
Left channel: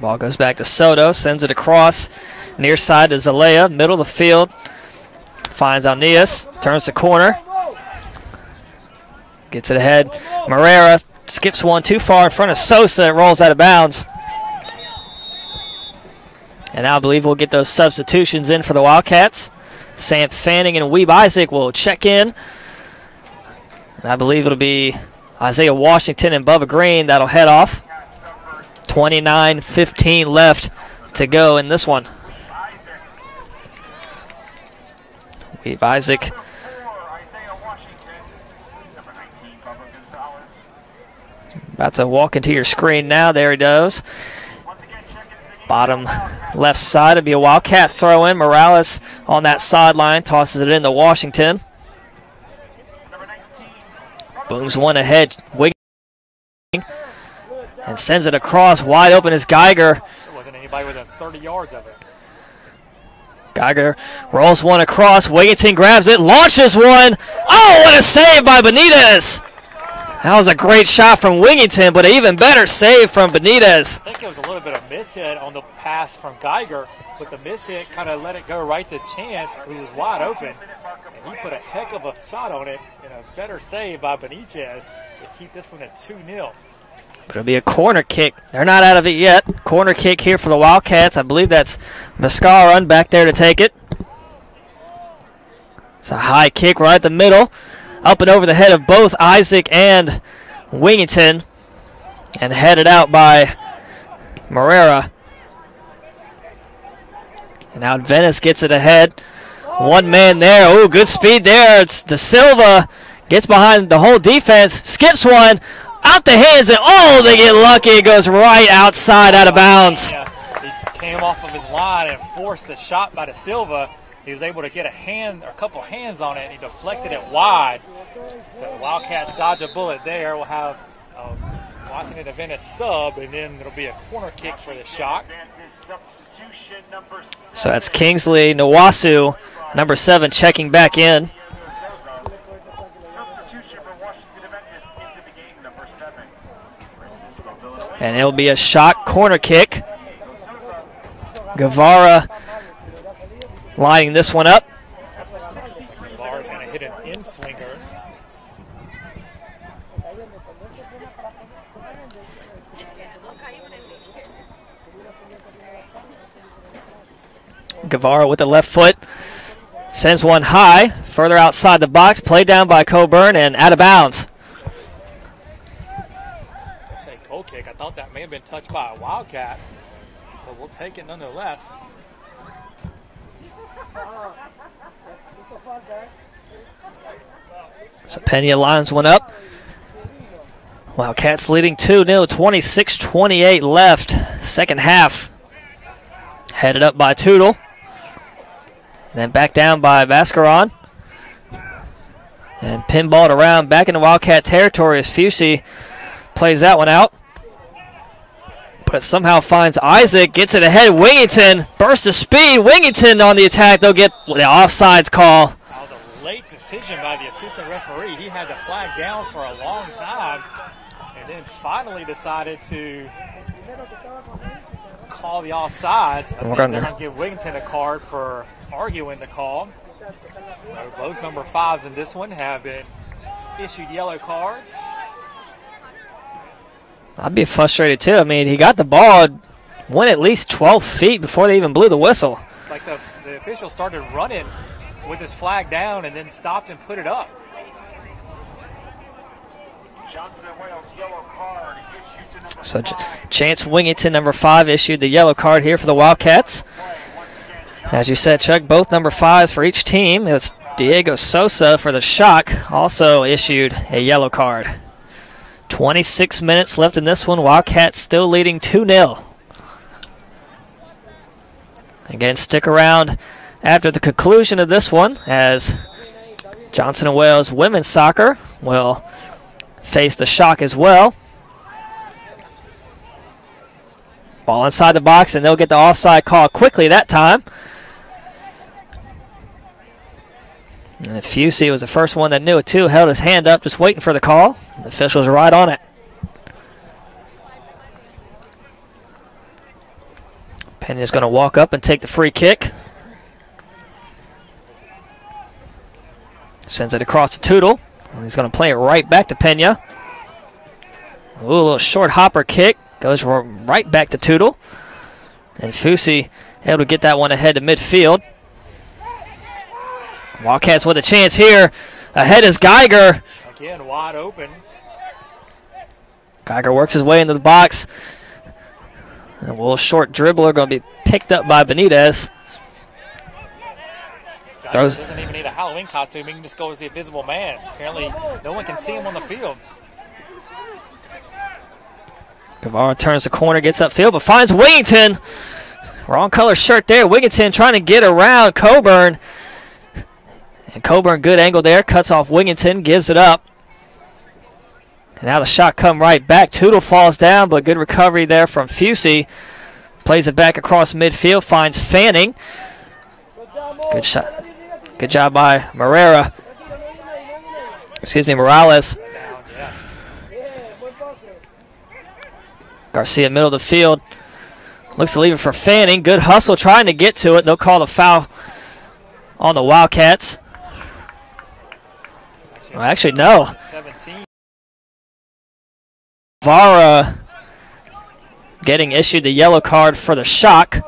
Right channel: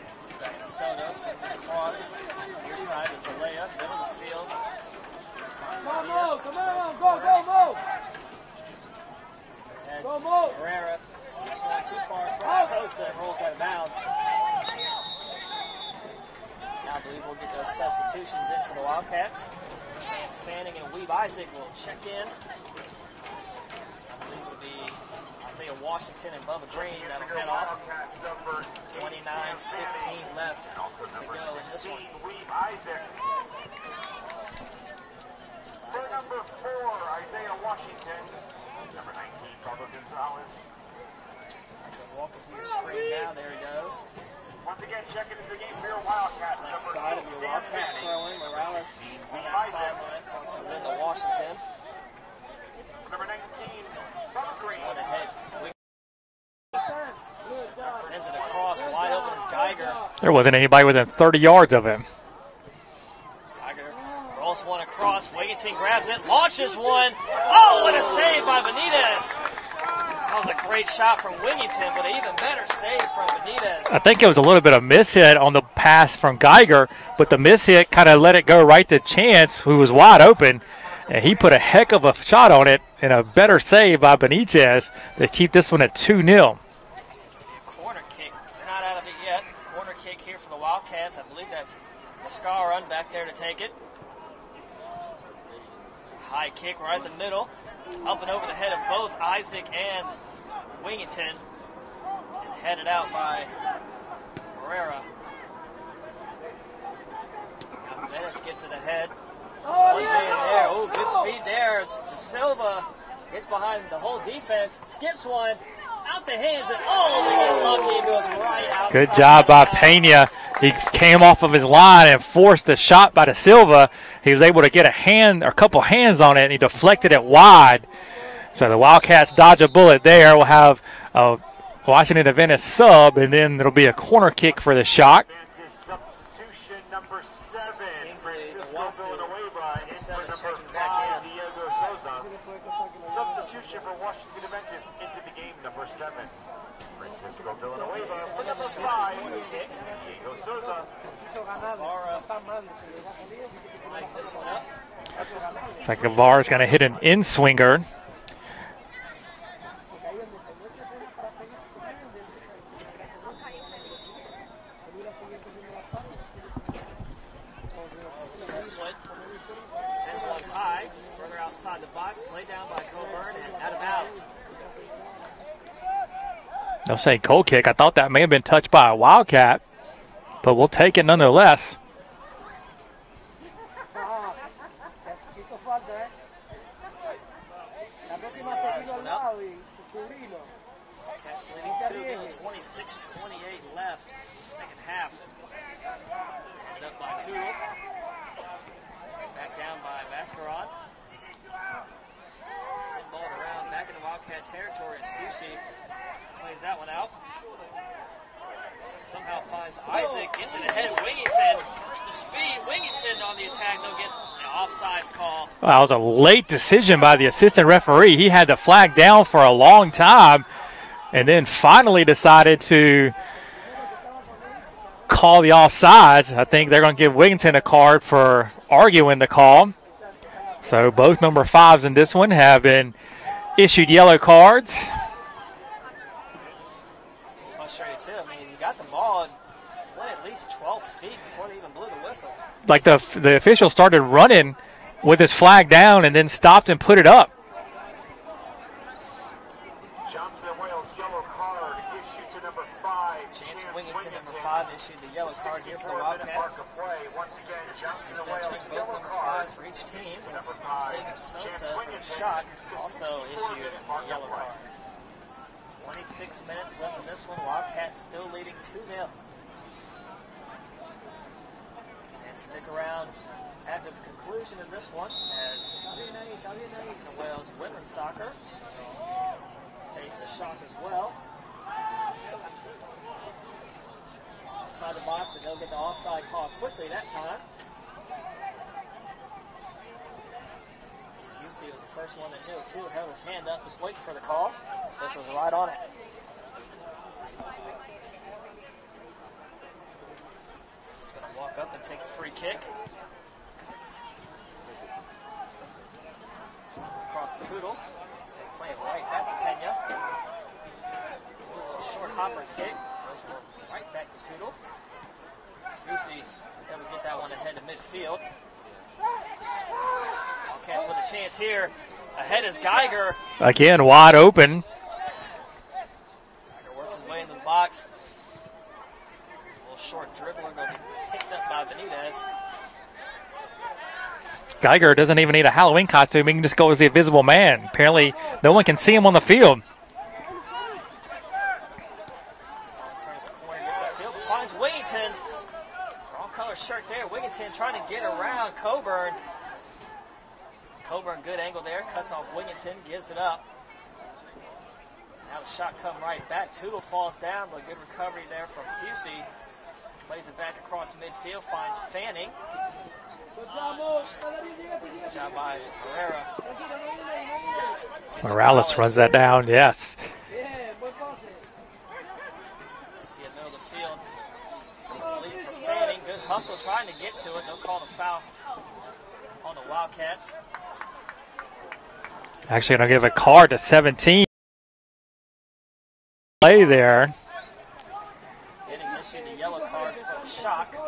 Ball goes back to Soto. Sends it across. Near side to Zalea. Middle of the field. Finds Alnias. Turns the corner. Gets it ahead. Morera skips one too far in front of Sosa. It rolls out of bounds. And now I believe we'll get those substitutions in for the Wildcats. Sam Fanning and Weeb Isaac will check in. And I believe it'll be Isaiah Washington and Bubba Green that'll head off. 29:15 left to go in this one. Weeb Isaac About to walk into your screen now. There he goes. Bottom left side. It'll be a Wildcat throw in. Morales on that sideline tosses it into Washington. Booms one ahead. Wiggins and sends it across. Wide open is Geiger. There wasn't anybody within 30 yards of him. Geiger rolls one across. Wigginton grabs it, launches one. Oh, what a save by Benitez. That was a great shot from Wigginton, but an even better save from Benitez. I think it was a little bit of miss hit on the pass from Geiger, but the miss hit kind of let it go right to Chance, who was wide open. And he put a heck of a shot on it and a better save by Benitez to keep this one at 2-0. It'll be a corner kick. They're not out of it yet. Corner kick here for the Wildcats. I believe that's Mascaron back there to take it. It's a high kick right at the middle. Up and over the head of both Isaac and Wigginton. And headed out by Morera. And now Adventist gets it ahead. One man there. Oh, good speed there. It's De Silva. Gets behind the whole defense. Skips one. Out the hands, and oh, they get lucky. It goes right outside, out of bounds. Pena. He came off of his line and forced the shot by De Silva. He was able to get a hand or a couple hands on it, and he deflected it wide. So the Wildcats dodge a bullet there. We'll have a Washington Adventist sub, and then it'll be a corner kick for the Shock. So that's Kingsley Nwasu, number 7, checking back in. And it'll be a Shock corner kick. Guevara lining this one up. Looks like Guevara's going to hit an in-swinger. Guevara with the left foot. Sends one high, further outside the box. Played down by Coburn and out of bounds. They'll say goal kick. I thought that may have been touched by a Wildcat, but we'll take it nonetheless. So Pena lines one up. Wildcats leading 2-0, 26-28 left. Second half. Headed up by Tootle. And then back down by Vascaron. And pinballed around back into Wildcat territory as Fusey plays that one out. But somehow finds Isaac, gets it ahead. Wigginton, burst of speed. Wigginton on the attack. They'll get the offsides call. Wow, that was a late decision by the assistant referee. He had the flag down for a long time and then finally decided to call the offsides. I think they're going to give Wigginton a card for arguing the call. So both number 5s in this one have been issued yellow cards. I'd be frustrated too. I mean, he got the ball, went at least 12 feet before they even blew the whistle. Like the official started running with his flag down and then stopped and put it up. So Chance Wigginton, number 5, issued the yellow card here for the Wildcats. As you said, Chuck, both number 5s for each team. It's Diego Sosa for the Shock, also issued a yellow card. 26 minutes left in this one. Wildcats still leading 2-0. Again, stick around after the conclusion of this one as Johnson & Wales women's soccer will face the Shock as well. Ball inside the box, and they'll get the offside call quickly that time. And Fusey was the first one that knew it too, held his hand up just waiting for the call. The official's right on it. Pena's going to walk up and take the free kick. Sends it across to Tootle. And he's going to play it right back to Pena. Ooh, a little short hopper kick. Goes right back to Tootle. And Fusey able to get that one ahead to midfield. Wildcats with a chance here. Ahead is Geiger. Again, wide open. Geiger works his way into the box. And a little short dribbler going to be picked up by Benitez. Geiger doesn't even need a Halloween costume. He can just go as the invisible man. Apparently, no one can see him on the field. Guevara turns the corner, gets upfield, but finds Wigington. Wrong color shirt there. Wigington trying to get around Coburn. And Coburn, good angle there, cuts off Wigington, gives it up. And now the shot come right back. Tootle falls down, but good recovery there from Fusey. Plays it back across midfield, finds Fanning. Good shot. Good job by Morales. Runs that down, yes. Garcia, middle of the field. Looks to leave it for Fanning. Good hustle trying to get to it. They'll call the foul on the Wildcats. Actually, give a card to 17. Guevara getting issued the yellow card for the Shock.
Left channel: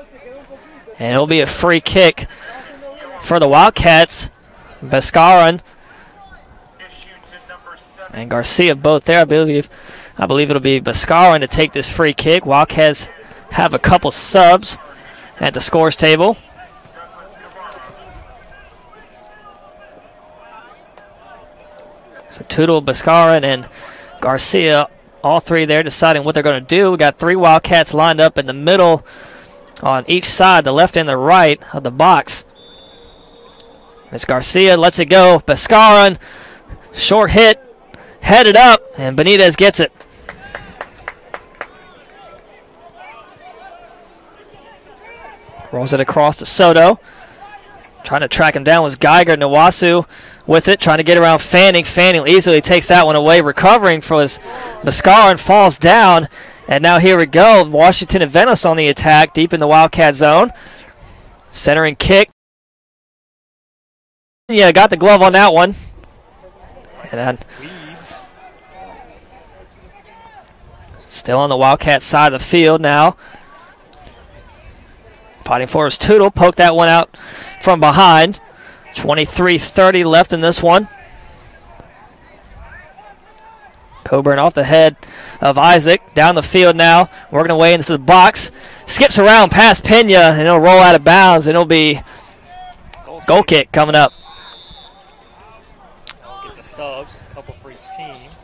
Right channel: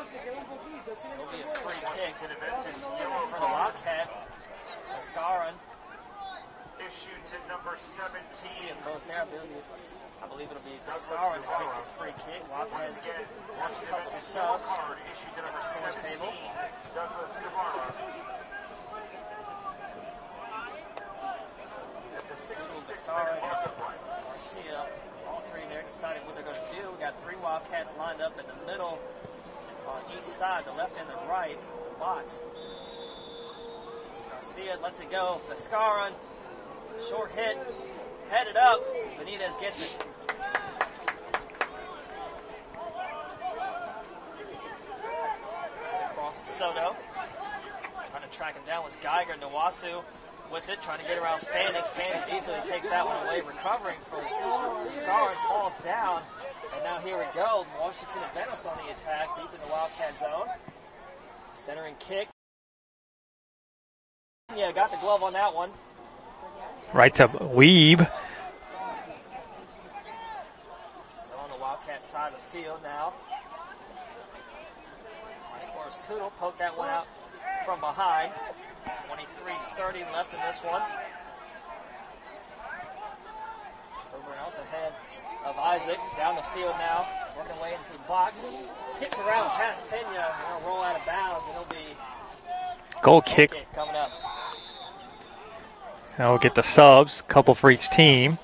And it'll be a free kick for the Wildcats. Beskaren and Garcia both there. I believe it'll be Beskaren to take this free kick. Wildcats have a couple subs at the scores table. So Tootle, Beskaren, and Garcia, all three there deciding what they're going to do. We got three Wildcats lined up in the middle on each side, the left and the right of the box. It's Garcia, lets it go. Beskaren, short hit, headed up, and Benitez gets it. Rolls it across to Soto. Trying to track him down was Geiger. Nwasu with it, trying to get around Fanning. Fanning easily takes that one away, recovering for his Beskaren, falls down. And now here we go. Washington Adventist on the attack, deep in the Wildcat zone. Centering kick. Yeah, got the glove on that one. Right to Weeb. Still on the Wildcat side of the field now. Fighting for his Tootle. Poked that one out from behind. 23:30 left in this one. Coburn off the head of Isaac. Down the field now. Working away into the box. Skips around past Pena, and it'll roll out of bounds, and it'll be goal kick coming up. Now we'll get the subs, a couple for each team.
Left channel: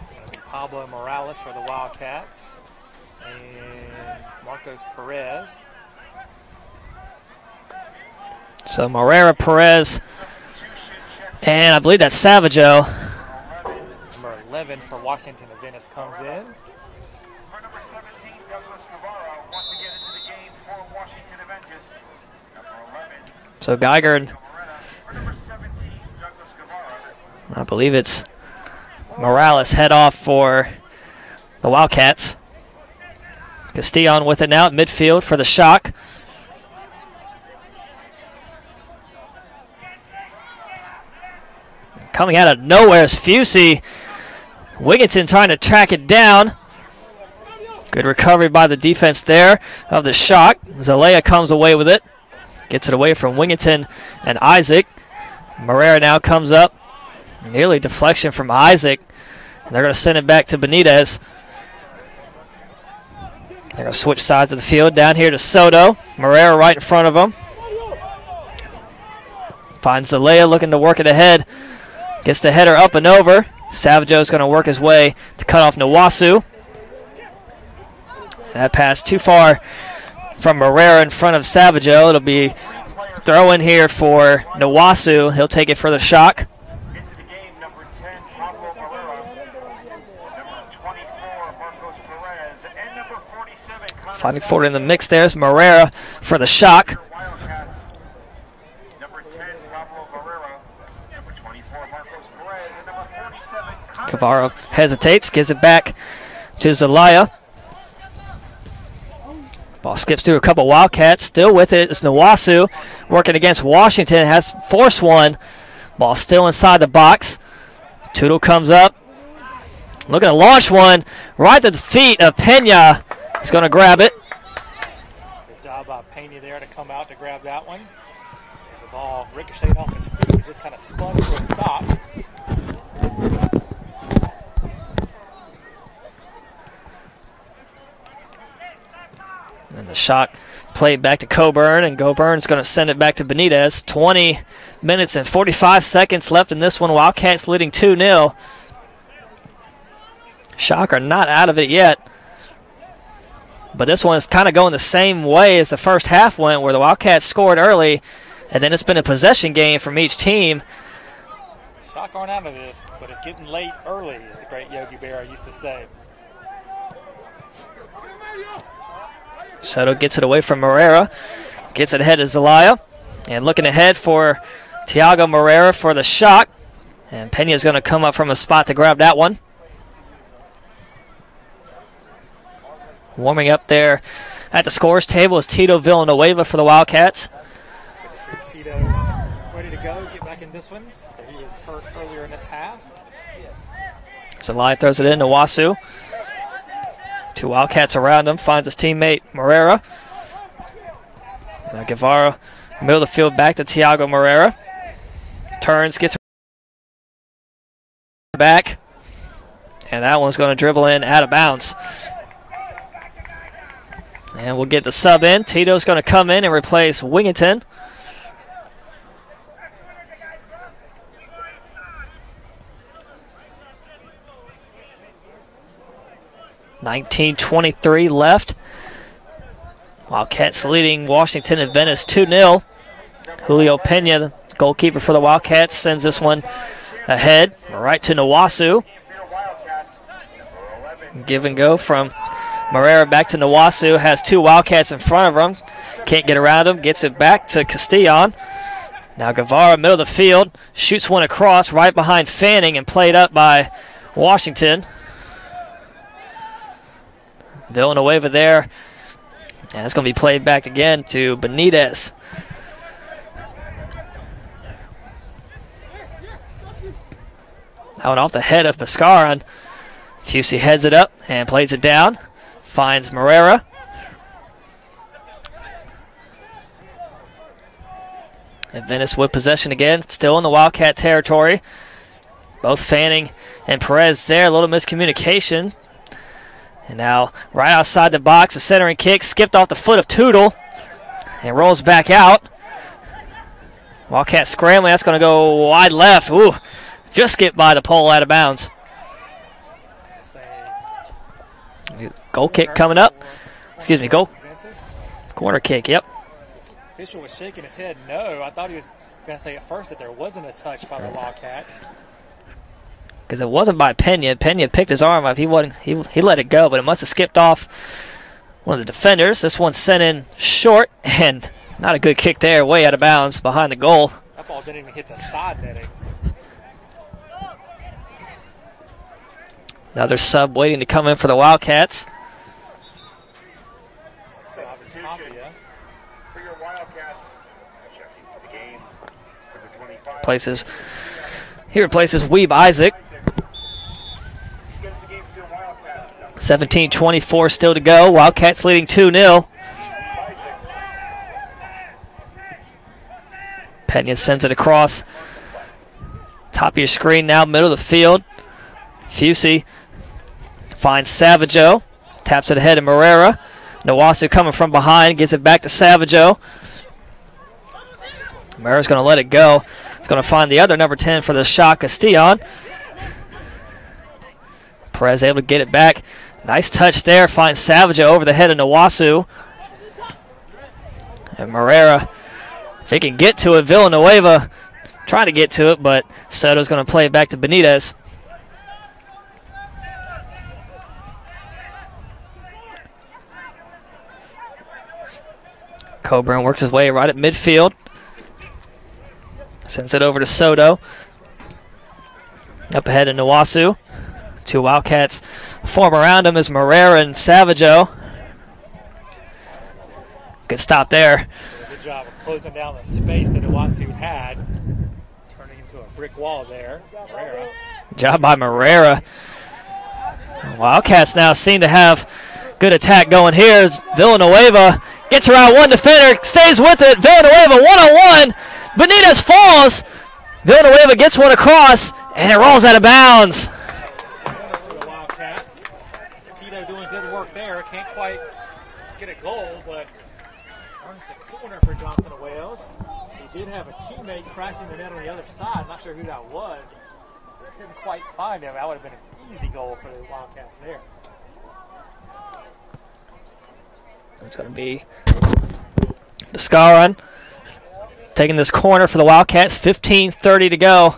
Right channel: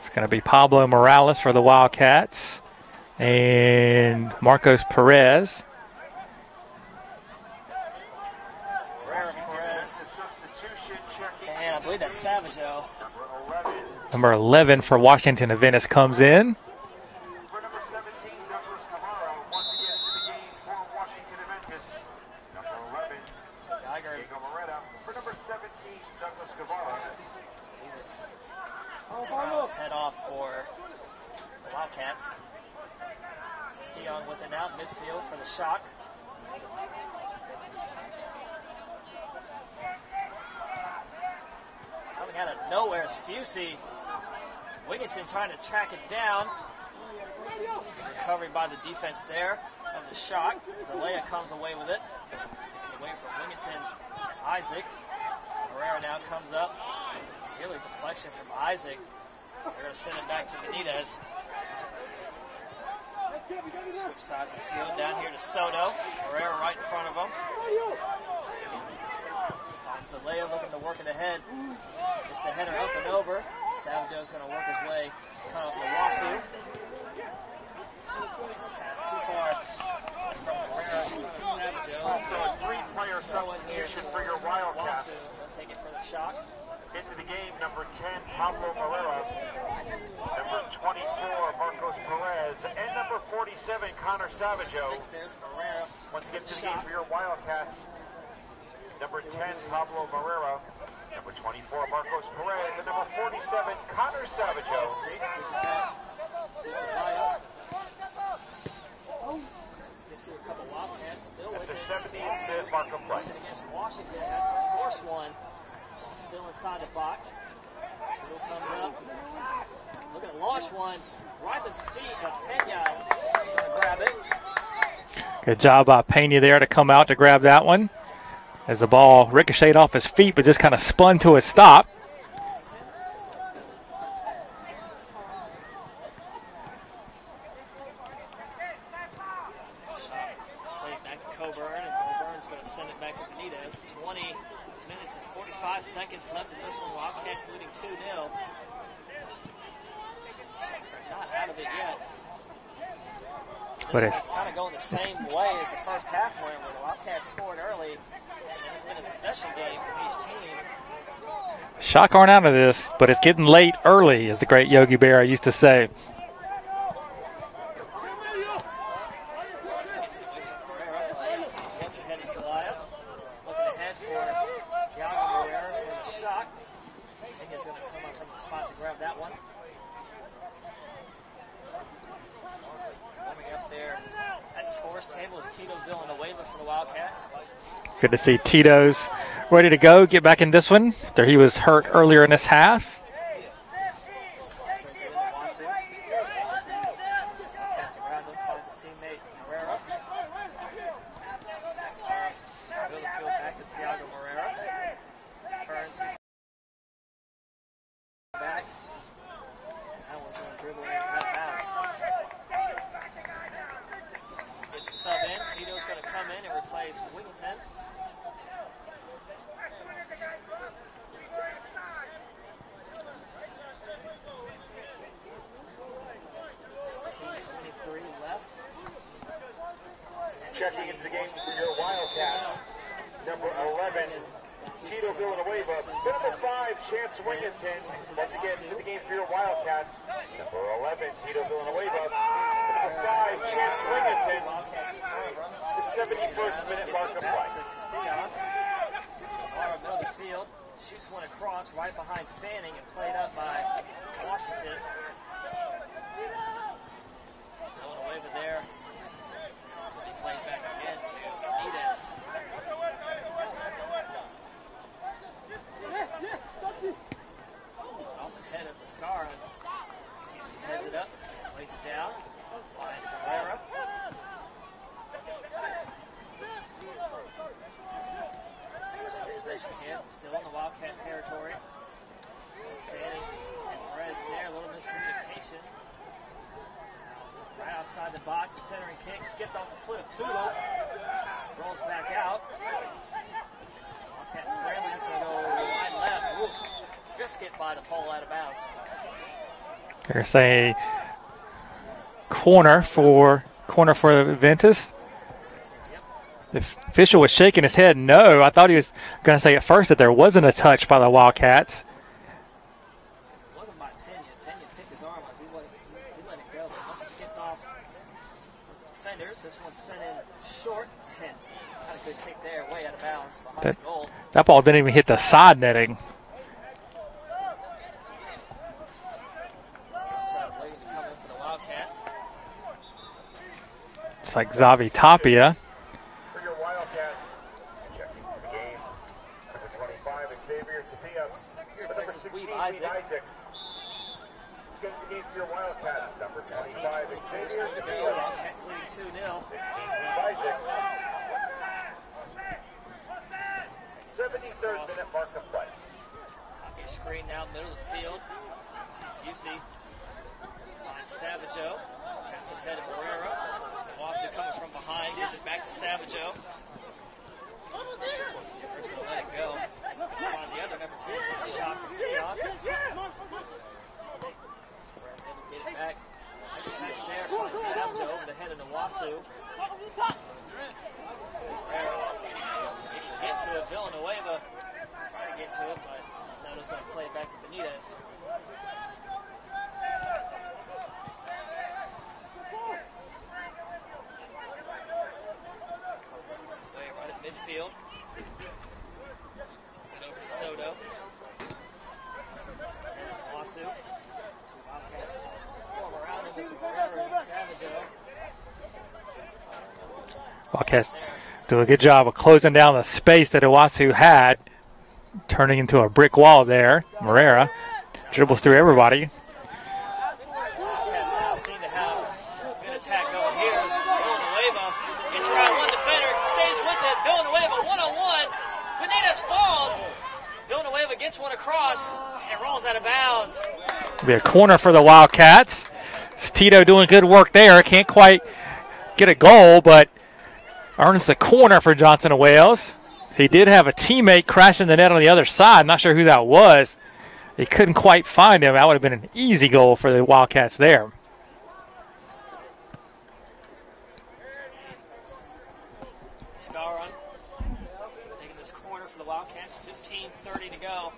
It's going to be Pablo Morales for the Wildcats and Marcos Perez. So Morera, Perez, and I believe that's Savaggio. Number 11 for Washington Adventist comes in. For number 17, Douglas Navarro once again into the game for Washington Adventist. Number 11. So Geiger, For number 17, Douglas Navarro. I believe it's Morales head off for the Wildcats. Castillon with it now at midfield for the Shock. Coming out of nowhere is Fusey. Wigington trying to track it down. Good recovery by the defense there of the Shock. Zelaya comes away with it. Gets it away from Wigington and Isaac. Morera now comes up. Nearly deflection from Isaac. And they're going to send it back to Benitez. They're going to switch sides of the field. Down here to Soto. Morera right in front of him. Finds Zelaya looking to work it ahead. Gets the header up and over. Savaggio's going to work his way to cut off Nwasu. That pass too far from Morera in front of Savaggio. It'll be throw in here for Nwasu. He'll take it for the Shock. Into the game, number 10, Pablo Morera. Number 24, Marcos Perez. And number 47, Connor Fighting forward in the mix there is Morera for the Shock. Wildcats. Number 10, Pablo Morera. Number 24, Marcos Perez. And number 47, Connor Guevara hesitates, gives it back to Zelaya. Ball skips through a couple Wildcats. Still with it is Nwasu working against Washington. Has forced one. Ball still inside the box. Tootle comes up. Looking to launch one right at the feet of Pena. He's going to grab it. Good job by Pena there to come out to grab that one. As the ball ricocheted off his feet, but just kind of spun to a stop. And the Shock played back to Coburn, and Coburn's going to send it back to Benitez. 20 minutes and 45 seconds left in this one. Wildcats leading 2-0. Shock are not out of it yet. But this one's kind of going the same way as the first half went, where the Wildcats scored early, and then it's been a possession game from each team. Shock aren't out of this, but it's getting late early, as the great Yogi Berra used to say. Soto gets it away from Moreira, gets it ahead of Zelaya, and looking ahead for Tiago Moreira for the Shock. And Pena's going to come up from a spot to grab that one. Warming up there at the scores table is Tito Villanueva for the Wildcats. Good to see Tito's ready to go, get back in this one after he was hurt earlier in this half. Zelaya throws it in to Wasu. 2 Wildcats around him, finds his teammate Moreira. Now Guevara, middle of the field, back to Tiago Moreira. Turns, gets back, and that one's going to dribble in out of bounds. And we'll get the sub in. Tito's going to come in and replace Wingington. .19:23 left. Wildcats leading Washington Adventist 2-0. Julio Pena, the goalkeeper for the Wildcats, sends this one ahead right to Nwasu. Give and go from Moreira back to Nwasu. Has 2 Wildcats in front of him. Can't get around him. Gets it back to Castillon. Now Guevara, middle of the field, shoots one across right behind Fanning and played up by Washington. Villanueva there. And it's going to be played back again to Benitez. Out off the head of Pescaron. Fusey heads it up and plays it down. Finds Moreira. Adventist with possession again, still in the Wildcat territory. Both Fanning and Perez there, a little miscommunication. And now right outside the box, a centering kick, skipped off the foot of Tootle and rolls back out. Wildcat scrambling, that's going to go wide left. Ooh, just skipped by the pole out of bounds. They're saying goal kick coming up. Corner for Adventist. Corner kick, yep. The official was shaking his head no. I thought he was going to say at first that there wasn't a touch by the Wildcats. Because it wasn't by Pena. Pena picked his arm up. He let it go, but it must have skipped off one of the defenders. This one's sent in short, and not a good kick there, way out of bounds behind the goal. That ball didn't even hit the side netting. Another sub waiting to come in for the Wildcats. It's like Xavi Tapia. He replaces Weeb Isaac. 17:24 still to go. Wildcats leading 2-0. Pena sends it across. Top of your screen now, middle of the field. Fusey finds Savaggio. Taps it ahead to Moreira. Nwasu coming from behind. Gets it back to Savaggio. Moreira's going to let it go. He's going to find the other number 10 for the Shock, Castillon. Perez able to get it back. Nice touch there. Finds Savaggio over the head of Nwasu. And Moreira, if he can get to it, Villanueva trying to get to it, but Soto's going to play it back to Benitez. Coburn works his way right at midfield. Sends it over to Soto. Up ahead to Nwasu. 2 Wildcats form around him as Moreira and Savaggio. Good stop there. Do a good job of closing down the space that Nwasu had. Turning into a brick wall there. Moreira. Good job by Moreira. Wildcats now seem to have good attack going here as Villanueva gets around one defender, stays with it. Villanueva one-on-one. Benitez falls. Villanueva gets one across, and it rolls out of bounds. It'll be a corner for the Wildcats. It's Tito doing good work there. Can't quite get a goal, but earns the corner for Johnson of Wales. He did have a teammate crashing the net on the other side. Not sure who that was. He couldn't quite find him. That would have been an easy goal for the Wildcats there. It's going to be Biscaron taking this corner for the Wildcats. 15:30 to go.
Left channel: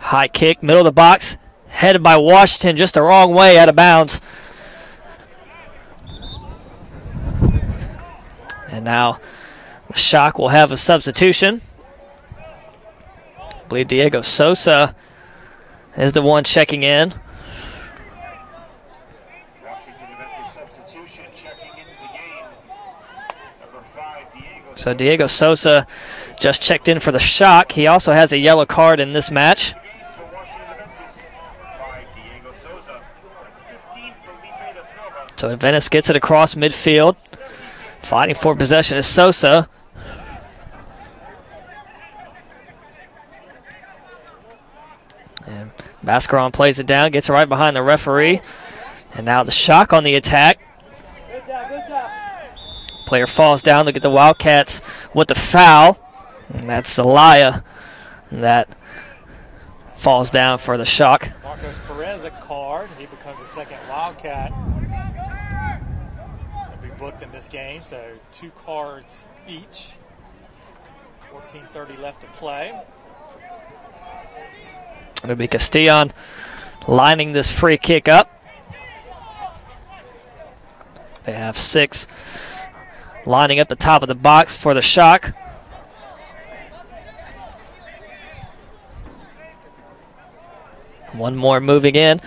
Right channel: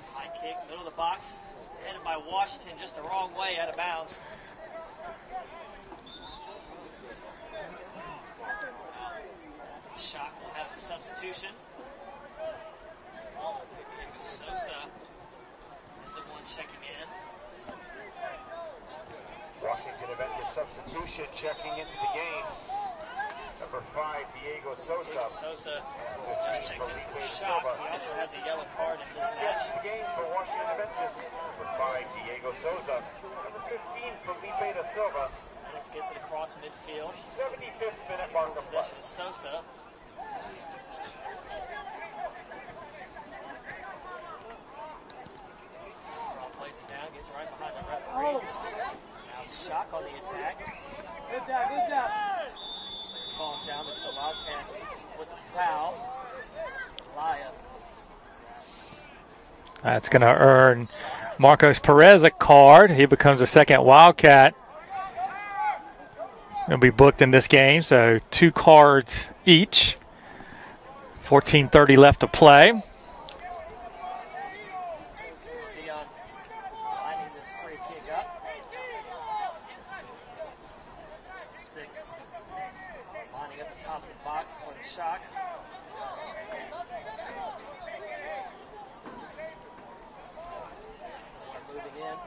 High kick, middle of the box, headed by Washington just the wrong way, out of bounds. And now the Shock will have a substitution. I believe Diego Sosa is the one checking in. So Diego Sosa just checked in for the Shock. He also has a yellow card in this match. So Adventist gets it across midfield. Fighting for possession is Sosa. And Bascaron plays it down, gets it right behind the referee. And now the Shock on the attack. Good job, good job. Player falls down. Look at the Wildcats with the foul. And that's Zelaya that falls down for the Shock. Marcos Perez a card. He becomes the second Wildcat. He'll be booked in this game, so 2 cards each. 14:30 left to play. It'll be Castillon lining this free kick up. They have 6 lining up the top of the box for the Shock. One more moving in.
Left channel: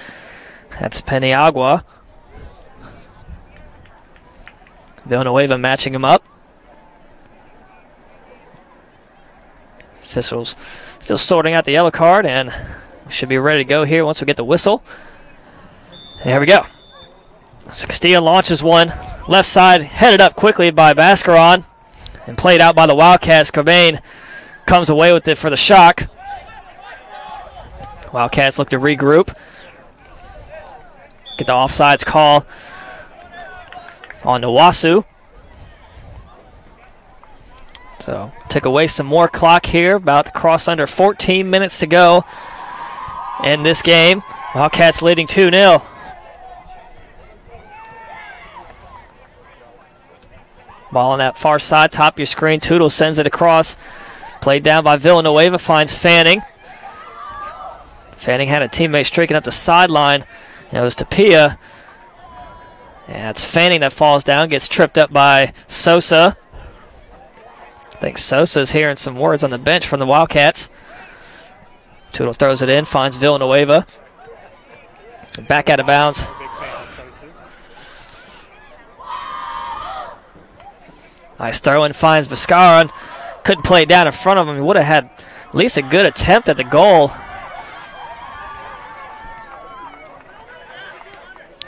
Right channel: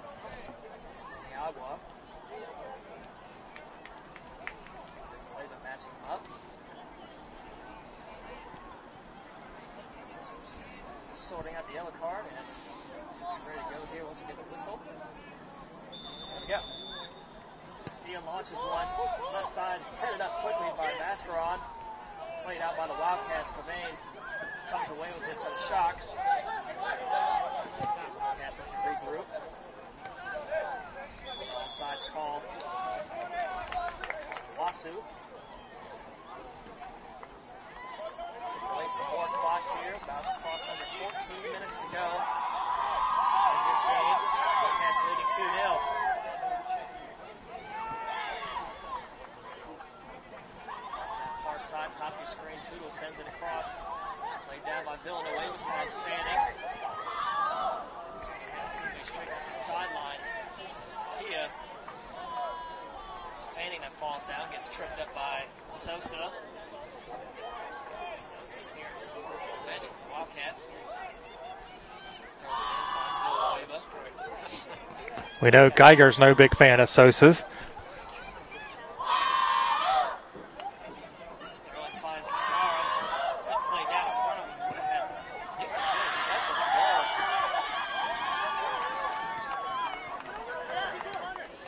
That's Peniagua. Villanueva matching him up. Officials still sorting out the yellow card, and we should be ready to go here once we get the whistle. There we go. So Castilla launches one. Left side headed up quickly by Bascaron and played out by the Wildcats. Cobain comes away with it for the Shock. Wildcats look to regroup. Get the offsides call on Nawasu. So took away some more clock here. About to cross under 14 minutes to go in this game. Wildcats leading 2-0. Ball on that far side, top of your screen. Tootle sends it across. Played down by Villanueva, finds Fanning. Fanning had a teammate streaking up the sideline. It was Tapia. And it's Fanning that falls down, gets tripped up by Sosa. I think Sosa's hearing some words on the bench from the Wildcats. Tootle throws it in, finds Villanueva. Back out of bounds. No big fan of Sosa's. Nice throw in, finds Biscaron. Couldn't play it down in front of him. He would have had at least a good attempt at the goal.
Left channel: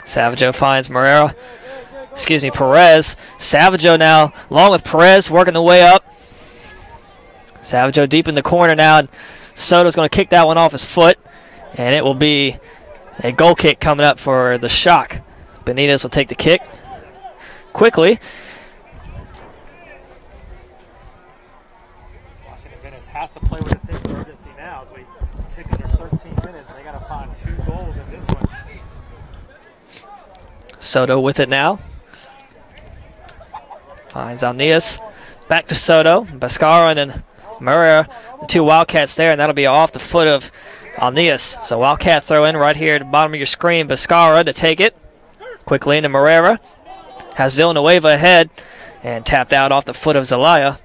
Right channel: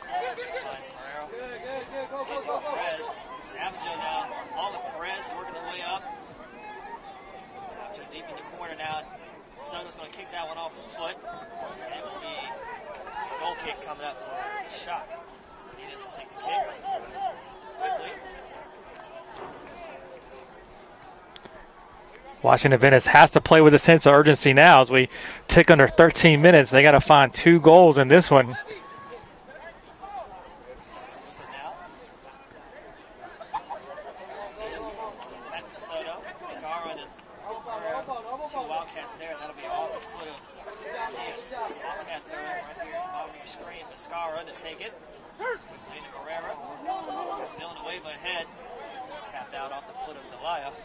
Savaggio finds Perez. Savaggio now, along with Perez, working the way up. Savaggio deep in the corner now, and Soto's going to kick that one off his foot, and it will be a goal kick coming up for the Shock. Benitez will take the kick quickly. Washington Adventist has to play with a sense of urgency now as we tick under 13 minutes. They got to find 2 goals in this one. Soto with it now. Finds Alnias. Back to Soto. Bascaron and Murray, the 2 Wildcats there, and that'll be off the foot of Alnias. So Wildcat throw in right here at the bottom of your screen. Bascara to take it. Quickly into Morera. Has Villanueva ahead and tapped out off the foot of Zelaya.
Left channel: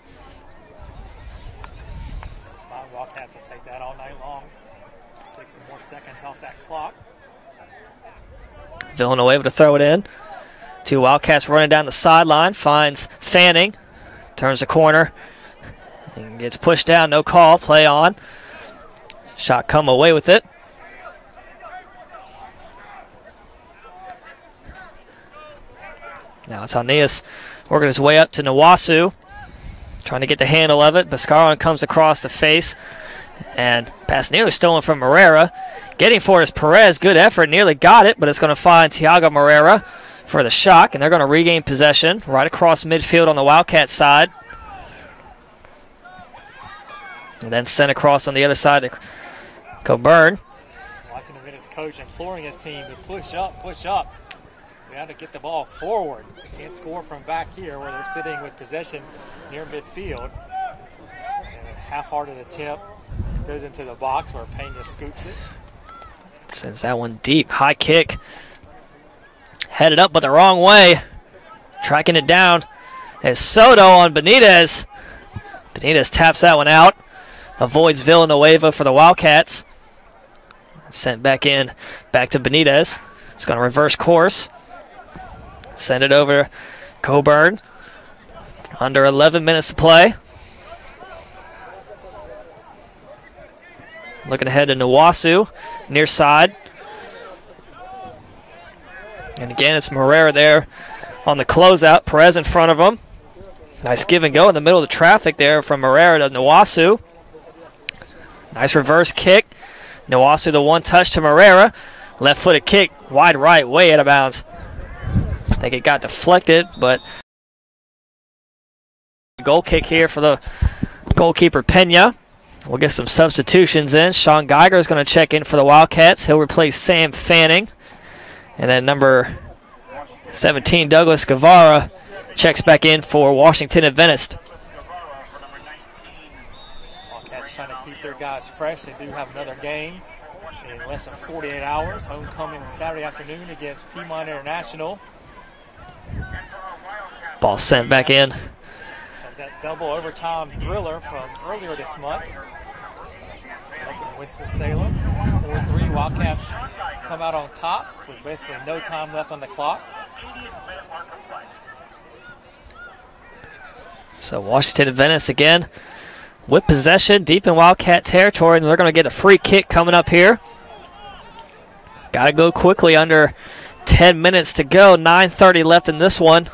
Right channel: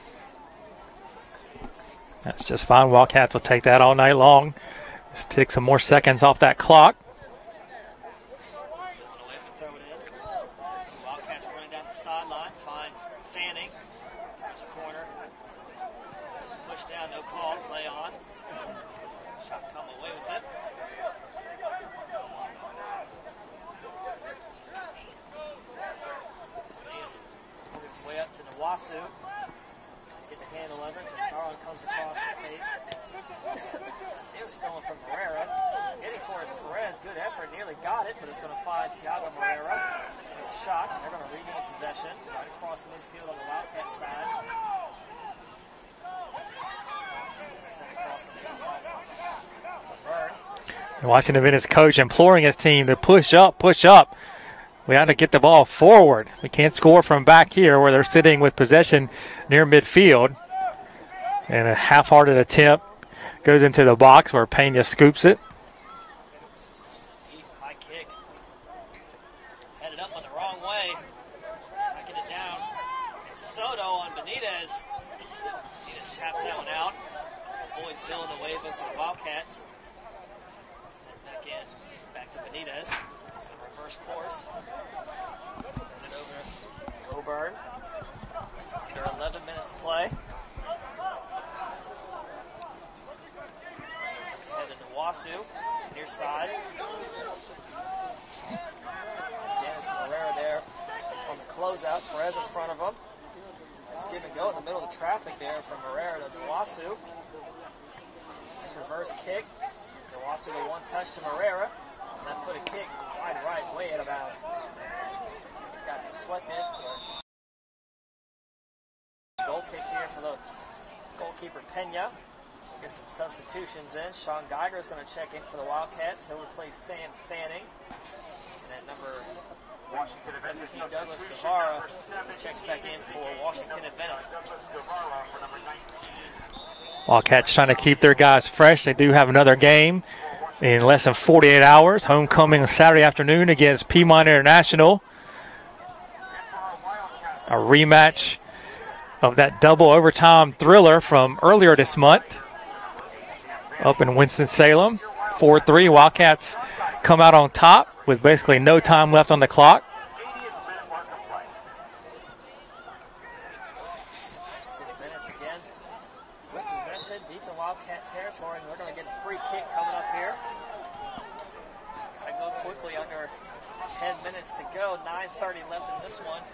That's just fine. Wildcats will take that all night long. Just take some more seconds off that clock. Villanueva to throw it in. 2 Wildcats running down the sideline. Finds Fanning. Turns the corner. And gets pushed down. No call. Play on. Shot come away with it. Now it's Alnias working his way up to Nawasu. Trying to get the handle of it. Bascaron comes across the face. And pass nearly stolen from Morera. Getting for his Perez. Good effort. Nearly got it, but it's going to find Thiago Morera for the Shock. And they're going to regain possession right across midfield on the Wildcat side. And then sent across on the other side to Coburn. Washington Adventist coach imploring his team to push up, push up. We have to get the ball forward. We can't score from back here where they're sitting with possession near midfield. And a half-hearted attempt goes into the box where Pena scoops it. Sends that one deep. High kick. Headed up but the wrong way. Tracking it down is Soto on Benitez. Benitez taps that one out. Avoids Villanueva for the Wildcats. Sent back in, back to Benitez. It's going to reverse course. Send it over Coburn. Under 11 minutes to play. Looking ahead to Nwasu, near side. And again, it's Morera there on the closeout. Perez in front of him. Nice give and go in the middle of the traffic there from Morera to Nwasu. Nice reverse kick. Nwasu the one touch to Morera. Left-footed kick, wide right, way out of bounds. I think it got deflected, but goal kick here for the goalkeeper Pena. We'll get some substitutions in. Sean Geiger is going to check in for the Wildcats. He'll replace Sam Fanning. And then number 17, Douglas Guevara, checks back in for Washington Adventist. Wildcats trying to keep their guys fresh. They do have another game in less than 48 hours. Homecoming on Saturday afternoon against Piedmont International. Ball sent back in. Of that double overtime thriller from earlier this month. Up in Winston-Salem, 4-3. Wildcats come out on top with basically no time left on the clock. So Washington Adventist again with possession deep in Wildcat territory, and they're going to get a free kick coming up here. Got to go quickly, under 10 minutes to go. 9:30 left in this one.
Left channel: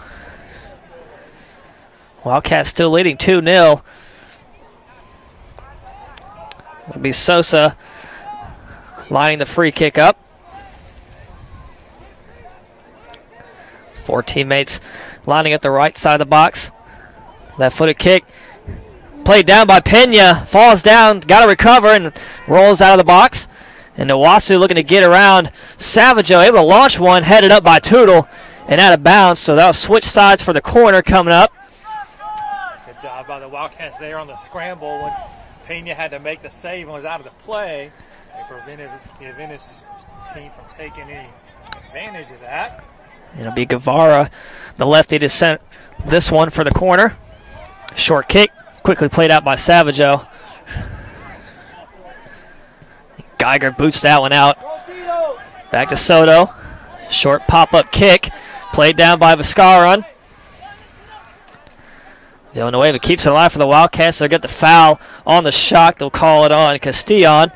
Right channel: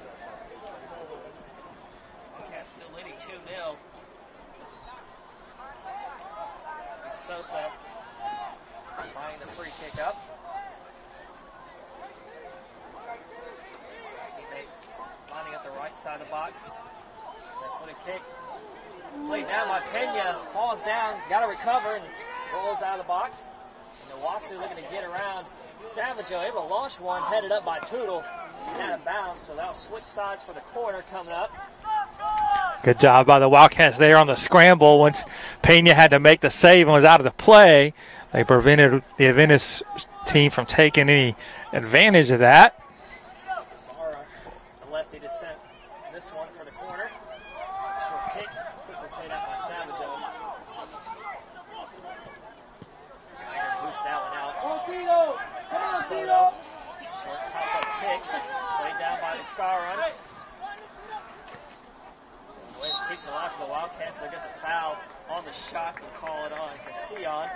Wildcats still leading 2-0. It'll be Sosa lining the free kick up. 4 teammates lining at the right side of the box. Left-footed kick. Played down by Pena. Falls down, got to recover, and rolls out of the box. And Nwasu looking to get around Savageau, able to launch one, headed up by Tootle, and out of bounds. So that'll switch sides for the corner coming up. Good job by the Wildcats there on the scramble. Once Pena had to make the save and was out of the play, they prevented the Adventist team from taking any advantage of that. It'll be Guevara, the lefty, to send this one for the corner. Short kick, quickly played out by Savageau. Geiger boots that one out. Back to Soto. Short pop-up kick, played down by Viscaron. Villanueva keeps it alive for the Wildcats. They'll get the foul on the shock. They'll call it on Castillon.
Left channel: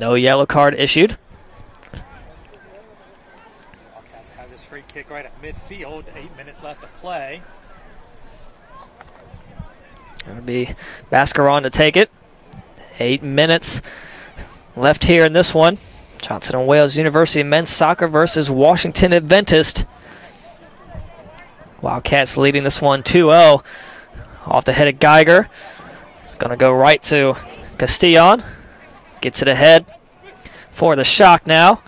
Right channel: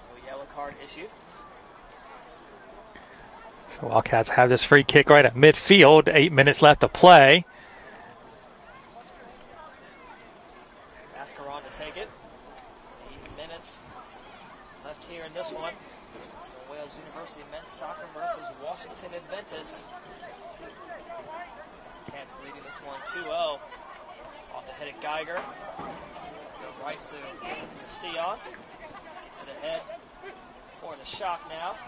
No yellow card issued. So Wildcats have this free kick right at midfield. 8 minutes left to play. It'll be Bascaron to take it. 8 minutes left here in this one. Johnson & Wales University men's soccer versus Washington Adventist. Wildcats leading this one 2-0. Off the head of Geiger. It's going to go right to Castillon. Gets it ahead for the shock now.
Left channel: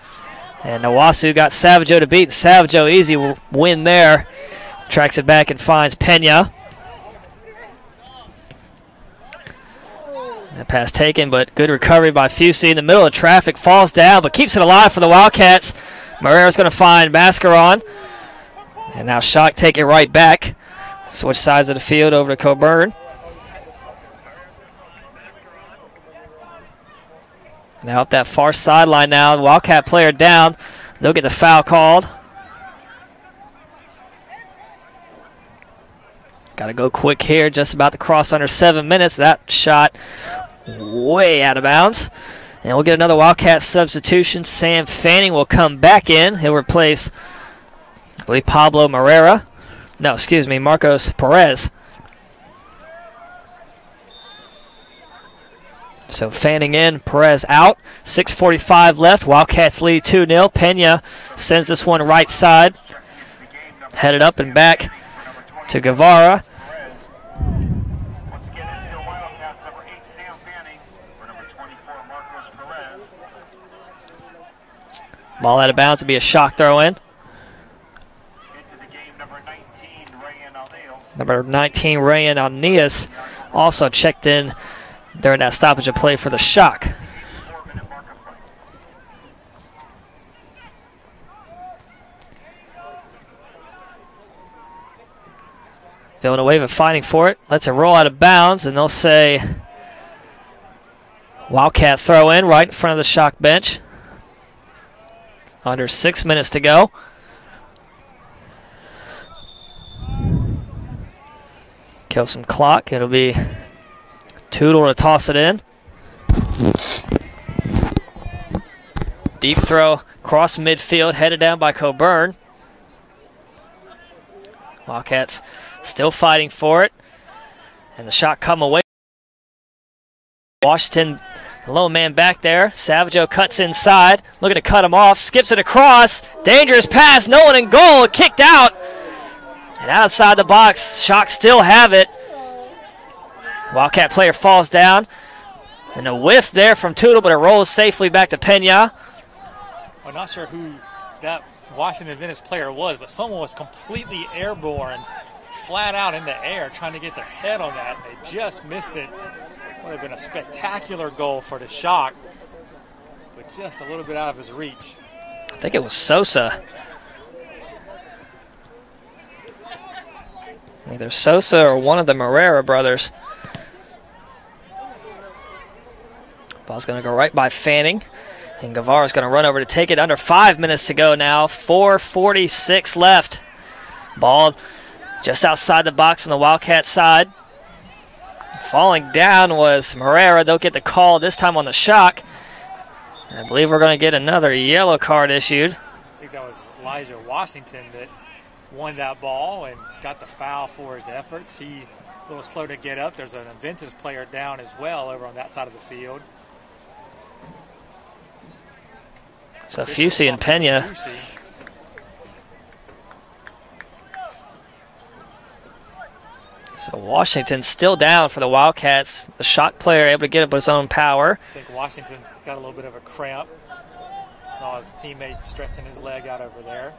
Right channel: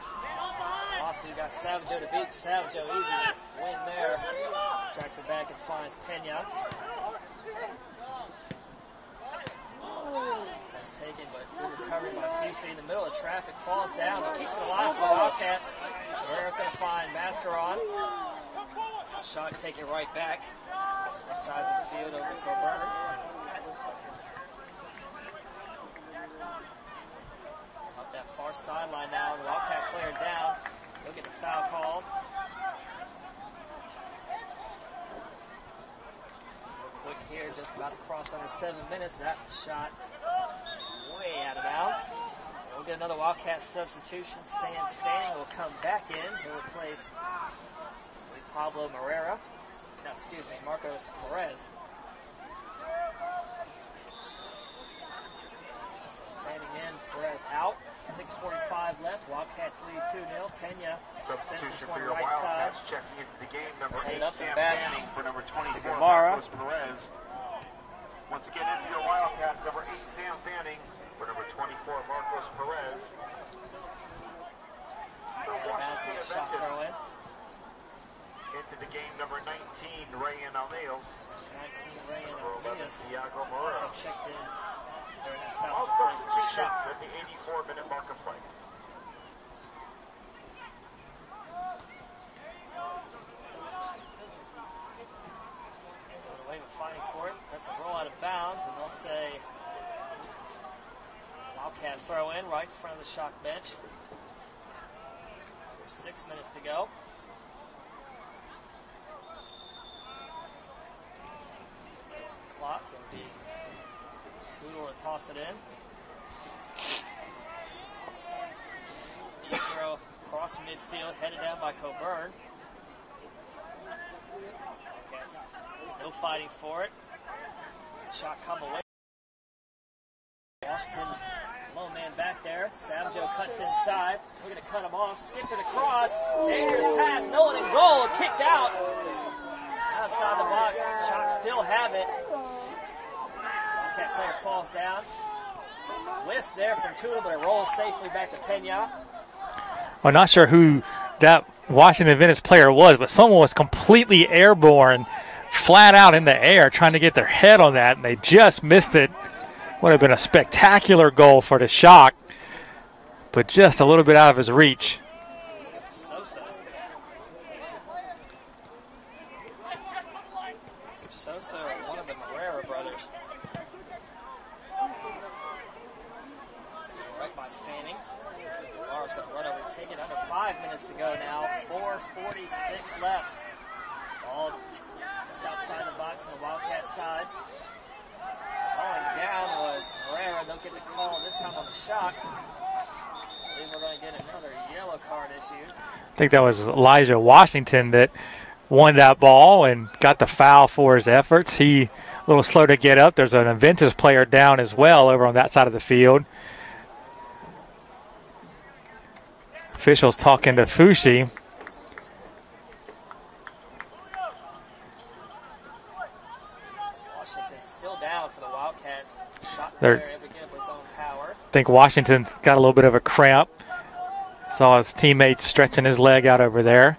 And Nwasu got Savageau to beat. Savageau easy win there. Tracks it back and finds Pena. That pass taken, but good recovery by Fusey in the middle of traffic. Falls down, but keeps it alive for the Wildcats. Marrera's going to find Bascaron. And now Shock take it right back. Switch sides of the field over to Coburn. Now up that far sideline now. The Wildcat player down. They'll get the foul called. Got to go quick here. Just about to cross under 7 minutes. That shot way out of bounds. And we'll get another Wildcat substitution. Sam Fanning will come back in. He'll replace, I believe, Pablo Morera. No, excuse me, Marcos Perez. So Fanning in, Perez out. 6:45 left. Wildcats lead 2-0. Pena sends this one right side. Headed up and back to Guevara. Perez. Once again, infield Wildcats, number 8, Sam Fanning, for number 24, Marcos Perez. Ball out of bounds to be a shock throw in. Into the game, number 19, Rayan Alneals. Number 19, Rayan Alneas, also checked in during that stoppage of play for the Shock. 84-minute mark of play. Villanueva fighting for it. Lets it roll out of bounds, and they'll say Wildcat throw in right in front of the Shock bench. Under 6 minutes to go. Kill some clock. It'll be Tootle to toss it in. Deep throw across midfield, headed down by Coburn. Wildcats still fighting for it. And the shot come away. Washington, the lone man back there. Savageau cuts inside, looking to cut him off, skips it across. Dangerous pass, no one in goal, kicked out. And outside the box, Shock still have it. Wildcat player falls down. And a whiff there from Tootle, but it rolls safely back to Pena. I'm not sure who that Washington Adventist player was, but someone was completely airborne, flat out in the air, trying to get their head on that, and they just missed it. Would have been a spectacular goal for the Shock, but just a little bit out of his reach. I think it was Sosa. Either Sosa or one of the Morera brothers. Ball's going to go right by Fanning. And Guevara's going to run over to take it. Under 5 minutes to go now. 4:46 left. Ball just outside the box on the Wildcat side. Falling down was Morera. They'll get the call this time on the Shock. I believe we're going to get another yellow card issued. I think that was Elijah Washington that won that ball and got the foul for his efforts. He a little slow to get up. There's an Adventist player down as well over on that side of the field. So Officials Fusi talking to and Pena. Fusi. So Washington still down for the Wildcats. The Shock player able to get up with his own power. I think Washington's got a little bit of a cramp. Saw his teammate stretching his leg out over there.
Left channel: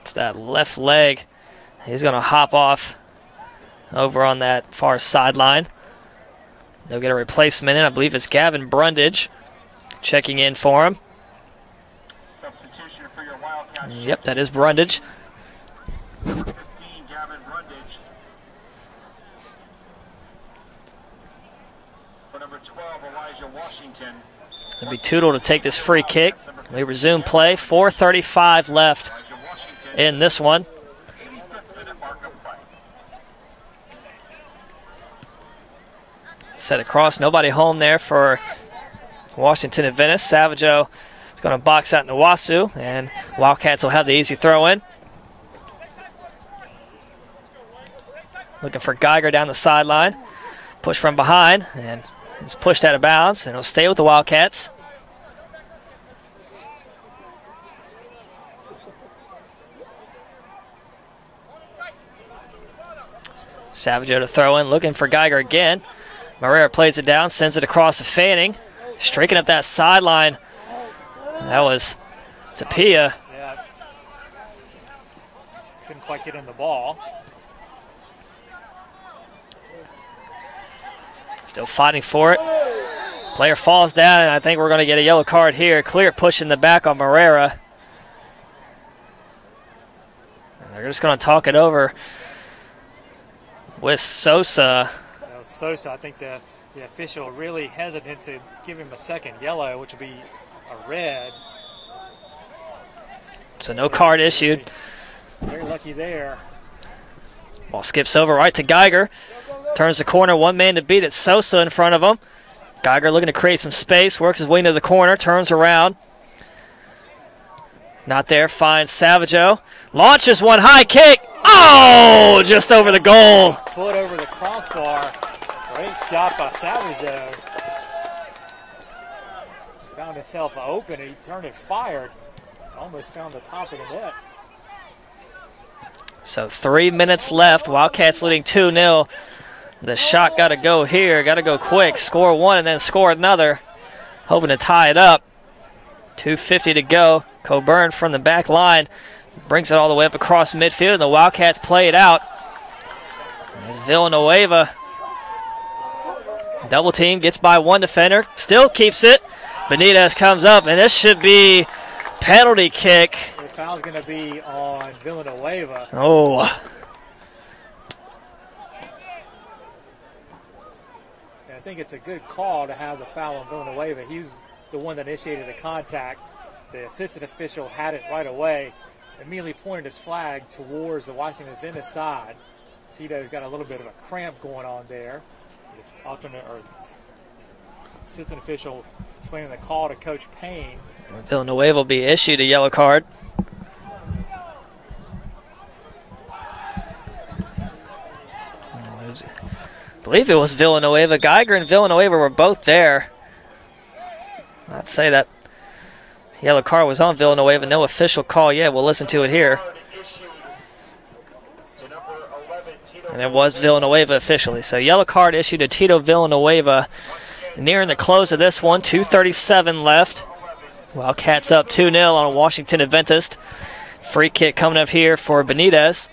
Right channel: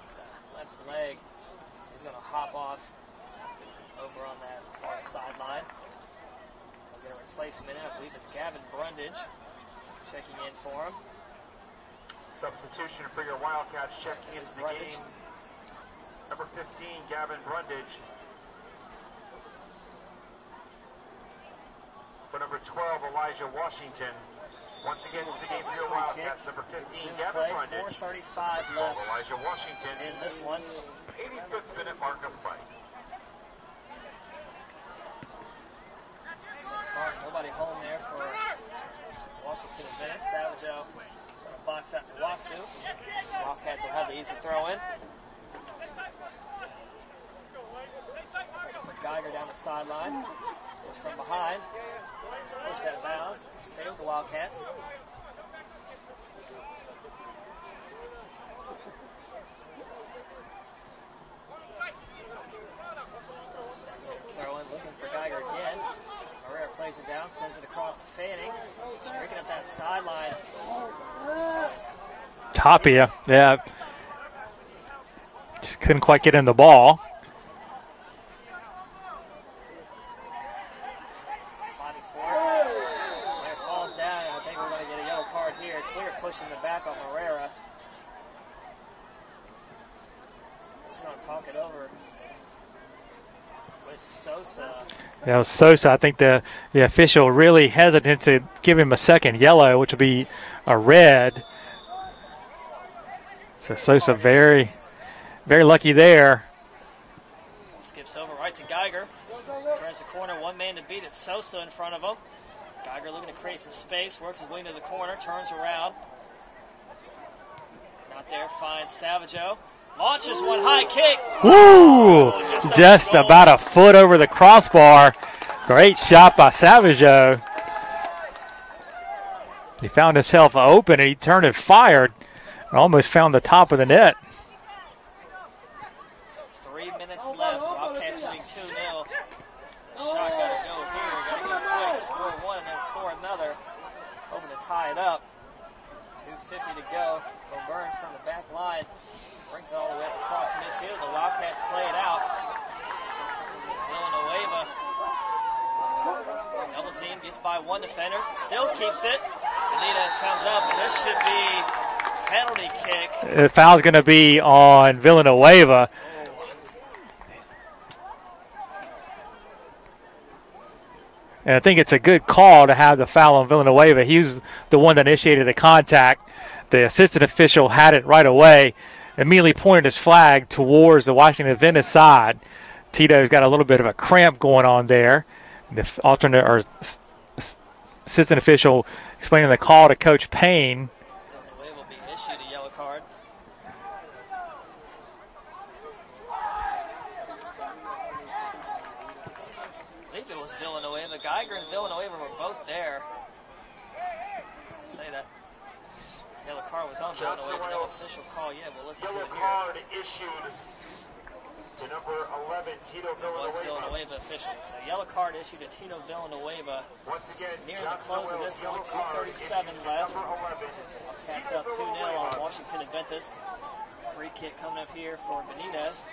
It's that left leg. He's going to hop off over on that far sideline. They'll get a replacement in. I believe it's Gavin Brundage checking in for him. Substitution for your Wildcats. Yep, that is Brundage. Number 15, Gavin Brundage. For number 12, Elijah Washington. It'll be Tootle to take this free kick. We resume play. 4:35 left in this one. 85th minute mark of play. Set across, nobody home there for Washington Adventist. Savageau is going to box out Nwasu, and Wildcats will have the easy throw in. Looking for Geiger down the sideline. Push from behind, and it's pushed out of bounds, and it'll stay with the Wildcats. Savageau to throw in, looking for Geiger again. Morera plays it down, sends it across to Fanning. Streaking up that sideline. That was Tapia. Yeah. Just couldn't quite get in the ball. Still fighting for it. Player falls down, and I think we're going to get a yellow card here. Clear push in the back on Morera. And they're just going to talk it over with Sosa. Yeah, it was Sosa. I think the official really hesitant to give him a second yellow, which would be a red. So no card issued. Very lucky there. Ball skips over right to Geiger. Turns the corner, one man to beat it. Sosa in front of him. Geiger looking to create some space, works his way into the corner, turns around. Not there, finds Savageau. Launches one high kick. Oh, just over the goal. About a foot over the crossbar. Great shot by Savageau. He found himself open, and he turned and fired. And almost found the top of the net. So 3 minutes left. Wildcats leading 2-0. The shot got to go here. Got to go quick. Score one and then score another. Hoping to tie it up. 2:50 to go. Coburn from the back line brings it all the way up across midfield, and the Wildcats play it out. As Villanueva double team, gets by one defender, still keeps it. Benitez comes up, and this should be penalty kick. The foul's going to be on Villanueva. Oh. And I think it's a good call to have the foul on Villanueva. He was the one that initiated the contact. The assistant official had it right away, immediately pointed his flag towards the Washington Adventist side. Tito's got a little bit of a cramp going on there. The alternate or assistant official explaining the call to Coach Payne. Villanueva will be issued a yellow card. I believe it was Villanueva. Geiger and Villanueva were both there. I'd say that yellow card was on Villanueva. No official call yet. We'll listen to it here. And it was Villanueva officially. So yellow card issued to Tito Villanueva. Nearing the close of this one, 2:37 left. Wildcats up 2-0 on Washington Adventist. Free kick coming up here for Benitez.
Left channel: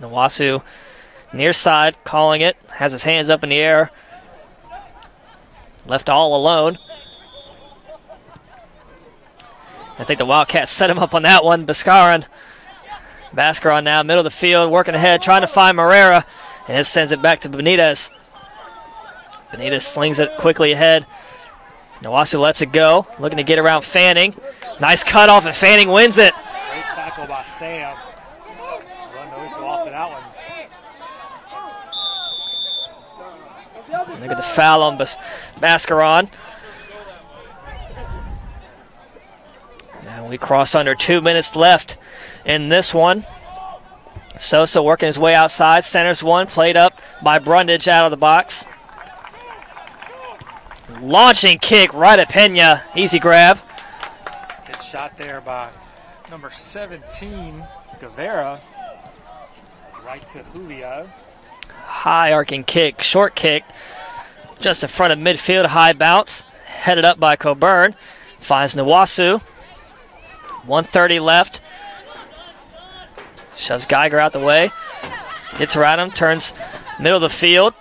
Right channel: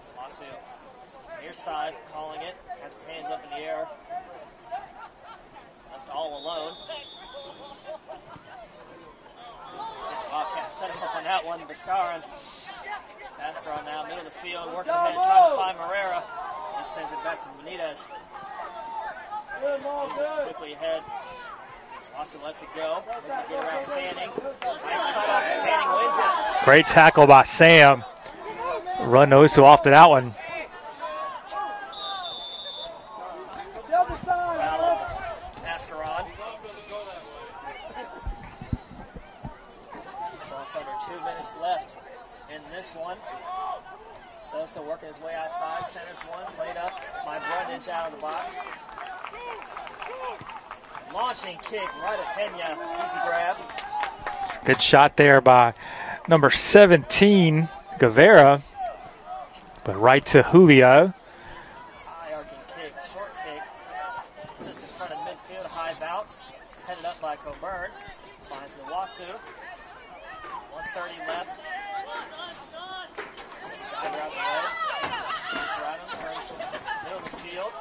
Nawasu near side calling it, has his hands up in the air. Left all alone. I think the Wildcats set him up on that one. Bascaron now, middle of the field, working ahead, trying to find Morera, and it sends it back to Benitez. Benitez slings it quickly ahead. Nawasu lets it go, looking to get around Fanning. Nice cutoff, and Fanning wins it. Great tackle by Sam. Run Osu off to that one. Look at the foul on Bascaron. Now we cross under 2 minutes left in this one. Sosa working his way outside, centers one, played up by Brundage out of the box. Launching kick right at Pena, easy grab. Good shot there by number 17, Guevara. But right to Julio. High arcing kick, short kick, just in front of midfield, high bounce. Headed up by Coburn. Finds Nawasu. 1:30 left. Shoves Geiger out the way. Gets around him, turns middle of the field.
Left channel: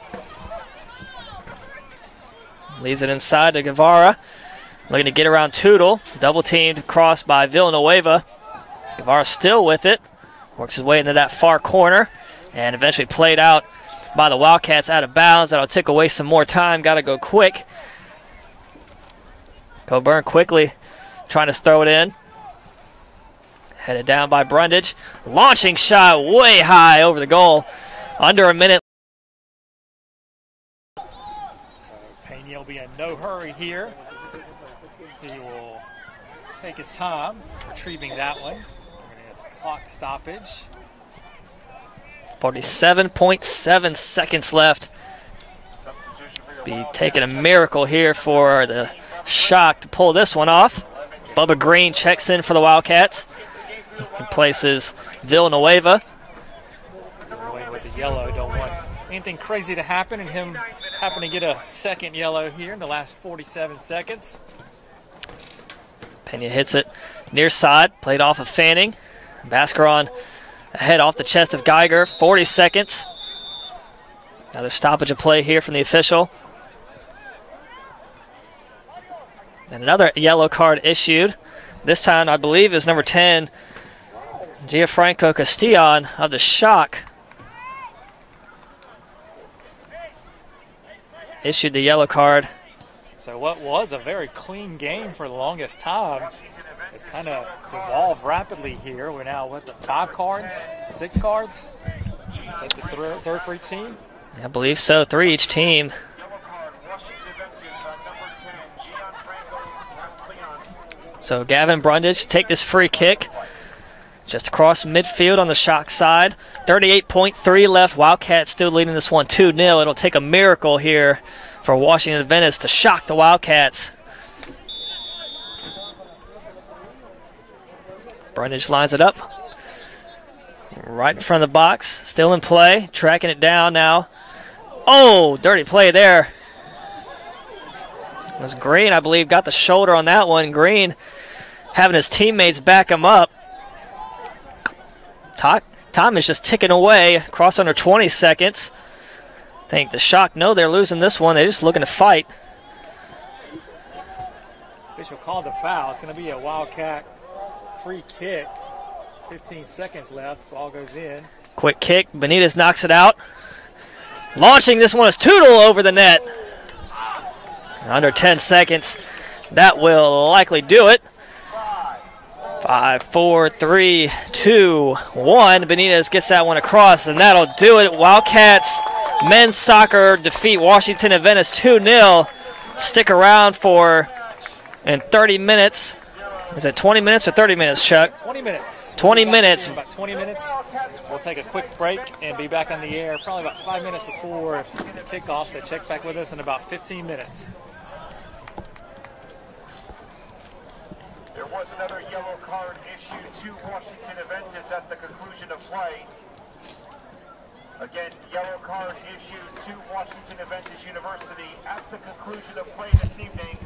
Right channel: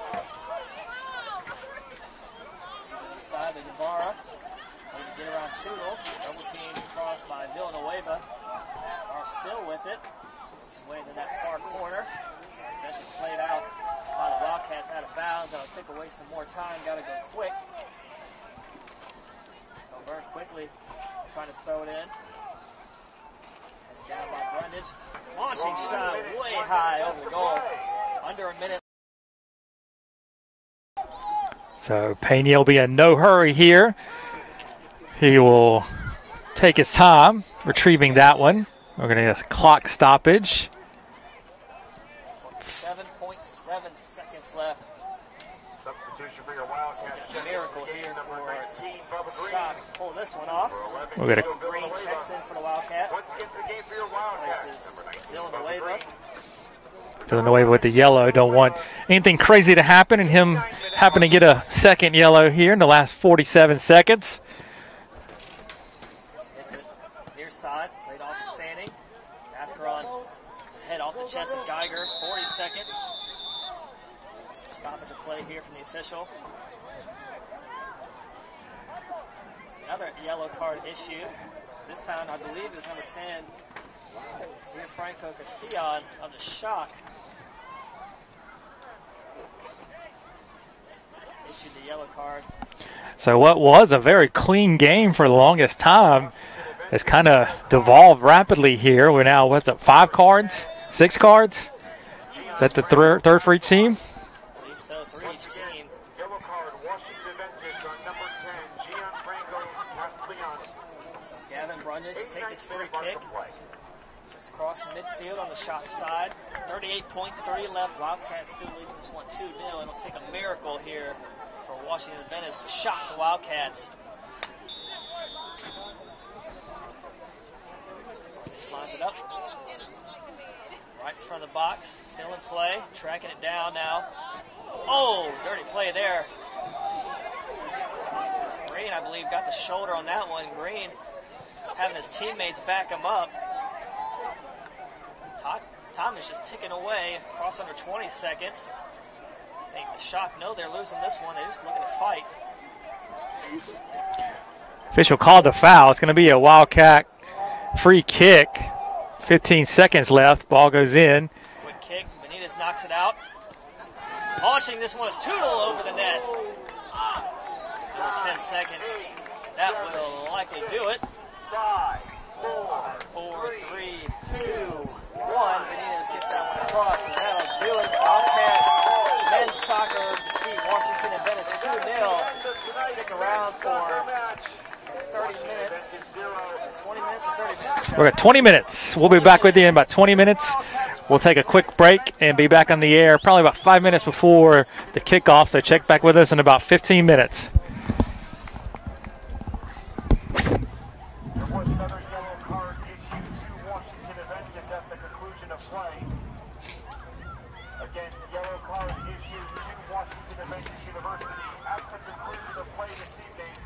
Leaves it inside to Guevara. Looking to get around Tootle. Double teamed cross by Villanueva. Guevara still with it. Works his way into that far corner and eventually played out by the Wildcats out of bounds. That'll take away some more time. Got to go quick. Coburn quickly trying to throw it in. Headed down by Brundage. Launching shot way high over the goal. Under a minute. So Pena will be in no hurry here. He will take his time retrieving that one. We're going to get a clock stoppage. 47.7 seconds left. Be taking a miracle here for the Shock to pull this one off. Bubba Green checks in for the Wildcats. Replaces Villanueva. Villanueva with the yellow. Don't want anything crazy to happen, and him happen to get a second yellow here in the last 47 seconds. Pena hits it near side, played off of Fanning. Bascaron ahead off the chest of Geiger, 40 seconds. Another stoppage of play here from the official. And another yellow card issued. This time, I believe, is number 10, Gianfranco Castillon of the Shock. Issued the yellow card. So what was a very clean game for the longest time has kind of devolved rapidly here. We're now, what's it, 5 cards? 6 cards? Is that the third for each team? I believe so, 3 each team. So Gavin Brundage take this free kick just across midfield on the Shock side. 38.3 left. Wildcats still leading this one 2-0. It'll take a miracle here for Washington Adventist to shock the Wildcats. Brundage lines it up. Right in front of the box. Still in play. Tracking it down now. Oh, dirty play there. It was Green, I believe, got the shoulder on that one. Green having his teammates back him up. Time is just ticking away. Across under 20 seconds. I think the Shock know they're losing this one. They're just looking to fight. Official called the foul. It's going to be a Wildcat free kick. 15 seconds left. Ball goes in. Quick kick. Benitez knocks it out. Launching this one is Tootle over the net. Under 10 seconds. That will likely do it. 5, 4, 3, 2, 1. Benitez gets that one across, and that'll do it. Wildcats men's soccer defeat Washington Adventist 2-0. Stick around for in 30 minutes. Is it 20 minutes or 30 minutes, Chuck? We're at 20 minutes. 20 we'll be back minutes. with you in about 20 minutes. We'll take a quick break and be back on the air probably about 5 minutes before the kickoff, so check back with us in about 15 minutes. There was another yellow card issued to Washington Adventist at the conclusion of play. Again, yellow card issued to Washington Adventist University at the conclusion of play this evening.